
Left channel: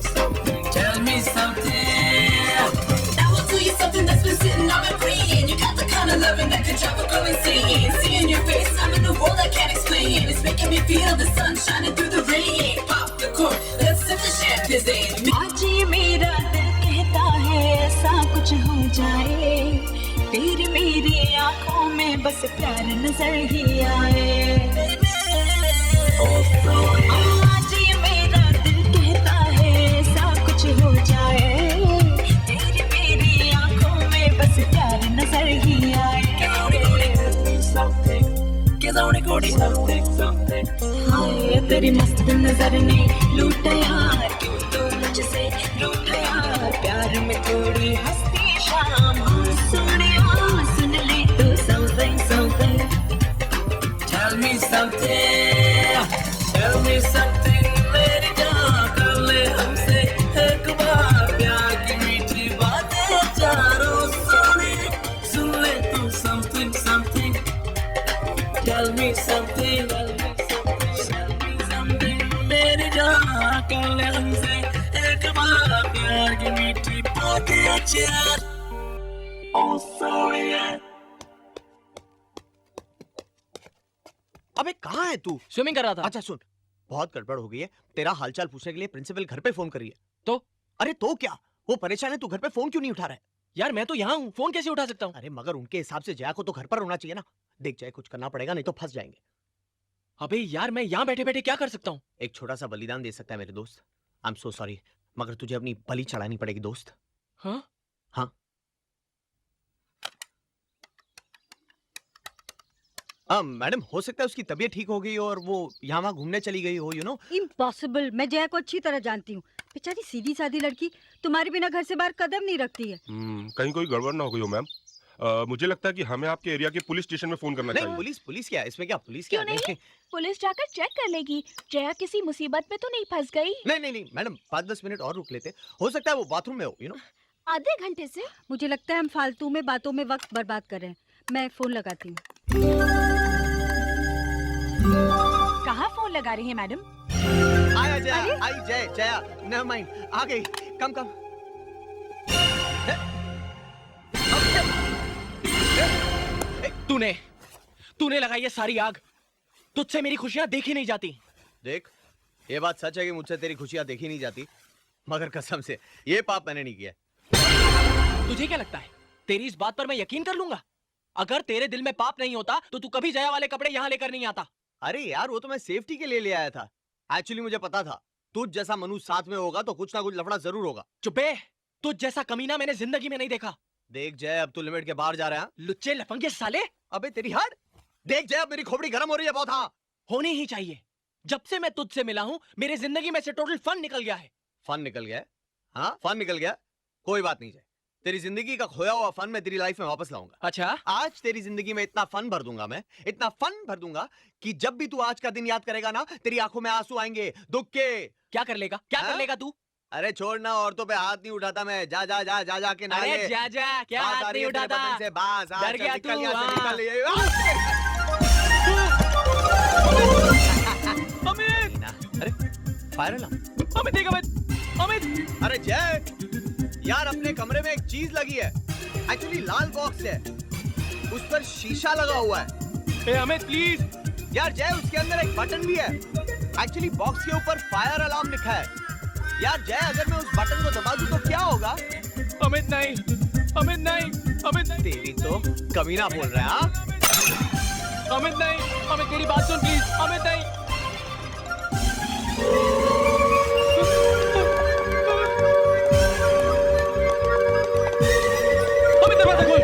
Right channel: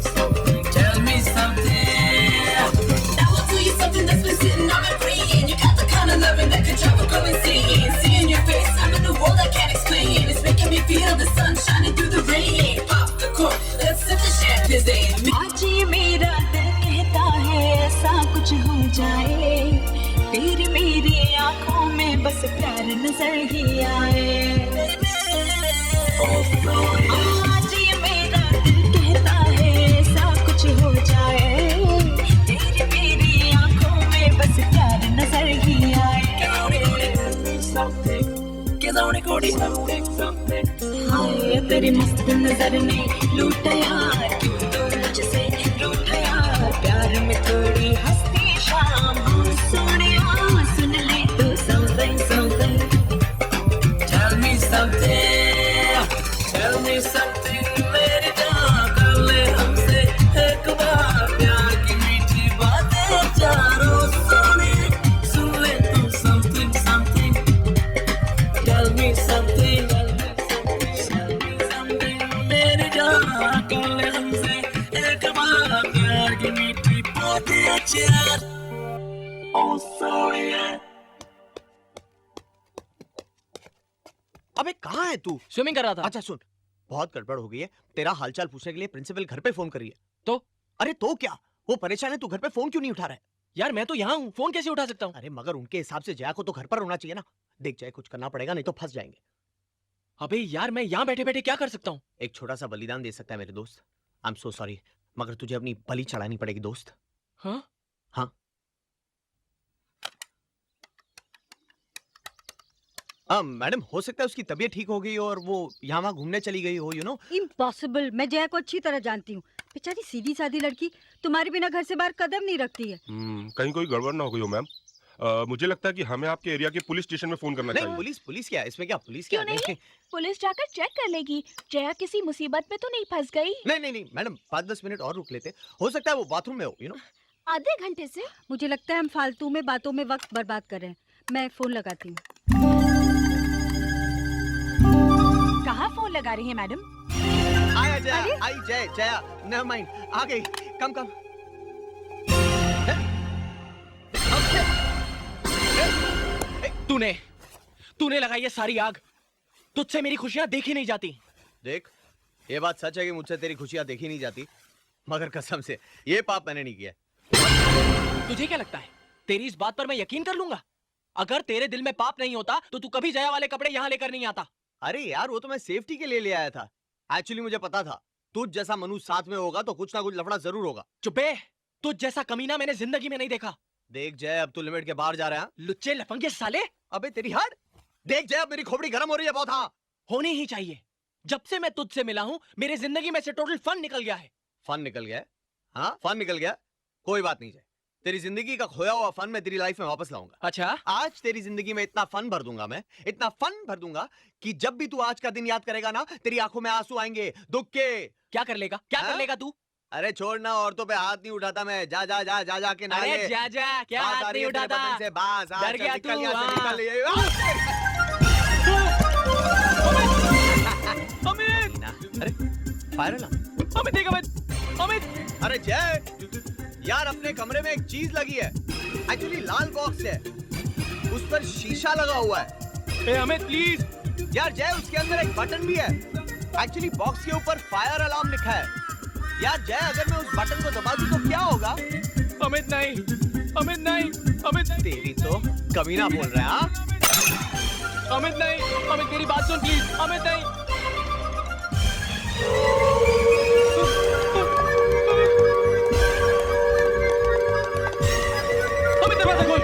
something. Tell me something. I will tell you something that's been sitting on my brain. You got the kind of loving that could drive a girl insane. Seeing your face, I'm in a world I can't explain. It's making me feel the sun shining through the rain. Pop the cork, let's sip the champagne. आज ये मेरा दिल कहता है ऐसा कुछ हो जाए, तेरी मेरी आंखों में बस प्यार नजर ही आए. आज ये मेरा दिल कहता है ऐसा कुछ हो जाए, तेरी मेरी आंखों में बस प्यार नजर ही आए. something, something. हाय तेरी मस्त नजर ने लूटा यार, क्यों तू मुझसे रूठा यार, प्यार में थोड़ी हंसती शाम हो. सुनिया सुन ले तू something, something. Tell me something, tell me something. मेरी जान, कर ले हमसे एक बार प्यार की मीठी बातें चारों सुनिए, सुन ले तू something, something. Tell me something, tell me something. मेरी जान, कर ले हमसे एक बार प्यार की मीठी बातें चार. Oh sorry. अबे कहाँ है तू? स्विमिंग कर रहा था. अच्छा सुन, बहुत गड़बड़ हो गई है. तेरा हालचाल पूछने के लिए प्रिंसिपल घर पे फोन कर रही है. तो? अरे तो क्या, वो परेशान है, तू घर पे फोन क्यों नहीं उठा रहा है? यार मैं तो यहाँ हूँ, फोन कैसे उठा सकता हूँ? अरे मगर उनके हिसाब से जया को तो घर पर होना चाहिए ना. देख जया, कुछ करना पड़ेगा नहीं तो फंस जाएंगे. अबे यार मैं यहाँ बैठे बैठे क्या कर सकता हूँ? एक छोटा सा बलिदान दे सकता है मेरे दोस्त. आई एम सो सॉरी, मगर तुझे अपनी बलि चढ़ानी पड़ेगी दोस्त. हाँ हाँ. मैडम, हो सकता है उसकी तबीयत ठीक हो गई और वो यहाँ वहाँ घूमने चली गई हो. You know, impossible. मैं जया को अच्छी तरह जानती हूँ. बेचारी सीधी सादी लड़की तुम्हारे बिना घर से बाहर कदम नहीं रखती है. कहीं कोई गड़बड़ ना हो गई हो मैम. मुझे लगता है कि हमें आपके एरिया के पुलिस स्टेशन में फोन करना चाहिए. पुलिस क्या है इसमें? क्या पुलिस क्या नहीं, पुलिस जाकर चेक कर लेगी. जया किसी मुसीबत में तो नहीं फंस गई? नहीं मैडम, 5-10 मिनट और रुक लेते. हो सकता है वो बाथरूम में हो. यू नो, आधे घंटे से. मुझे लगता है हम फालतू में बातों में वक्त बर्बाद कर रहे हैं. मैं फोन लगाती हूँ. कहाँ फोन लगा रही है मैडम? आया जया, आई जया, नेवर माइंड, आ गई. कम. तूने लगाई है सारी आग. तुझसे मेरी खुशियां देखी नहीं जाती. देख, ये बात सच है कि मुझसे तेरी खुशियां देखी नहीं जाती, मगर कसम से ये पाप मैंने नहीं किया. तुझे क्या लगता है तेरी इस बात पर मैं यकीन कर लूंगा? अगर तेरे दिल में पाप नहीं होता तो तू कभी जया वाले कपड़े यहाँ लेकर नहीं आता. अरे यार, वो तो मैं सेफ्टी के लिए ले आया था. एक्चुअली मुझे पता था तुझ जैसा मनुष्य साथ में होगा तो कुछ ना कुछ लफड़ा जरूर होगा। चुपे, तुझ जैसा कमीना मैंने जिंदगी में नहीं देखा। देख जय, अब तू लिमिट के बाहर जा रहा है। लुच्चे लफंगे साले। अबे तेरी हट। देख जय, अब मेरी खोपड़ी गर्म हो रही है बहुत। हाँ, होनी ही चाहिए। जब से मैं तुझसे मिला हूं मेरे जिंदगी में से टोटल फन निकल गया है। फन निकल गया? हाँ, फन निकल गया। कोई बात नहीं जय, तेरी जिंदगी का खोया हुआ फन मैं तेरी लाइफ में वापस लाऊंगा। अच्छा, आज तेरी जिंदगी में इतना फन भर दूंगा मैं, इतना फन भर दूंगा कि जब भी तू आज का दिन याद करेगा ना, तेरी आंखों में आंसू आएंगे दुख के। क्या कर लेगा, क्या कर लेगा तू? अरे छोड़ना, औरतों पे हाथ नहीं उठाता मैं। जा जा जा जा जा के ना। अरे जा जा, क्या हाथ नहीं उठाता? से बास, डर गया तू? अमित, अरे फायर अलार्म। अमित देख, अमित, अमित। अरे जय यार, अपने कमरे में एक चीज लगी है। एक्चुअली लाल बॉक्स है, उस पर शीशा लगा हुआ है। ए अमित प्लीज। यार जय, उसके अंदर एक बटन भी है। एक्चुअली बॉक्स के ऊपर फायर अलार्म लिखा है। यार जय, अगर मैं उस बटन को दबा दूं तो क्या होगा? अमित नहीं, अमित नहीं, अमित नहीं। तेरी तो कमीना बोल रहा है। हाँ, अमित नहीं, अमित मेरी बात सुन प्लीज। अमित नहीं। अमित दरवाजा खोल।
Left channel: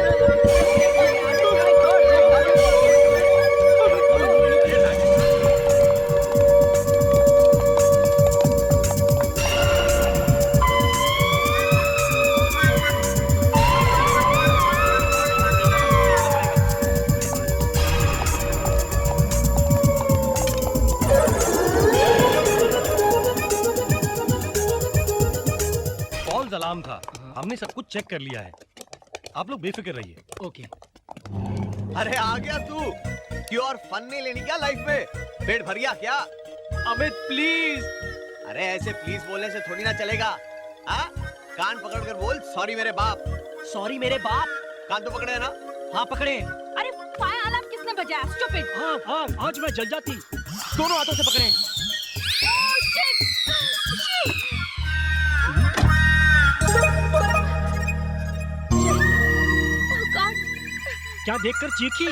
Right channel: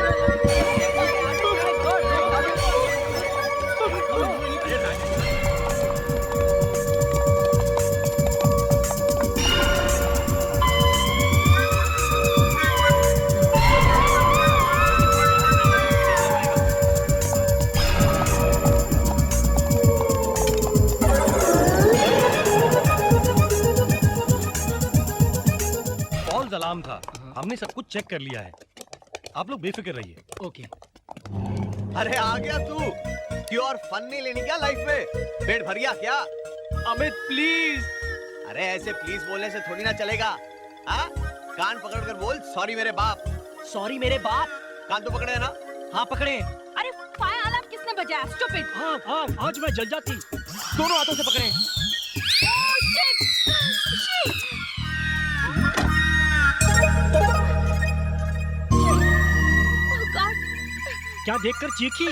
अलार्म था, हमने सब कुछ चेक कर लिया है। आप लोग बेफिक्र रहिए। ओके। अरे आ गया तू। क्यों, और फन नहीं लेनी क्या लाइफ में? पेट भर गया क्या? अमित प्लीज। अरे ऐसे प्लीज बोलने से थोड़ी ना चलेगा। हाँ, कान पकड़ कर बोल, सॉरी मेरे बाप। सॉरी मेरे बाप? कान तो पकड़े है ना? हाँ पकड़े। अरे फायर अलार्म किसने बजाया? स्टूपिड। हाँ हाँ, आज मैं जल जाती। दोनों हाथों से पकड़े। क्या देखकर चीखी?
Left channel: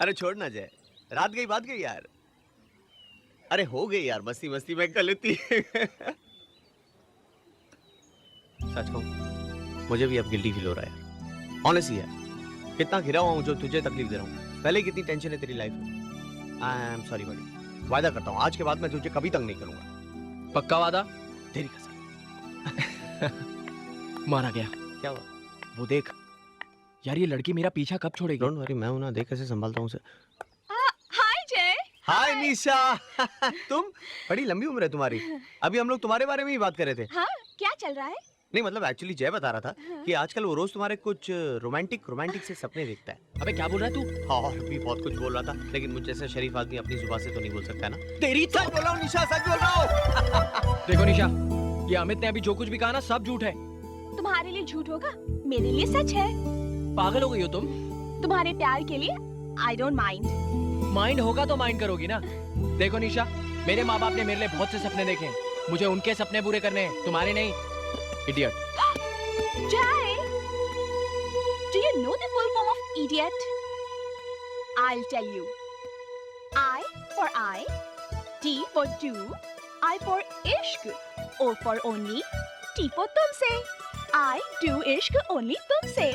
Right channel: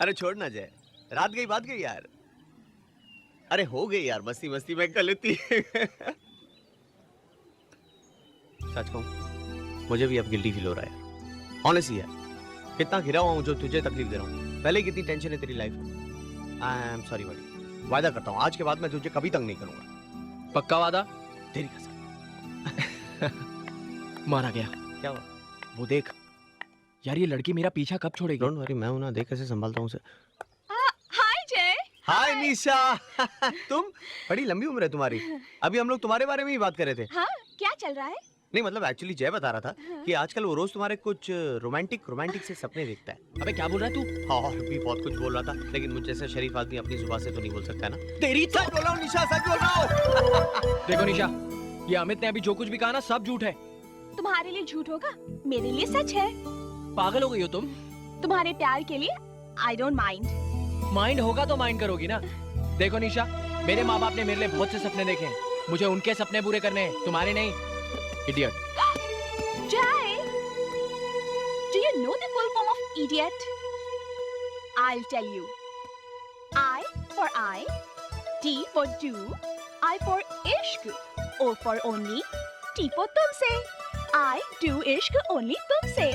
अरे छोड़ ना जय, रात गई बात गई यार। अरे हो गई यार, मस्ती मस्ती में गलती। सच कहूं, मुझे भी अब गिल्टी फील हो रहा है यार। ऑनेस्टली यार, कितना घिरा हुआ हूं जो तुझे तकलीफ दे रहा हूं। पहले कितनी टेंशन है तेरी लाइफ में। आई एम सॉरी बड़ी। वादा करता हूं आज के बाद मैं तुझे कभी तंग नहीं करूंगा। पक्का वादा? तेरी कसम। मारा गया। क्या हुआ? वो देख यार, ये लड़की मेरा पीछा कब छोड़ेगी? डोंट वरी, मैं हूं ना, देख कैसे संभालता हूं उसे। हाय जय। हाय निशा। तुम, बड़ी लंबी उम्र है तुम्हारी। अभी हम लोग तुम्हारे बारे में ही बात कर रहे थे। हाँ, क्या चल रहा है? नहीं मतलब एक्चुअली जय बता रहा था कि आजकल वो रोज तुम्हारे कुछ रोमांटिक से सपने देखता है। अबे क्या बोल रहा है तू? हाँ, और भी बहुत कुछ बोल रहा था, लेकिन मुझ जैसा शरीफ आदमी अपनी जुबान से तो नहीं बोल सकता ना। तेरी तो सच बोल रहा हूँ निशा, सच बोल रहा हूँ। देखो निशा, ये अमित ने अभी जो कुछ भी कहा ना, सब झूठ है। तुम्हारे लिए झूठ होगा, मेरे लिए सच है। पागल हो गई हो तुम? तुम्हारे प्यार के लिए आई डोंट माइंड। माइंड होगा तो माइंड करोगी ना। देखो निशा, मेरे माँ बाप ने मेरे लिए बहुत से सपने देखे हैं। मुझे उनके सपने पूरे करने हैं, तुम्हारे नहीं। Idiot. Jai, do you know the full form of idiot? I'll tell you. I for I, D for do, I for ishq, O for only, T for तुमसे. I do ishq only तुमसे.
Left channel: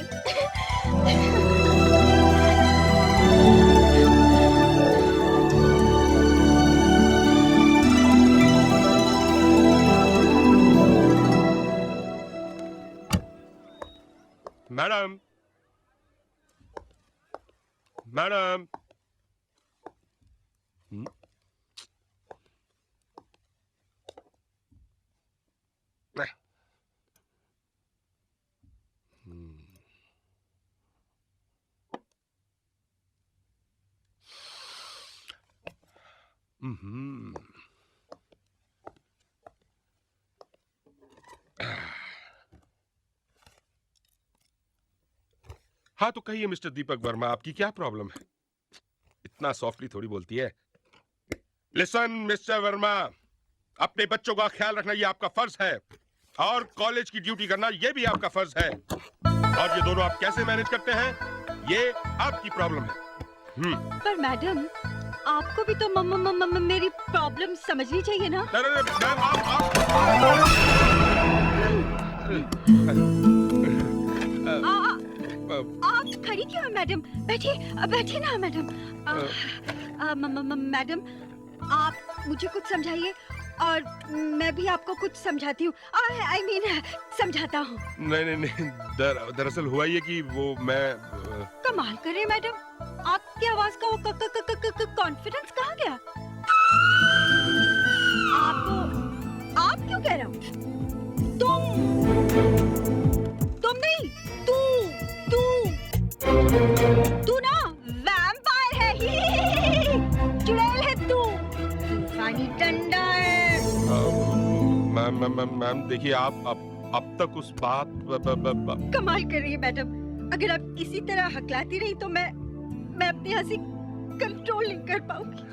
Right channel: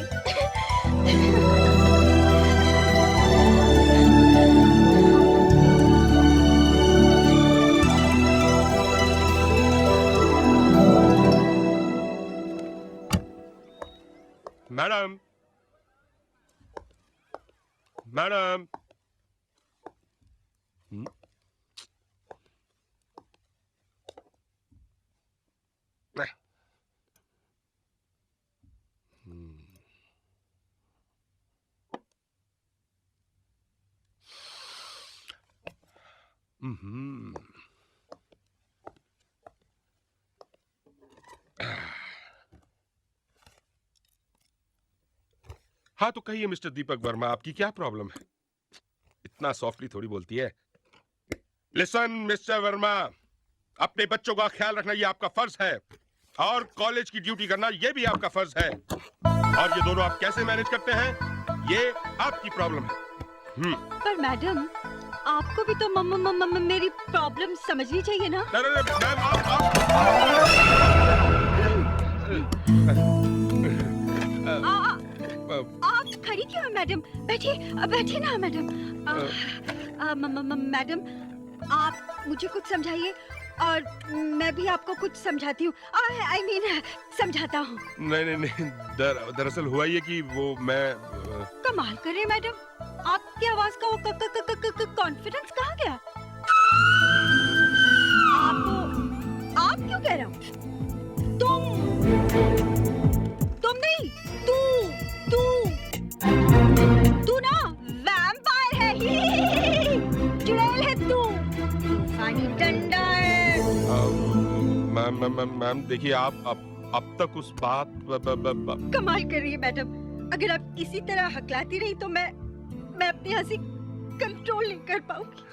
Madam, madam. हाँ तो कहिए mister Deepak Verma, आपकी क्या problem है? इतना softly थोड़ी बोलती है। लिसन मिस्टर वर्मा, अपने बच्चों का ख्याल रखना ये आपका फर्ज है। और कॉलेज की ड्यूटी करना ये भी आपका फर्ज है। और ये दोनों आप कैसे मैनेज करते हैं ये आपकी प्रॉब्लम है। पर मैडम आपको भी तो मेरी प्रॉब्लम समझनी चाहिए ना। मैम आप खड़ी क्यों हैं मैडम? बैठिए बैठिए ना मैडम। मैडम आप मुझे कुछ समझाइए और मैं भी आपको कुछ समझाती हूँ। आई मीन समझाता हूँ। नहीं दरअसल हुआ ये कि वो मैं कमाल कर रहे मैडम, आपकी आवाज का वो कॉन्फिडेंस कहाँ गया? आपको आप क्यों कह रहा हूँ? तुम नहीं, तू ना वैम्पायर है। चुड़ैल है तू, तूफानी डंडा है। मैम देखिए आप अब तक उस बात कमाल कर रही है मैडम। अगर आप इसी तरह हकलाती रही तो मैं अपनी हंसी कंट्रोल नहीं कर पाऊंगी।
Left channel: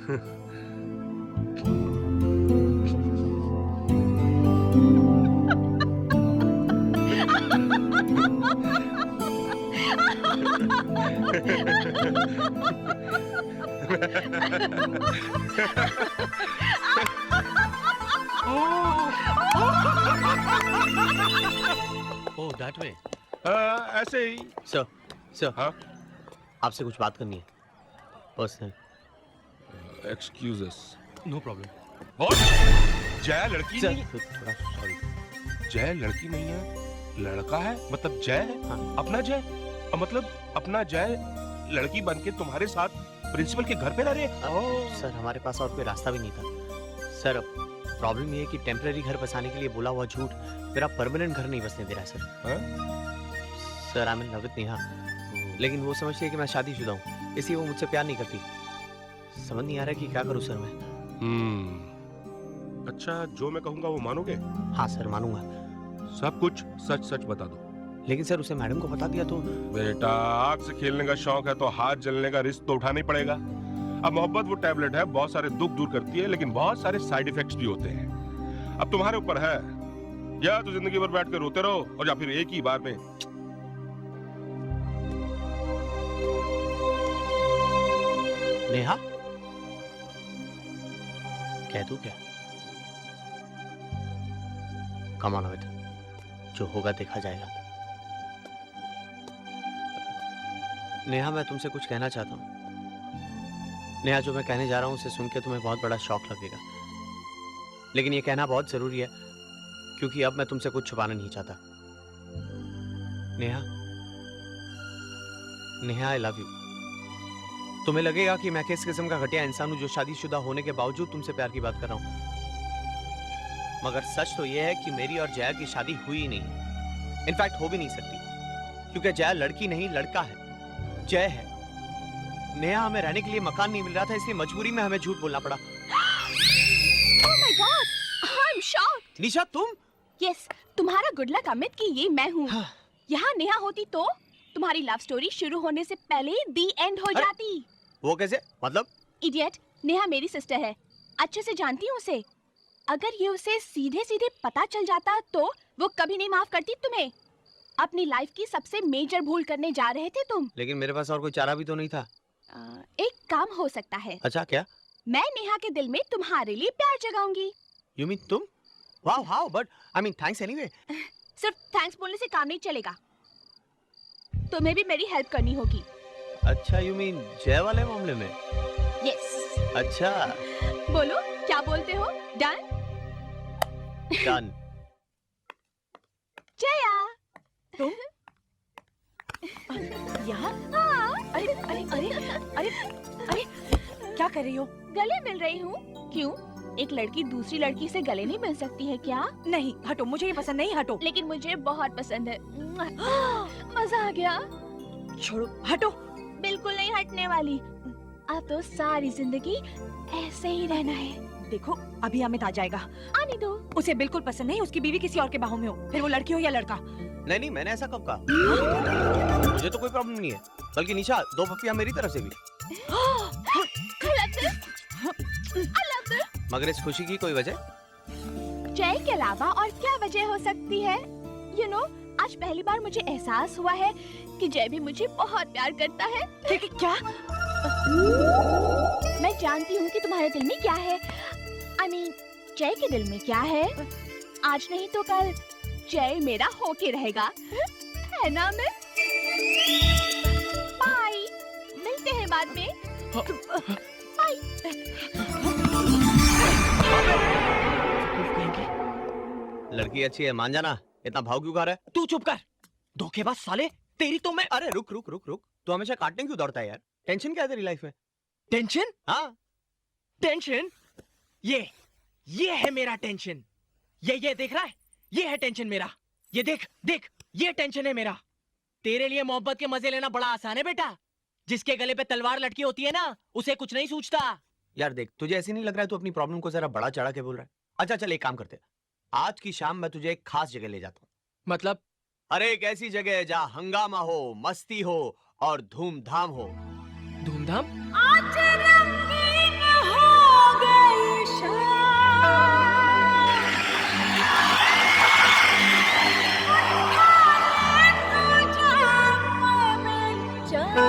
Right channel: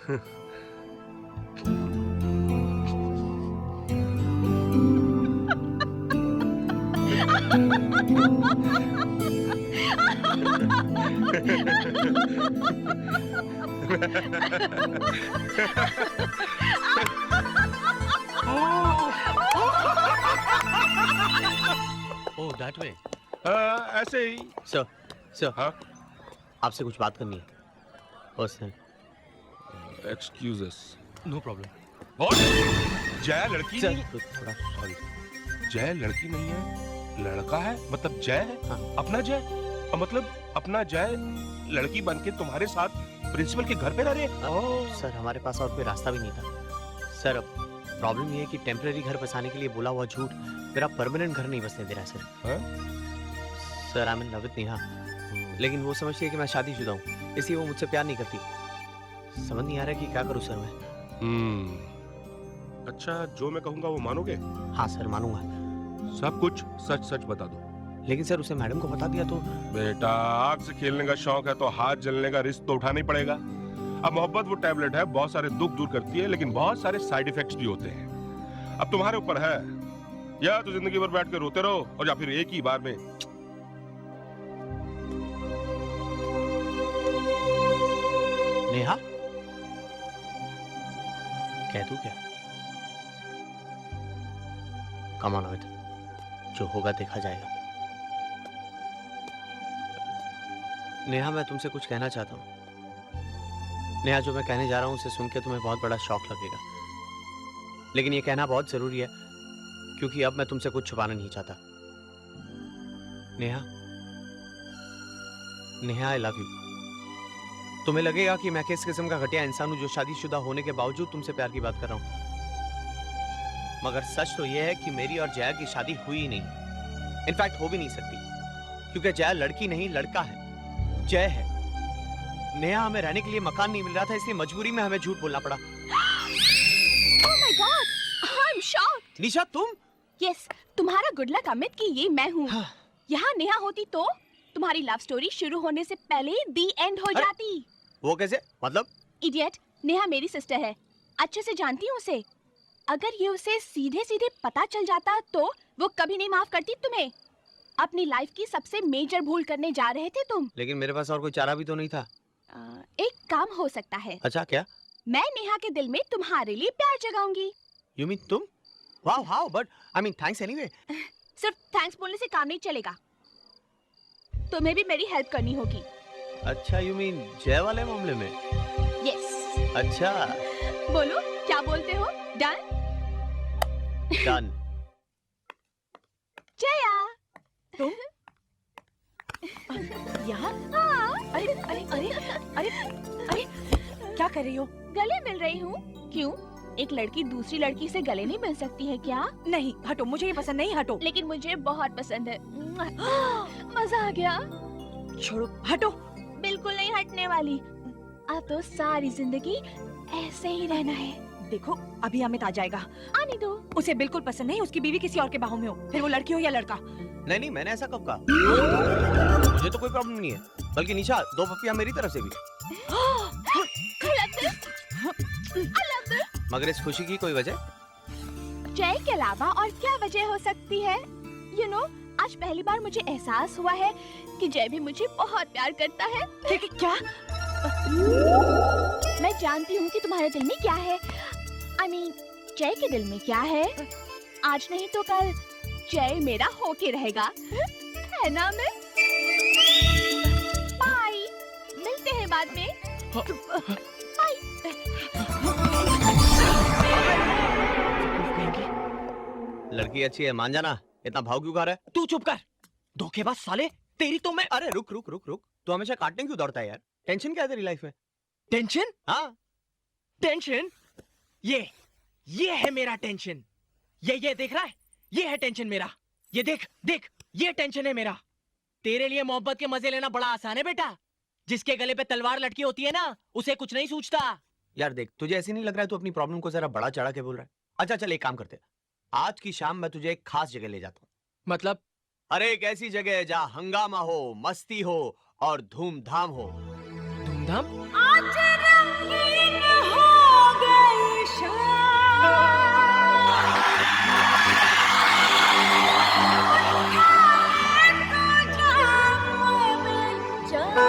Oh that way. ऐसे ही। सर हाँ आपसे कुछ बात करनी है personal. Excuse us. No problem. What? Jay लड़की नहीं? थोड़ा सॉरी। जय लड़की नहीं है, लड़का है। मतलब जय है। हाँ। अपना जय मतलब अपना जय लड़की बनके तुम्हारे साथ प्रिंसिपल के घर पे रह रहे हैं। सर हमारे पास और कोई रास्ता भी नहीं था सर। प्रॉब्लम ये है कि टेम्पररी घर बसाने के लिए बोला हुआ झूठ मेरा परमानेंट घर नहीं बसने दे रहा है sir. Sir I am in love with Neha, लेकिन वो समझती है कि मैं शादीशुदा हूँ, इसलिए वो मुझसे प्यार नहीं करती। समझ नहीं आ रहा कि क्या करूँ सर मैं। अच्छा जो मैं कहूँगा वो मानोगे? हाँ सर मानूंगा। सब कुछ सच सच बता दो। लेकिन सर उसे मैडम को बता दिया तो। बेटा आग से खेलने का शौक है तो हाथ जलने का रिस्क तो उठाना ही पड़ेगा। अब मोहब्बत वो टैबलेट है, बहुत सारे दुख दूर करती है लेकिन बहुत सारे साइड इफेक्ट्स भी होते हैं। अब तुम्हारे ऊपर है, या तो जिंदगी भर बैठ कर रोते रहो और या फिर एक ही बार में नेहा कह तू क्या? कम ऑन अमित, जो होगा देखा जाएगा। नेहा मैं तुमसे कुछ कहना चाहता हूँ। नेहा जो मैं कहने जा रहा हूँ उसे सुन के तुम्हें बहुत बड़ा शौक लगेगा, लेकिन ये कहना बहुत जरूरी है क्योंकि अब मैं तुमसे कुछ छुपाना नहीं चाहता। Neha Neha I love you. तुम्हें लगेगा कि मैं किस किस्म का घटिया इंसान हूं जो शादीशुदा होने के बावजूद तुमसे प्यार की बात कर रहा हूं, मगर सच तो यह है कि मेरी और जया की शादी हुई ही नहीं। इनफैक्ट हो भी नहीं सकती क्योंकि जया लड़की नहीं लड़का है, जय है। नेहा हमें रहने के लिए मकान नहीं मिल रहा था, इसलिए मजबूरी में हमें झूठ बोलना पड़ा। Oh my God, I'm shocked. निशा तुम? Yes, तुम्हारा गुड लक अमित कि ये मैं हूँ। यहाँ नेहा होती तो तुम्हारी लव स्टोरी शुरू होने से पहले दी एंड हो जाती। वो कैसे? मतलब? इडियट, नेहा मेरी सिस्टर है, अच्छे से जानती हूँ उसे। अगर ये उसे सीधे सीधे पता चल जाता तो वो कभी नहीं माफ करती तुम्हें। अपनी लाइफ की सबसे मेजर भूल करने जा रहे थे तुम। लेकिन मेरे पास और कोई चारा भी तो नहीं था। एक काम हो सकता है। अच्छा क्या? मैं नेहा के दिल में तुम्हारे लिए प्यार जगाऊंगी। You mean तुम? Wow, how? But I mean thanks anyway. सिर्फ थैंक्स बोलने से काम नहीं चलेगा, तुम्हें भी मेरी हेल्प करनी होगी। अच्छा you mean जय वाले मामले में? Yes. अच्छा। बोलो क्या बोलते हो? Done? Done. जया तुम यहाँ? हाँ। अरे अरे अरे अरे अरे क्या कर रही हो? गले मिल रही हूँ। क्यों? एक लड़की दूसरी लड़की से गले नहीं मिल सकती है क्या? नहीं हटो, मुझे ये पसंद नहीं, हटो। लेकिन मुझे बहुत पसंद है। मजा आ गया। छोड़ो, हटो। बिल्कुल नहीं हटने वाली। अब तो सारी जिंदगी ऐसे ही रहना है। देखो अभी अमित आ जाएगा, आने दो। उसे बिल्कुल पसंद नहीं उसकी बीवी किसी और के बाहों में हो, फिर वो लड़की हो या लड़का। नहीं मैंने ऐसा कब कहा? मुझे तो कोई प्रॉब्लम नहीं है, बल्कि निशा 2 पप्पियां मेरी तरफ से भी। I love this. मगर इस खुशी की कोई वजह? जय के अलावा और क्या वजह हो सकती है? You know, आज पहली बार मुझे एहसास हुआ है कि जय भी मुझे बहुत प्यार करता है। क्या? मैं जानती हूँ कि तुम्हारे दिल में क्या है। I mean, जय के दिल में क्या है? आज नहीं तो कल जय मेरा होके रहेगा, है ना? मैं बाय, मिलते हैं बाद में। बाय। लड़की अच्छी है, मान जाना। इतना भाव क्यों खा रहा है? तू चुप कर, धोखेबाज साले। तेरी तो मैं। अरे रुक रुक रुक रुक, तू हमेशा काटने क्यों दौड़ता है यार? टेंशन क्या है तेरी लाइफ में? टेंशन? हाँ टेंशन? ये है मेरा टेंशन। ये देख रहा है? ये है टेंशन मेरा। ये देख देख, ये टेंशन है मेरा। तेरे लिए मोहब्बत के मजे लेना बड़ा आसान है बेटा। जिसके गले पे तलवार लटकी होती है ना, उसे कुछ नहीं सूझता। यार देख, तुझे ऐसे नहीं लग रहा है तू अपनी प्रॉब्लम को जरा बड़ा चढ़ा के बोल रहा है? अच्छा चल एक काम करते हैं, आज की शाम मैं तुझे एक खास जगह ले जाता हूँ। मतलब? अरे एक ऐसी जगह जहाँ हंगामा हो, मस्ती हो और धूमधाम हो। धूमधाम? आज रंगीन हो गई शाम, उठा तो जाम में जाम।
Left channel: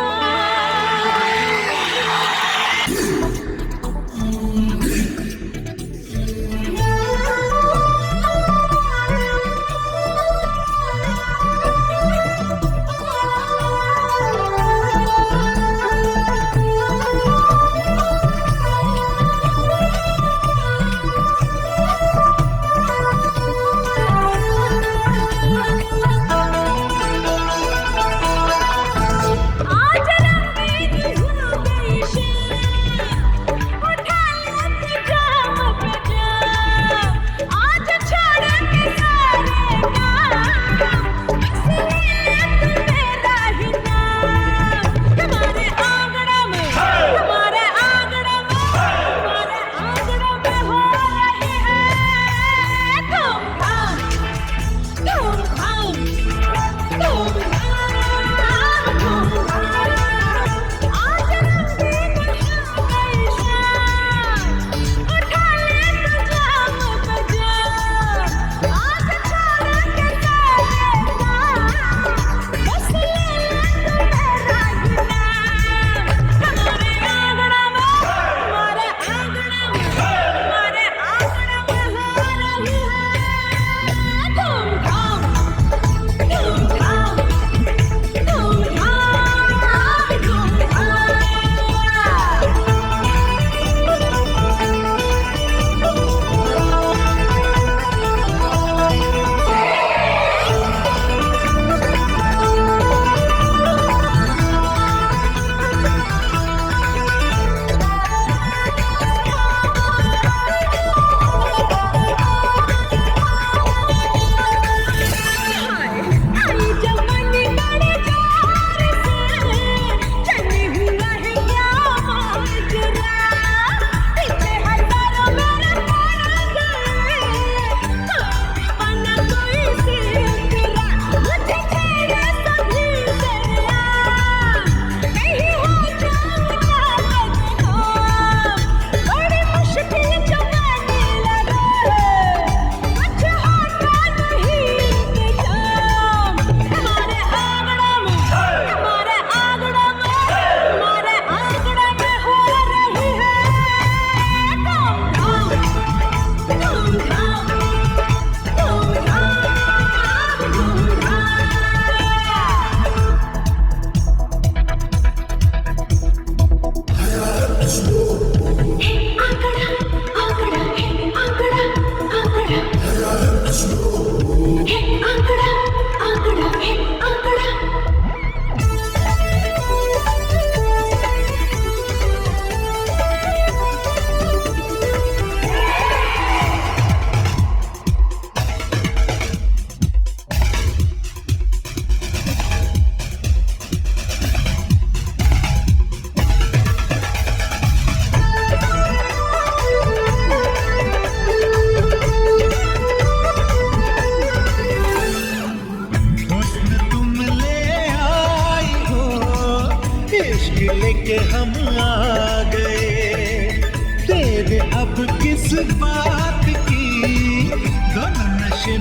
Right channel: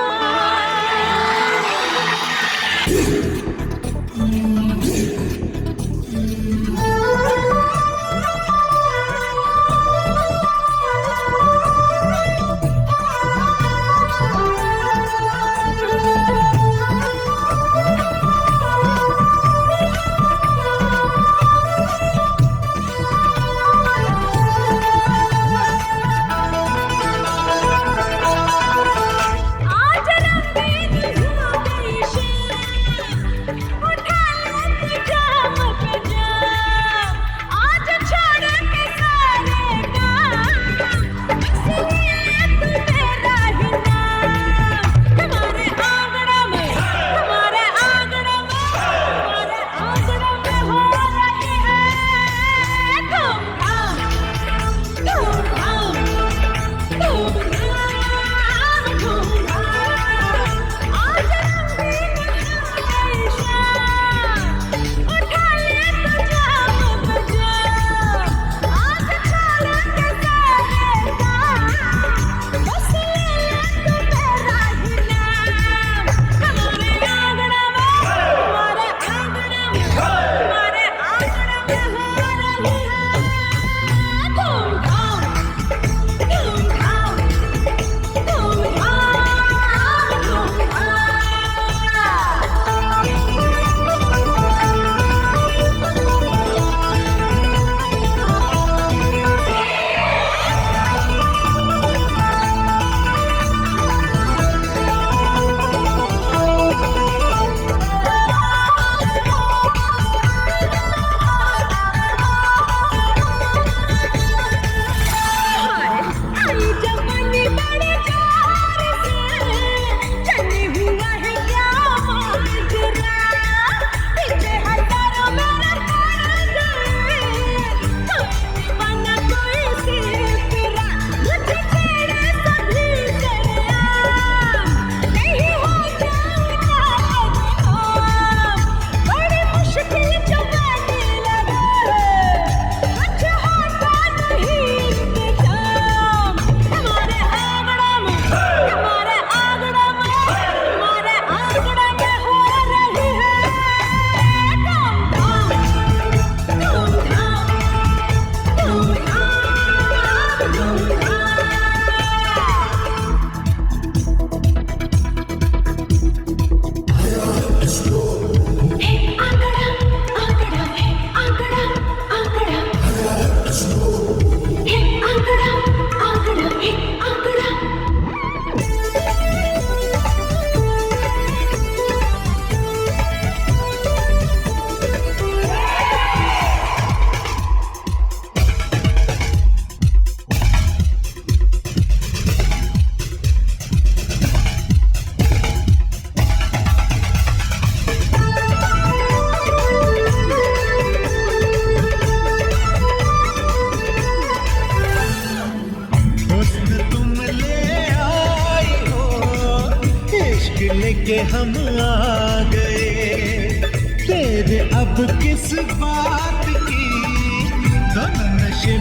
लेके हम आ गए, तेरे अब किस बात की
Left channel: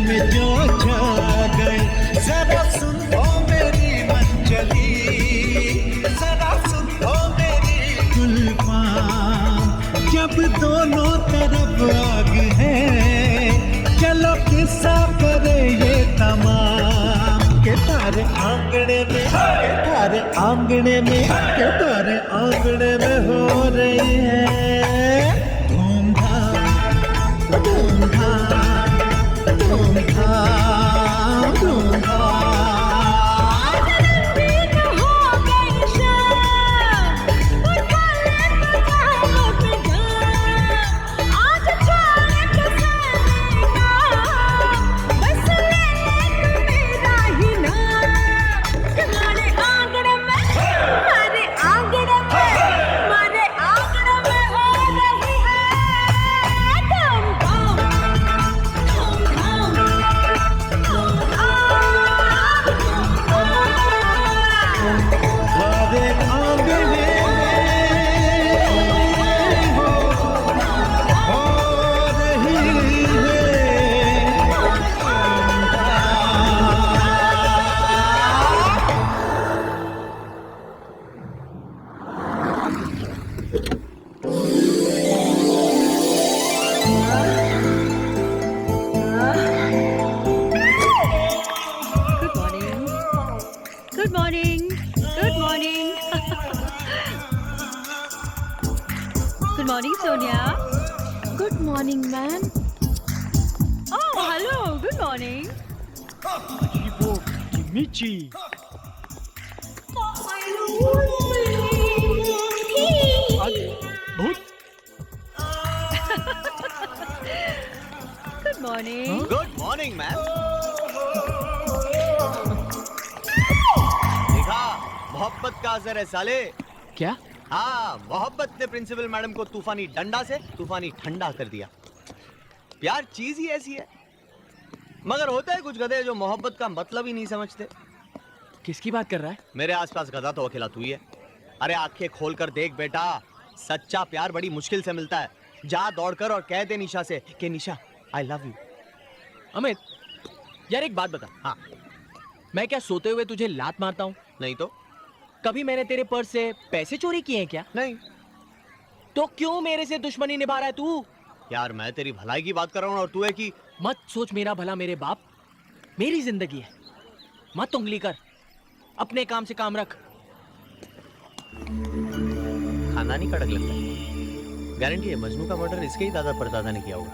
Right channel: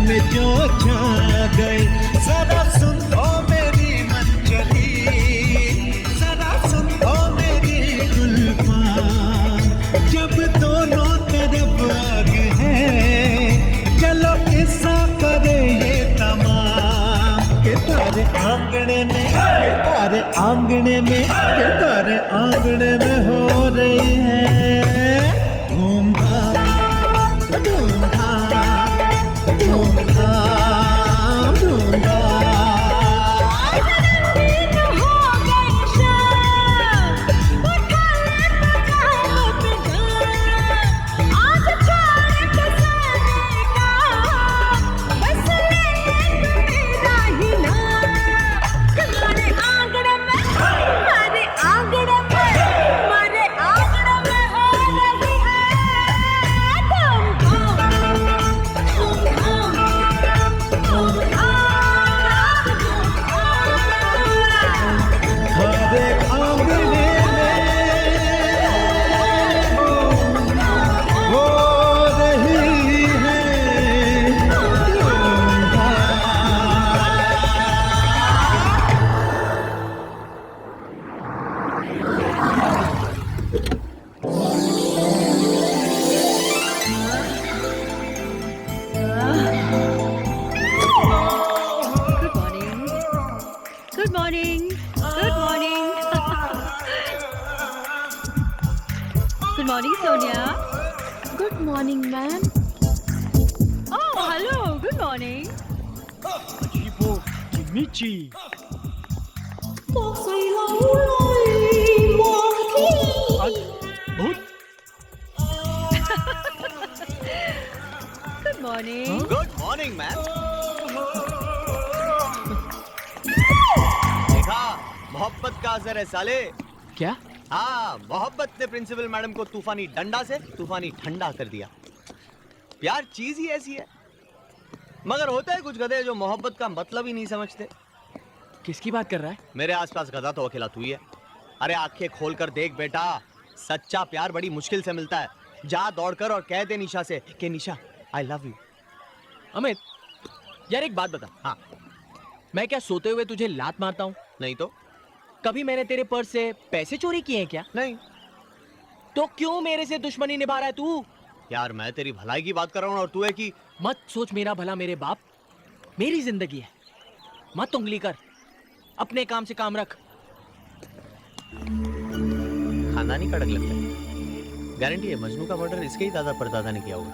में जो छा गए। जरा सुन ओ मेरी मंजली, जरा सुन ओ मेरी गुलफाम, जब दोनों तरफ आग है, चलो किस्सा करे ये तमाम। के तारे आंगने में, के तारे आंगने में, के तारे आंगने में हो रही है धूमधाम, धूमधाम, धूमधाम, धूमधाम। Good morning. Good morning. Good morning, Sonia. Good morning, ma'am. Oh, hello. Good morning. अजीबो किमिची। अद्भुत। Good morning. Good morning ma'am. देखा, मोहब्बत का असर है साले। क्या? हाँ, मोहब्बत ने प्रिंसिपल मैडम को तूफानी डंडा से तूफानी ठंडा कर दिया। प्यार चीज ही ऐसी है। मगर होता है कुछ गधे जो मोहब्बत का मतलब ही नहीं समझते। किसकी बात कर रहा है? मेरे आसपास गधा तो अकेला तू ही है। अरे आंखें खोल कर देख बेटा, सच्चा प्यार बड़ी मुश्किल से मिलता है। जा दौड़कर और कह दे निशा से कि निशा आई लव यू। अमित, यार एक बात बता। हाँ। मैं क्या सोते हुए तुझे लात मारता हूँ? नहीं तो। कभी मैंने तेरे पर्स से पैसे चोरी किए हैं क्या? नहीं। तो क्यों मेरे से दुश्मनी निभा रहा है तू? यार मैं तेरी भलाई की बात कर रहा हूँ और तू है कि मत सोच मेरा भला मेरे बाप। मेरी जिंदगी है, मत उंगली कर। अपने काम से काम रख। खानदानी कड़क लगता है। गारंटी है मजनू का मर्डर इसके ही दादा परदादा ने किया होगा।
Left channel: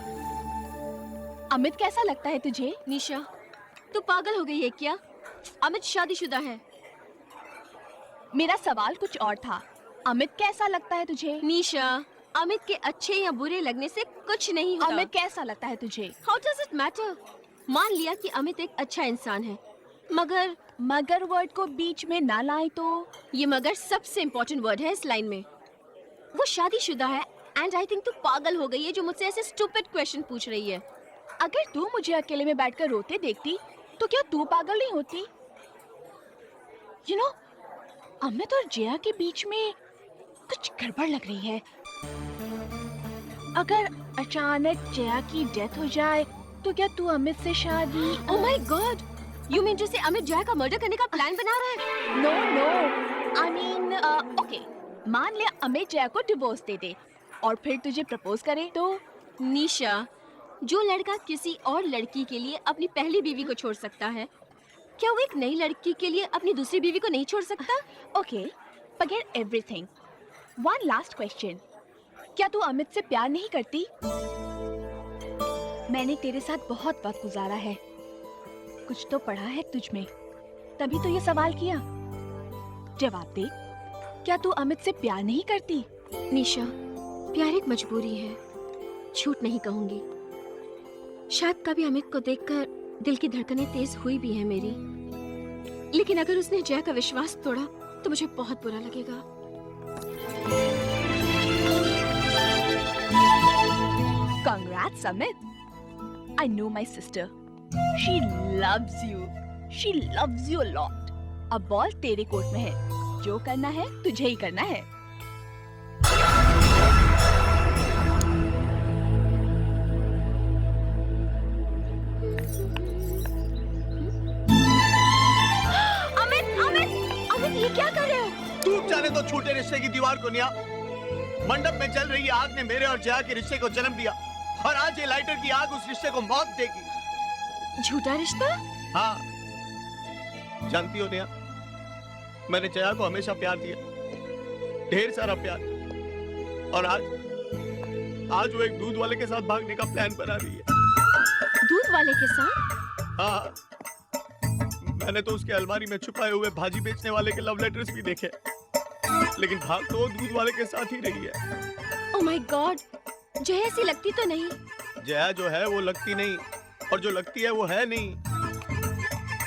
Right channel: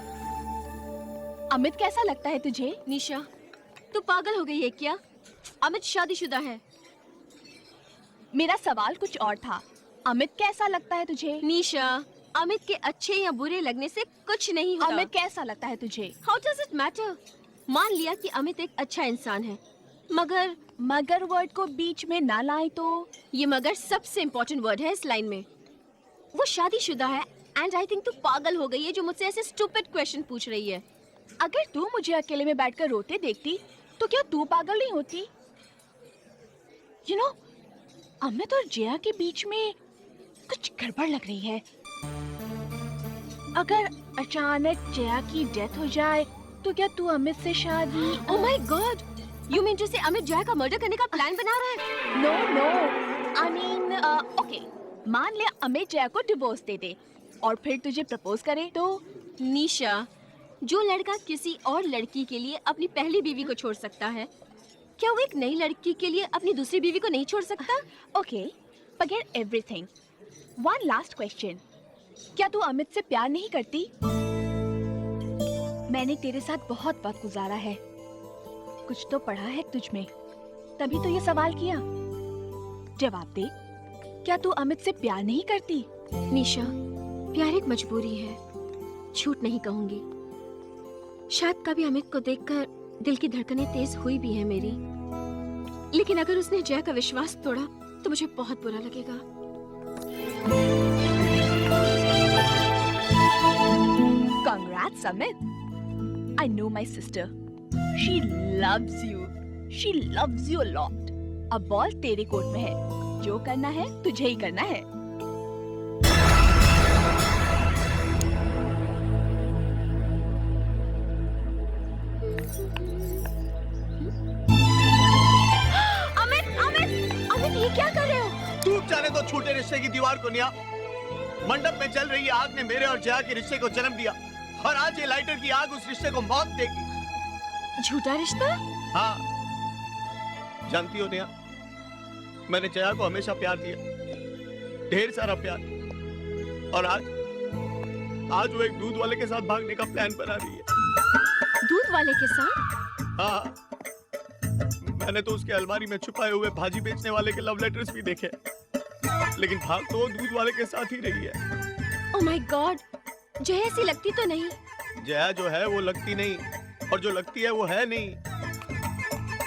अमित कैसा लगता है तुझे? निशा, तू पागल हो गई है क्या? अमित शादीशुदा है। मेरा सवाल कुछ और था। अमित कैसा लगता है तुझे? निशा, अमित के अच्छे या बुरे लगने से कुछ नहीं होता। अमित कैसा लगता है तुझे? How does it matter? मान लिया कि अमित एक अच्छा इंसान है, मगर वर्ड को बीच में ना लाए तो। ये मगर सबसे इम्पोर्टेंट वर्ड है इस लाइन में। वो शादीशुदा है एंड आई थिंक तू पागल हो गई है जो मुझसे ऐसे स्टूपिड क्वेश्चन पूछ रही है। अगर तू मुझे अकेले में बैठकर रोते देखती तो क्या तू पागल नहीं होती? यू नो, अमित और जया के बीच में कुछ गड़बड़ लग रही है। अगर अचानक जया की डेथ हो जाए तो क्या तू अमित से शादी? Oh my God, you mean जैसे अमित जया का मर्डर करने का प्लान बना रहा है? No no, I mean okay, मान लिया अमित जया को डिवोर्स दे दे और फिर तुझे प्रपोज करे तो? निशा, जो लड़का किसी और लड़की के लिए अपनी पहली बीवी को छोड़ सकता है, क्या वो एक नई लड़की के लिए अपनी दूसरी बीवी को नहीं छोड़ सकता? Okay, forget everything. One last question, क्या तू अमित से प्यार नहीं करती? मैंने तेरे साथ बहुत वक्त गुजारा है, कुछ तो पढ़ा है तुझ में, तभी तो ये सवाल किया। जवाब दे, क्या तू अमित से प्यार नहीं करती? निशा, प्यार एक मजबूरी है, झूठ नहीं कहूंगी। शायद कभी अमित को देखकर दिल की धड़कनें तेज हुई भी है मेरी, लेकिन अगर उसने जया का विश्वास तोड़ा तो मुझे बहुत बुरा लगेगा। Congrats, Amit. I know my sister. She loves you. She loves you a lot. अब बॉल तेरे कोर्ट में है, जो करना है तुझे ही करना है। अमित अमित अमित ये क्या कर रहे हो? टूट जाने दो छूटे रिश्ते की दीवार को निया। मंडप में जल रही आग ने मेरे और जया के रिश्ते को जन्म दिया और आज ये लाइटर की आग उस रिश्ते को मौत देगी। झूठा रिश्ता? हाँ, जानती हो निया, मैंने जया को हमेशा प्यार दिया, ढेर सारा प्यार, और आज वो एक दूध वाले के साथ भागने का प्लान बना रही है। दूध वाले के साथ? हाँ, मैंने तो उसके अलमारी में छुपाए हुए भाजी बेचने वाले के लव लेटर्स भी देखे, लेकिन भाग तो वो दूध वाले के साथ ही रही है। ओह माय गॉड, जया ऐसी लगती तो नहीं? जया जो है वो लगती नहीं, और जो लगती है वो है नहीं।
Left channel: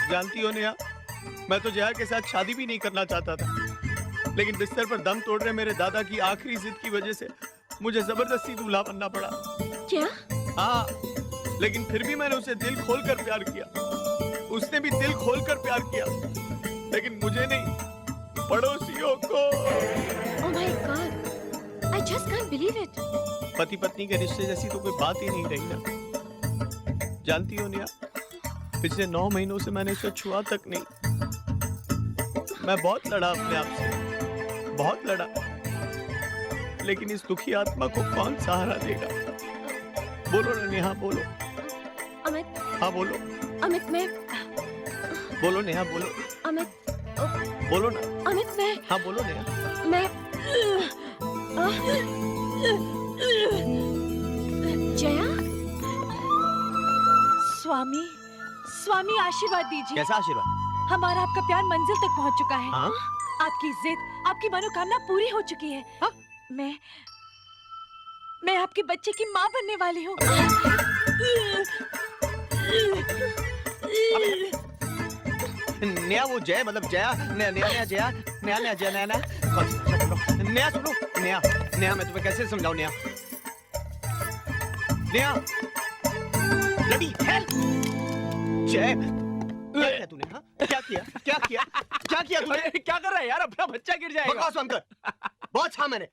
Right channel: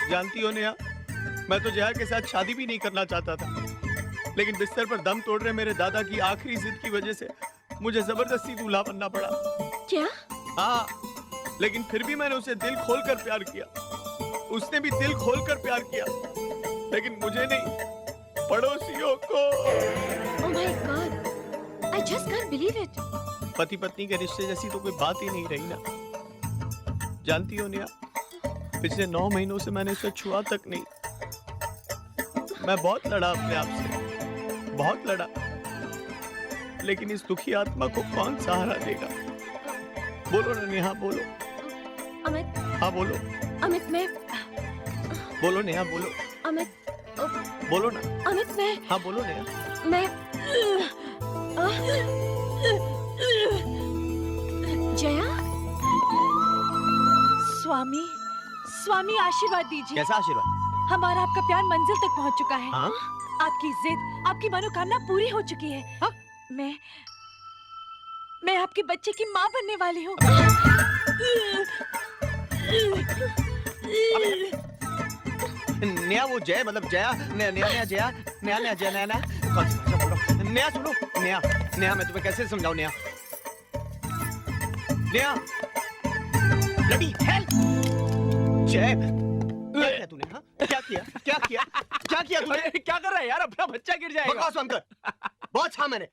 जानती हो नेहा, मैं तो जया के साथ शादी भी नहीं करना चाहता था, लेकिन बिस्तर पर दम तोड़ रहे मेरे दादा की आखिरी जिद की वजह से मुझे जबरदस्ती दूल्हा बनना पड़ा। क्या? हाँ, लेकिन फिर भी मैंने उसे दिल खोलकर प्यार किया, उसने भी दिल खोलकर प्यार किया, लेकिन मुझे नहीं, पड़ोसियों को। Oh my God, I just can't believe it. पति पत्नी के रिश्ते जैसी तो कोई बात ही नहीं रही ना। जानती हो निया, पिछले 9 महीनों से मैंने उसे छुआ तक नहीं। मैं बहुत लड़ा अपने आप से, बहुत लड़ा, लेकिन इस दुखी आत्मा को कौन सहारा देगा? बोलो ना नेहा, बोलो। अमित। हाँ बोलो। अमित मैं। बोलो नेहा, बोलो। अमित। बोलो ना। अमित मैं। हाँ बोलो नेहा। मैं। जया। स्वामी, स्वामी आशीर्वाद दीजिए। कैसा आशीर्वाद? हमारा आपका प्यार मंजिल तक पहुंच चुका है। हाँ? आपकी जिद, आपकी मनोकामना पूरी हो चुकी है। हाँ? मैं आपके बच्चे की माँ बनने वाली हूँ। नया वो जय मतलब जया, नया नया जया, नया नया जया, नया कौन सी भाषा बोल रहा हूँ? नया सुनो, नया नया मैं तुम्हें कैसे समझाऊं? नया नया लड़ी हेल्प जय, क्या किया तूने? हाँ क्या किया? क्या किया? क्या किया तूने? क्या कर रहा है यार? अपना बच्चा गिर जाएगा। बकवास बंद कर। बहुत छा मैंने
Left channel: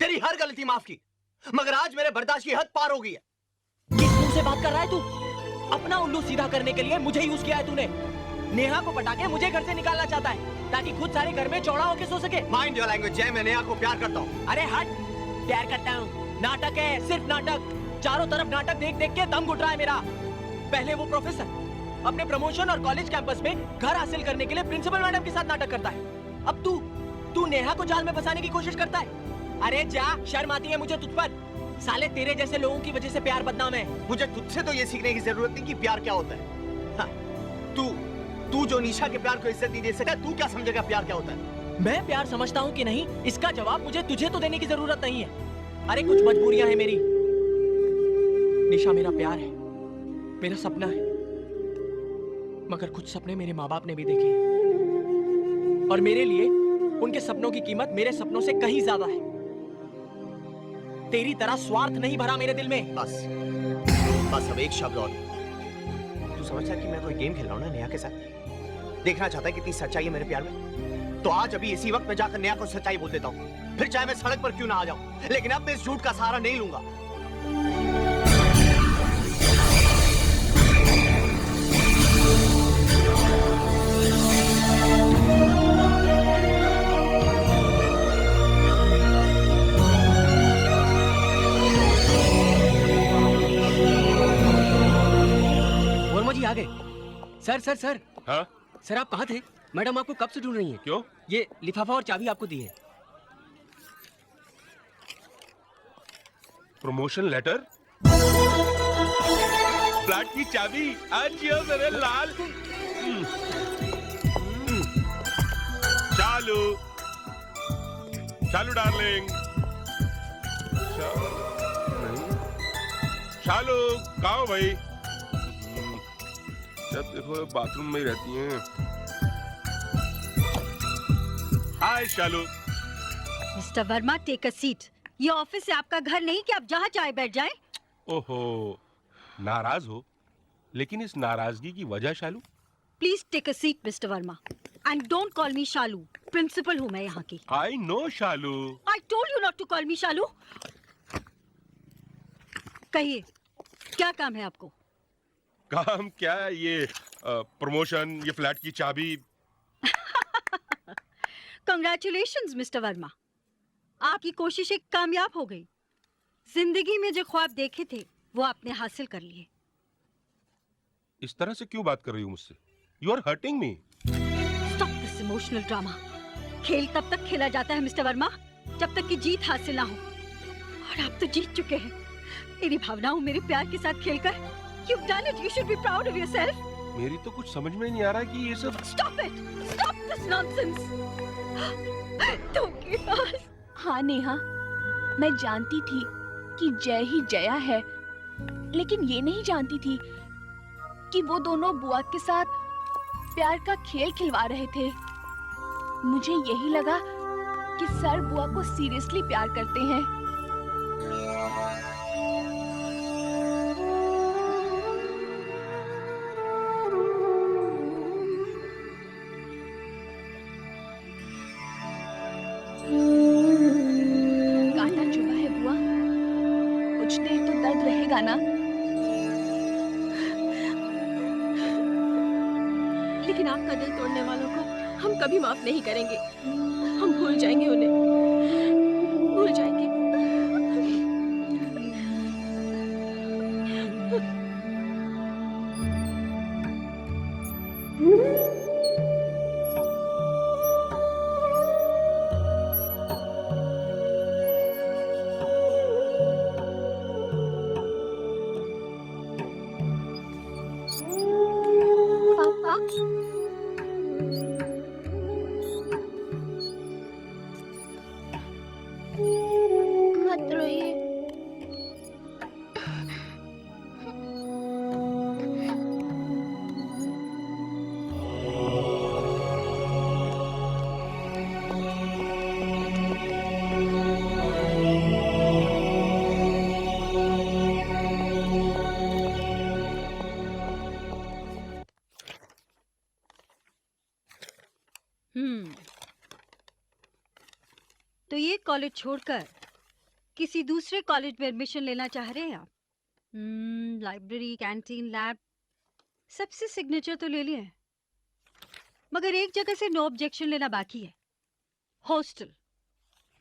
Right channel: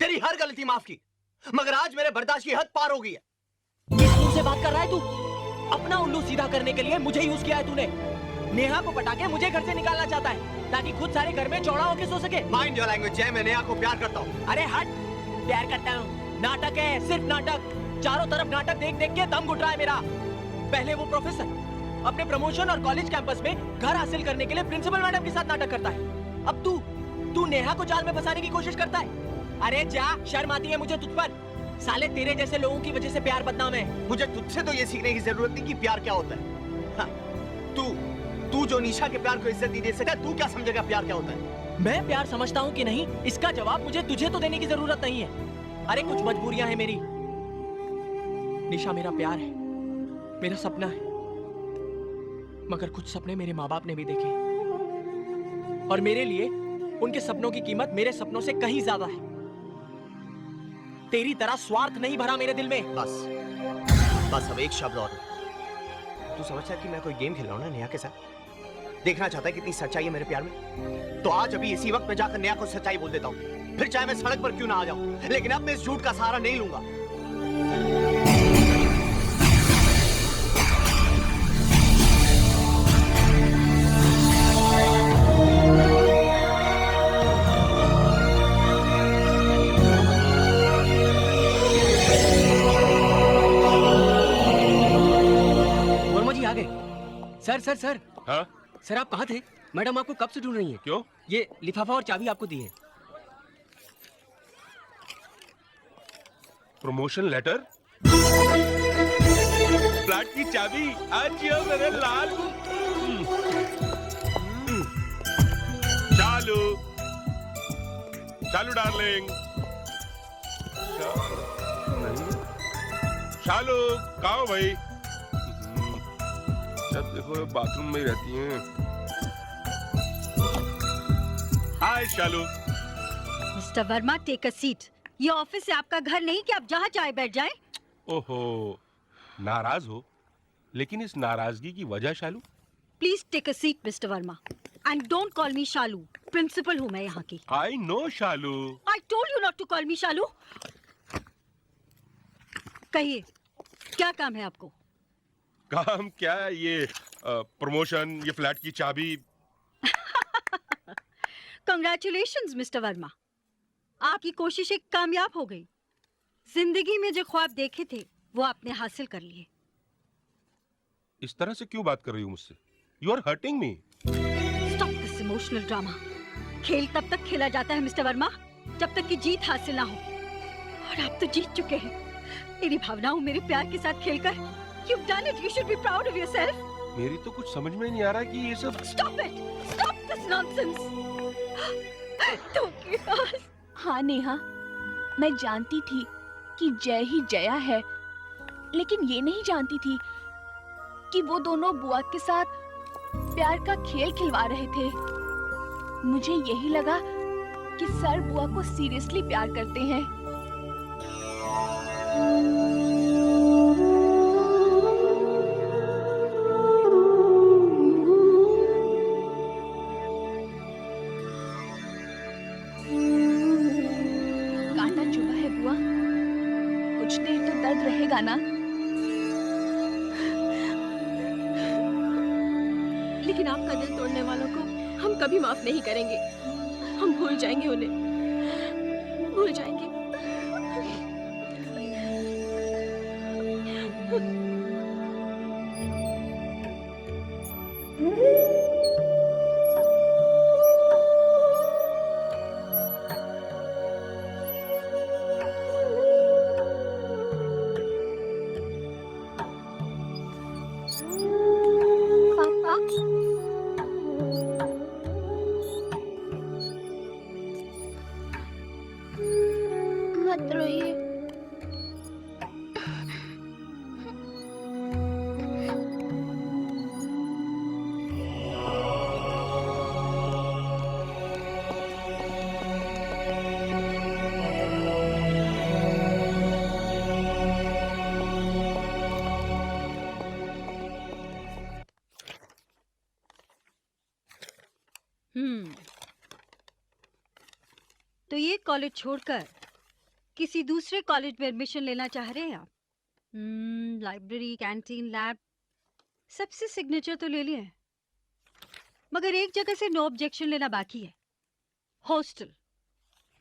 तेरी हर गलती माफ की, मगर आज मेरे बर्दाश्त की हद पार हो गई है। किस मुंह से बात कर रहा है तू? अपना उल्लू सीधा करने के लिए मुझे यूज किया है तूने। नेहा को पटा के मुझे घर से निकालना चाहता है ताकि खुद सारे घर में चौड़ा होके सो सके। माइंड योर लैंग्वेज जय, मैं नेहा को प्यार करता हूँ। अरे हट, प्यार करता हूँ नाटक है, सिर्फ नाटक। चारों तरफ नाटक देख देख के दम घुट रहा है मेरा। पहले वो प्रोफेसर अपने प्रमोशन और कॉलेज कैंपस में घर हासिल करने के लिए प्रिंसिपल मैडम के साथ नाटक करता है। अब तू नेहा को जाल में फंसाने की कोशिश करता है। अरे जा, शर्म आती है मुझे तुझ पर। साले तेरे जैसे लोगों की वजह से प्यार बदनाम है। मुझे तुझसे तो ये सीखने की जरूरत नहीं कि प्यार क्या होता है। हाँ, तू जो निशा के प्यार को इज्जत नहीं दे सका, तू क्या समझेगा प्यार क्या होता है? मैं प्यार समझता हूँ कि नहीं, इसका जवाब मुझे तुझे तो देने की जरूरत नहीं है। अरे कुछ मजबूरियां हैं मेरी। निशा मेरा प्यार है, मेरा सपना है, मगर कुछ सपने मेरे माँ बाप ने भी देखे और मेरे लिए उनके सपनों की कीमत मेरे सपनों से कहीं ज्यादा है। तेरी तरह स्वार्थ नहीं भरा मेरे दिल में। बस अब एक शब्द और। तू समझता है कि मैं कोई गेम खेल रहा हूँ ना नेहा के साथ? देखना चाहता है कितनी सच्चाई है मेरे प्यार में? तो आज अभी इसी वक्त मैं जाकर नेहा को सच्चाई बोल देता हूँ, फिर चाहे मैं सड़क पर क्यों ना आ जाऊं, लेकिन अब मैं इस झूठ का सहारा नहीं लूंगा। वर्मा जी आ गए। Sir sir sir. हाँ? सर आप कहाँ थे? मैडम आपको कब से ढूंढ रही हैं। क्यों? ये लिफाफा और चाबी आपको दी है। प्रमोशन लेटर, फ्लैट की चाबी, आज ये मेरे लाल। चालू चालू डार्लिंग। नहीं चालू कहाँ हो भाई? जब देखो बाथरूम में ही रहती हैं। Hi Shalu. Mister Verma, take a seat. ये ऑफिस है, आपका घर नहीं कि आप जहाँ चाहे बैठ जाएं। ओहो, नाराज हो? लेकिन इस नाराजगी की वजह Shalu? Please take a seat Mister Verma, and don't call me Shalu. Principal हूँ मैं यहाँ की। I know Shalu. I told you not to call me Shalu. कहिए क्या काम है आपको? काम क्या है ये? प्रमोशन, ये फ्लैट की चाबी? Congratulations, मिस्टर वर्मा, आपकी कोशिशें कामयाब हो गई। जिंदगी में जो ख्वाब देखे थे वो आपने हासिल कर लिए। इस तरह से क्यों बात कर रही हो मुझसे? You are hurting me. Stop this emotional drama. खेल तब तक खेला जाता है मिस्टर वर्मा जब तक कि जीत हासिल ना हो, और आप तो जीत चुके हैं। मेरी भावनाओं, मेरे प्यार के साथ खेलकर you've done it. You should be proud of yourself. मेरी तो कुछ समझ में नहीं आ रहा कि ये सब। Stop it. Stop this nonsense. धोखेबाज। हाँ नेहा, मैं जानती थी कि जय ही जया है, लेकिन ये नहीं जानती थी कि वो दोनों बुआ के साथ प्यार का खेल खिलवा रहे थे। मुझे यही लगा कि सर बुआ को सीरियसली प्यार करते हैं। कांटा चुभा है बुआ, कुछ देर तो दर्द रहेगा ना? लेकिन आपका दिल तोड़ने वालों को हम कभी माफ नहीं करेंगे। हम भूल जाएंगे उन्हें, भूल जाएंगे। पापा, मत रोइए। तो ये कॉलेज छोड़कर किसी दूसरे कॉलेज में एडमिशन लेना चाह रहे हैं आप? लाइब्रेरी, कैंटीन, लैब, सबसे सिग्नेचर तो ले लिए, मगर एक जगह से नो ऑब्जेक्शन लेना बाकी है, हॉस्टल।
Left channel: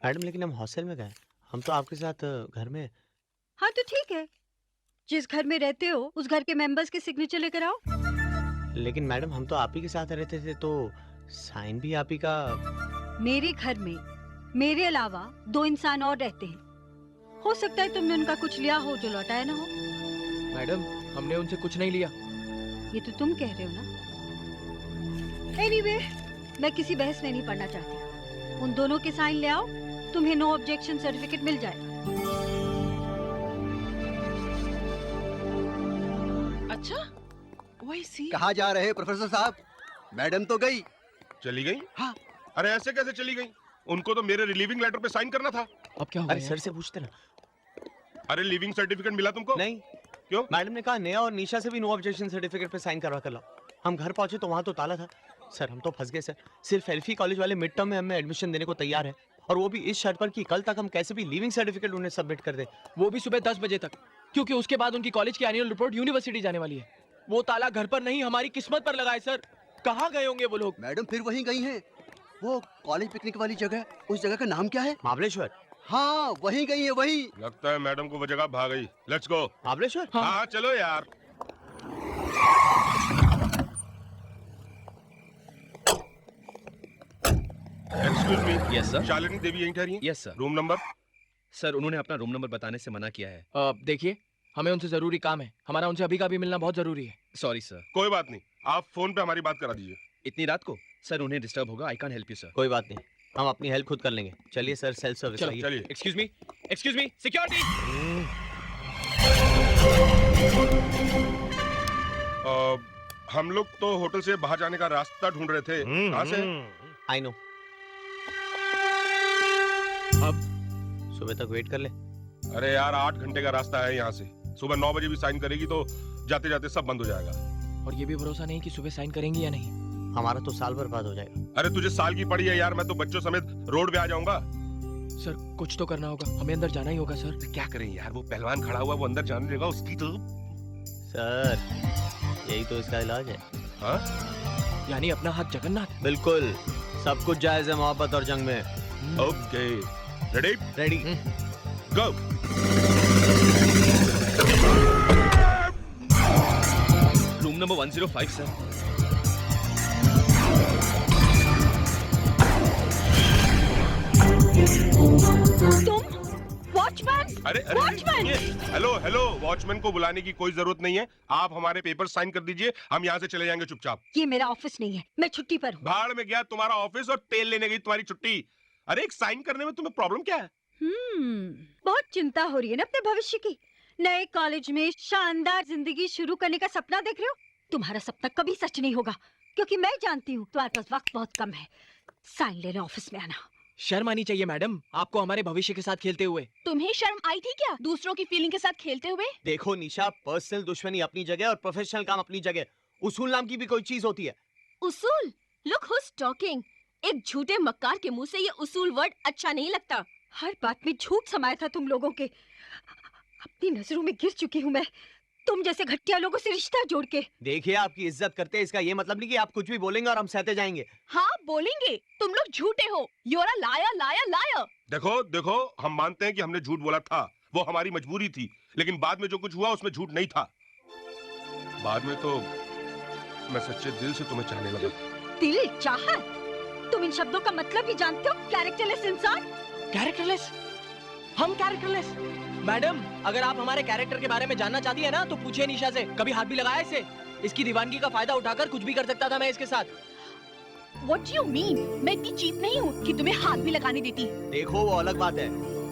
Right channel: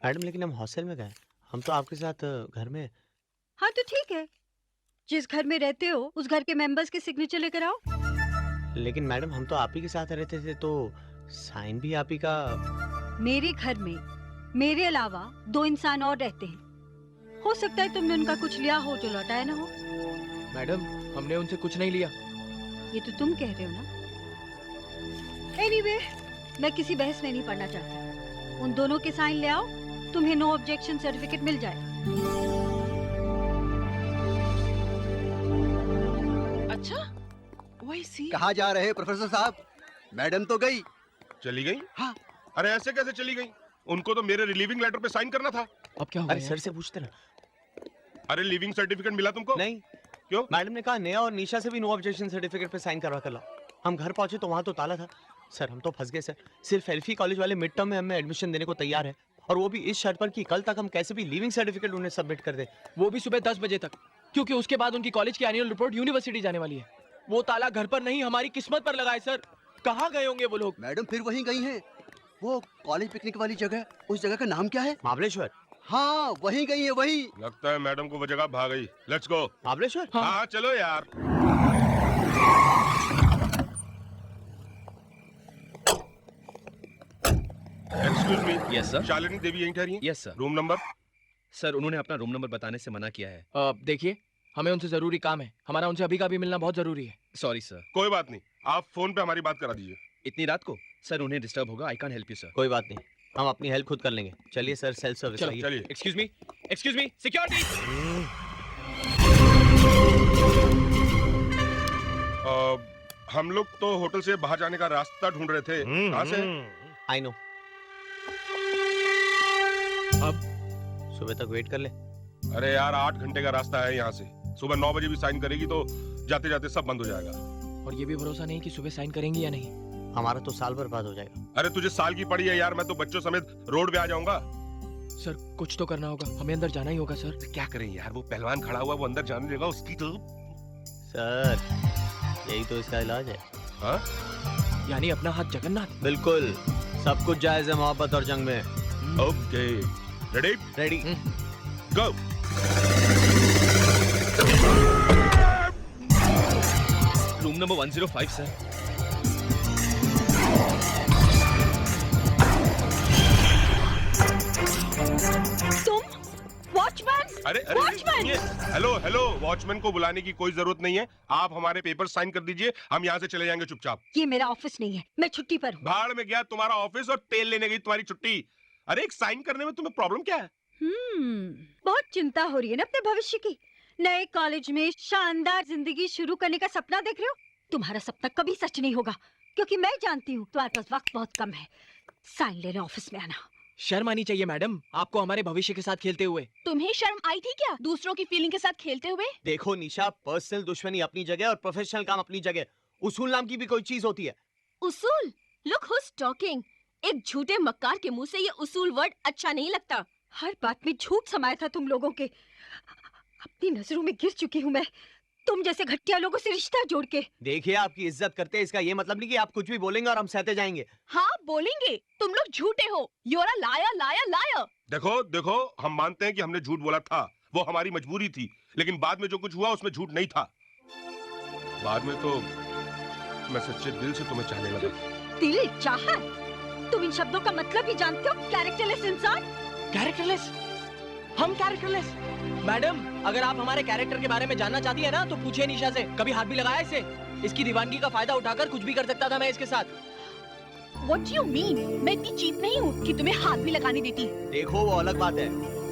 मैडम लेकिन हम हॉस्टल में गए, हम तो आपके साथ घर में। हाँ तो ठीक है, जिस घर में रहते हो उस घर के मेंबर्स के सिग्नेचर लेकर आओ। लेकिन मैडम हम तो आप ही के साथ रहते थे, तो साइन भी आप ही का। मेरे घर में मेरे अलावा 2 इंसान और रहते हैं, हो सकता है तुमने उनका कुछ लिया हो जो लौटाया ना हो। मैडम हमने उनसे कुछ नहीं लिया। ये तो तुम कह रहे हो ना। एनीवे, मैं किसी बहस में नहीं पड़ना चाहती। उन दोनों के साइन ले आओ, तुम्हें नो ऑब्जेक्शन सर्टिफिकेट मिल जाएगा। अच्छा, वही सी। कहाँ जा रहे हैं प्रोफेसर साहब? मैडम तो गई। चली गई? हाँ। अरे ऐसे कैसे चली गई? उनको तो मेरे रिलीविंग लेटर पे साइन करना था। अब क्या अरे सर से पूछते ना। अरे लिविंग सर्टिफिकेट मिला तुमको? नहीं। क्यों? मैडम ने कहा नेहा और निशा से भी नो ऑब्जेक्शन सर्टिफिकेट पे साइन करवा कर लाओ। हम घर पहुंचे तो वहां तो ताला था। सर हम तो फंस गए सर। सिर्फ एल्फी कॉलेज वाले मिड टर्म में हमें एडमिशन देने को तैयार है, और वो भी इस शर्त पर कि कल तक हम कैसे भी लिविंग सर्टिफिकेट उन्हें सबमिट कर दें, वो भी सुबह 10 बजे तक, क्योंकि उसके बाद उनकी कॉलेज की एनुअल रिपोर्ट यूनिवर्सिटी जाने वाली है। वो ताला घर पर नहीं, हमारी किस्मत पर लगा है सर। कहाँ गए होंगे वो लोग? मैडम फिर वहीं गई हैं। वो कॉलेज पिकनिक वाली जगह, उस जगह का नाम क्या है? महाबलेश्वर। हाँ वहीं गई है, वहीं। लगता है मैडम को वो जगह भाग गई। Let's go. महाबलेश्वर? हाँ चलो यार। Excuse me. Yes sir. Shalini Devi यहीं ठहरी हैं? Yes sir. Room number? Sir उन्होंने अपना रूम नंबर बताने से मना किया है। देखिए, हमें उनसे जरूरी काम है। हमारा उनसे अभी का भी मिलना बहुत जरूरी है। Sorry sir. कोई बात नहीं, आप फोन पे हमारी बात करा दीजिए। इतनी रात को? सर उन्हें डिस्टर्ब होगा। I can't help you sir. कोई बात नहीं, हम अपनी हेल्प खुद कर लेंगे। चलिए सर, सेल्फ सर्विस। चलिए। Excuse me, security. हम लोग तो होटल से बाहर जाने का रास्ता ढूंढ रहे थे। कहाँ से? I know. अब सुबह तक वेट कर ले। अरे यार 8 घंटे का रास्ता है यहाँ से। सुबह 9 बजे भी साइन करेगी तो जाते जाते सब बंद हो जाएगा। और ये भी भरोसा नहीं कि सुबह साइन करेंगी या नहीं। हमारा तो साल बर्बाद हो जाएगा। अरे तुझे साल की पड़ी है यार, मैं तो बच्चों समेत रोड पे आ जाऊंगा। सर कुछ तो करना होगा, हमें अंदर जाना ही होगा सर। क्या करें यार, वो पहलवान खड़ा हुआ, वो अंदर जाने देगा उसकी तो। सर यही तो इसका इलाज है। हाँ? यानी अपना हाथ जगन्नाथ। बिल्कुल, सब कुछ जायज है मोहब्बत और जंग में। Okay, ready? Ready. Go. Room number 105 sir. तुम वॉचमैन? अरे वॉचमैन! हेलो हेलो, वॉचमैन को बुलाने की कोई जरूरत नहीं है। आप हमारे पेपर साइन कर दीजिए, हम यहाँ से चले जाएंगे चुपचाप। ये मेरा ऑफिस नहीं है, मैं छुट्टी पर हूँ। भाड़ में गया तुम्हारा ऑफिस और तेल लेने गई तुम्हारी छुट्टी। अरे एक साइन करने में तुम्हें प्रॉब्लम क्या है? बहुत चिंता हो रही है ना अपने भविष्य की। नए कॉलेज में शानदार जिंदगी शुरू करने का सपना देख रहे हो? तुम्हारा सपना कभी सच नहीं होगा, क्योंकि मैं जानती हूँ तुम्हारे पास वक्त बहुत कम है। साइन लेने ऑफिस में आना। शर्म आनी चाहिए मैडम, आपको हमारे भविष्य के साथ खेलते हुए। तुम्हें शर्म आई थी क्या दूसरों की फीलिंग के साथ खेलते हुए? देखो निशा, पर्सनल दुश्मनी अपनी जगह और प्रोफेशनल काम अपनी जगह। उसूल नाम की भी कोई चीज होती है। उसूल? Look who's talking. एक झूठे मक्कार के मुंह से ये उसूल वर्ड अच्छा नहीं लगता। हर बात में झूठ समाया था तुम लोगों के। अपनी नजरों में गिर चुकी हूँ मैं, तुम जैसे घटिया लोगों से रिश्ता जोड़ के। देखिए, आपकी इज्जत करते हैं, इसका ये मतलब नहीं कि आप कुछ भी बोलेंगे और हम सहते जाएंगे। हाँ बोलेंगे, तुम लोग झूठे हो। You're a liar, liar, liar। देखो देखो, हम मानते हैं कि हमने झूठ बोला था, वो हमारी मजबूरी थी, लेकिन बाद में जो कुछ हुआ उसमें झूठ नहीं था। बाद में तो मैं सच्चे दिल से तुम्हें चाहने लगा। दिल चाहत? तुम इन शब्दों का मतलब ही जानते हो? कैरेक्टरलेस इंसान। कैरेक्टरलेस? हम कैरेक्टरलेस? मैडम, अगर आप हमारे कैरेक्टर के बारे में जानना चाहती है ना तो पूछिए निशा से। कभी हाथ भी लगाया इसे? इसकी दीवानगी का फायदा उठाकर कुछ भी कर सकता था मैं इसके साथ। What do you mean? मैं इतनी चीप नहीं हूँ कि तुम्हें हाथ भी लगाने देती। देखो वो अलग बात है,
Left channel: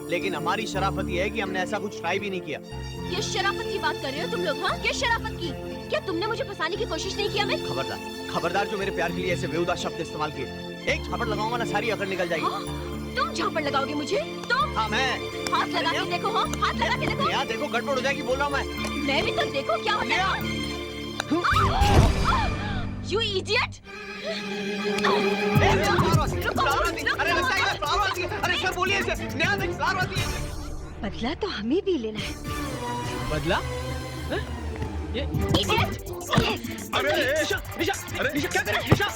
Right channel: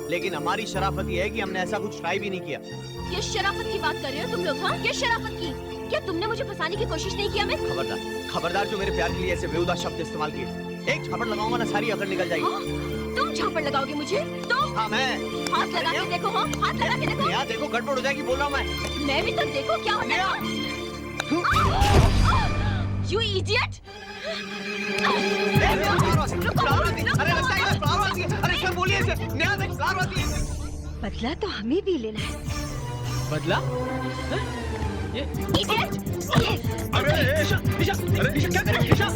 लेकिन हमारी शराफत ये है कि हमने ऐसा कुछ ट्राई भी नहीं किया। किस शराफत की बात कर रहे हो तुम लोग? हाँ, किस शराफत की? क्या तुमने मुझे फंसाने की कोशिश नहीं की अमित? खबरदार, खबरदार जो मेरे प्यार के लिए ऐसे बेहुदा शब्द इस्तेमाल किए। एक झापड़ लगाऊंगा ना, सारी अकड़ निकल जाएगी। तुम झापड़ लगाओगे मुझे? तुम? हाँ मैं। हाथ लगा के देखो। हाँ, हाथ लगा के देखो। यहाँ देखो, गड़बड़ हो जाएगी, बोल रहा हूँ मैं। मैं भी तो देखो क्या होता है। You idiot! बदला तो हमें भी लेना है। बदला? ये Idiot! अरे निशा, निशा, निशा क्या कर रही है? निशा,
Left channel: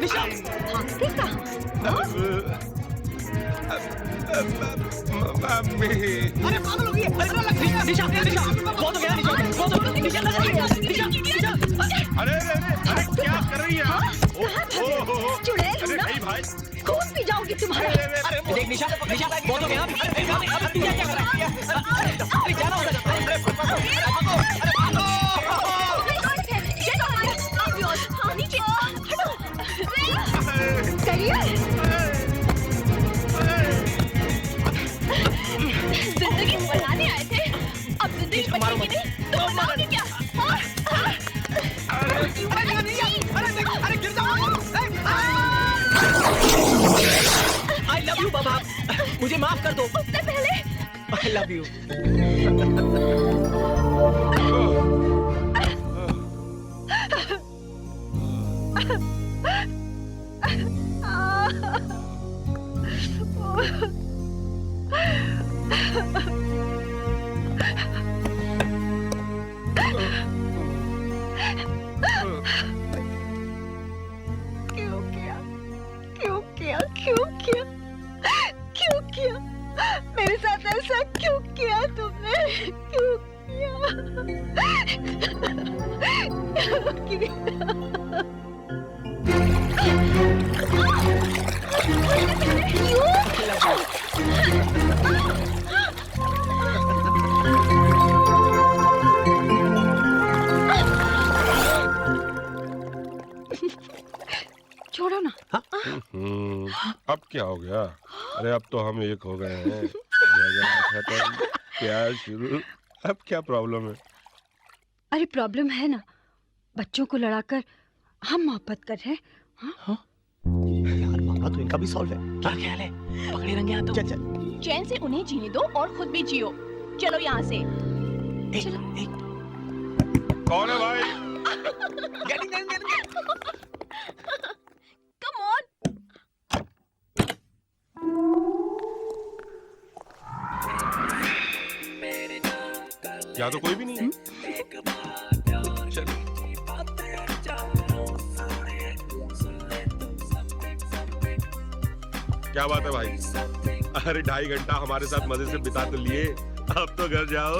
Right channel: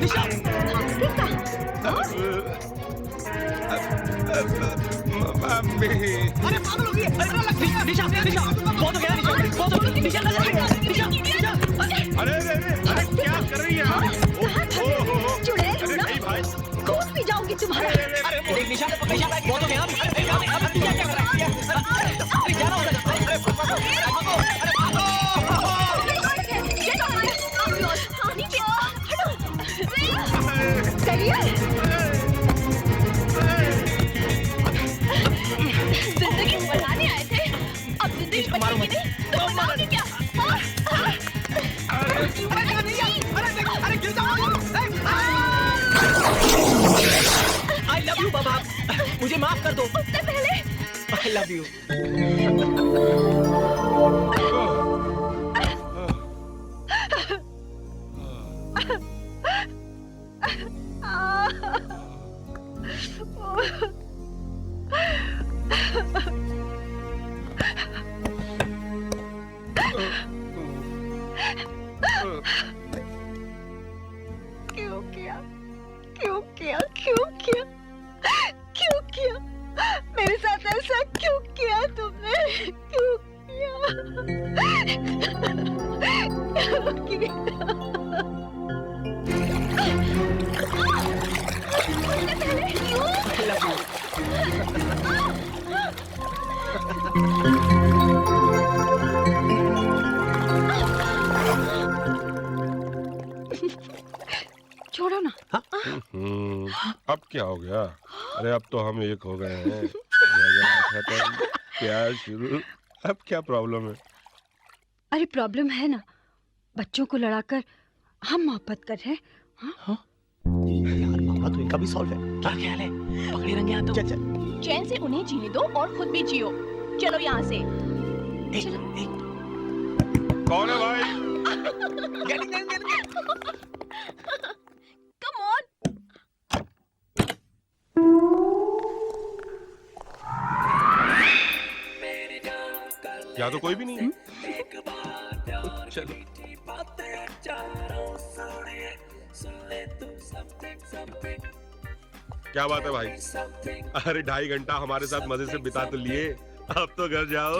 निशा, भागते कहाँ? मम्मी। अरे पागल हो गई है। अरे निशा, निशा, बहुत हो गया निशा, बहुत हो गया। निशा लग रही है। निशा, निशा। अरे अरे अरे क्या कर रही है आप? चुड़ैल ना? भाई खून पी जाऊंगी तुम्हारा। अरे देख निशा, निशा बहुत हो गया। अब निशा क्या कर रही है? अरे जाना हो जाएगा। अरे भागो, अरे भागो, अरे भागो। जिंदगी बनाने आए थे, अब जिंदगी बचाएंगे नहीं तो बनाओगे क्या? अरे गिर जाओ। I love you बाबा, मुझे माफ कर दो। उससे पहले I love you। क्यों किया? क्यों किया? क्यों किया? क्यों किया? मेरे साथ ऐसा क्यों किया तुमने? क्यों किया? क्यों किया? छोड़ो ना। अब क्या हो गया? अरे अब तो हम एक हो गए हैं। झगड़ा खत्म, प्यार शुरू। अब क्या प्रॉब्लम है? अरे प्रॉब्लम है ना, बच्चों को लड़ाकर हम मोहब्बत कर रहे हैं। हाँ? यार मामला तो इनका भी सॉल्व है। क्या ख्याल है? पकड़े रंगे हाथों। चल चल। चैन से उन्हें जीने दो और खुद भी जियो। चलो यहाँ से। कौन है भाई? Come on. यहाँ तो कोई भी नहीं है। चल। क्या बात है भाई? अरे 2.5 घंटा हमारे साथ मजे से बिता तो लिए, अब तो घर जाओ।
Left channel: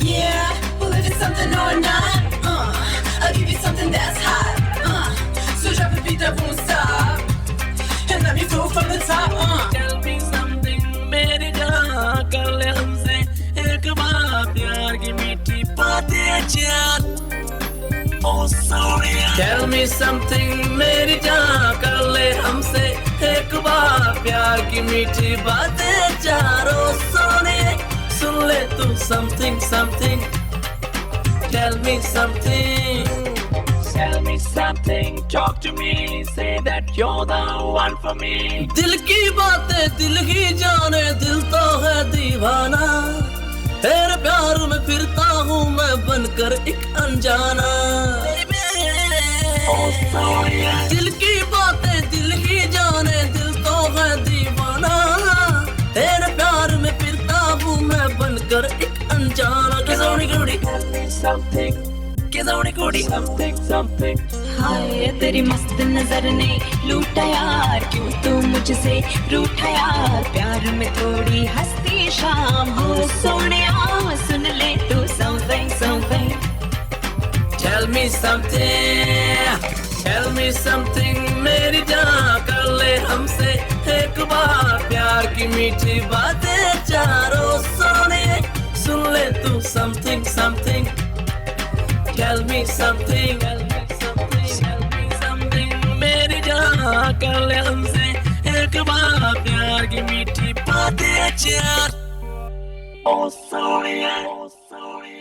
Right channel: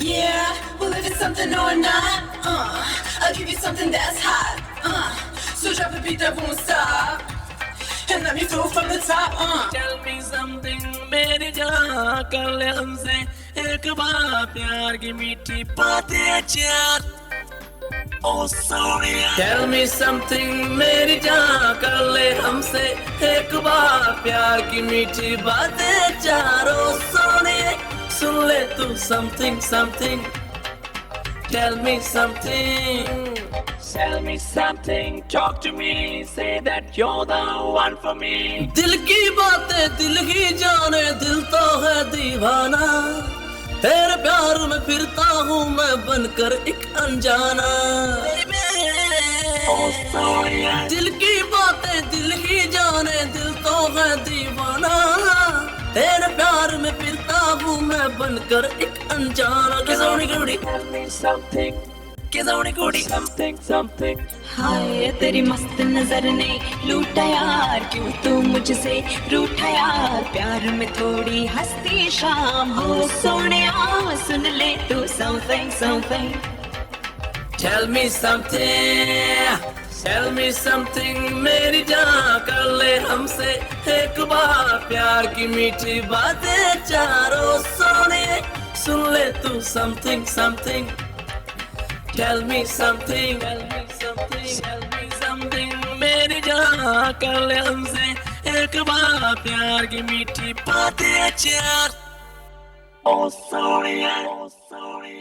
Yeah, well if it's something or not, I'll give you something that's hot, so drop the beat that won't stop, and let me flow from the top, Tell me something, मेरी जान, कर ले हमसे एक बार प्यार की मीठी बातें चार, oh sorry, Tell me something, मेरी जान, कर ले हमसे एक बार प्यार की मीठी बातें चार, oh sorry, सुन ले तू something something, tell me something, tell me something, talk to me, say that you're the one for me. दिल की बातें दिल ही जाने, दिल तो है दीवाना, तेरे प्यार में फिरता हूँ मैं बनकर एक अनजाना, दिल की बातें दिल ही जाने, दिल तो है दीवाना, तेरे प्यार में फिरता हूँ मैं बनकर एक अनजाना, किसौनी कुड़ी, tell me something, किसौनी कुड़ी, something something, हाय तेरी मस्त नजर ने लूटा यार, क्यों तू मुझसे रूठा यार, प्यार में थोड़ी हंसती शाम हो सोनिया, सुन ले तू something something, tell me something, tell me something, मेरी जान, कर ले हमसे एक बार प्यार की मीठी बातें चारों सोने, सुन ले तू something something, tell me something, tell me something, tell me something, मेरी जान, कर ले हमसे एक बार प्यार की मीठी बातें चार, oh sorry, oh sorry.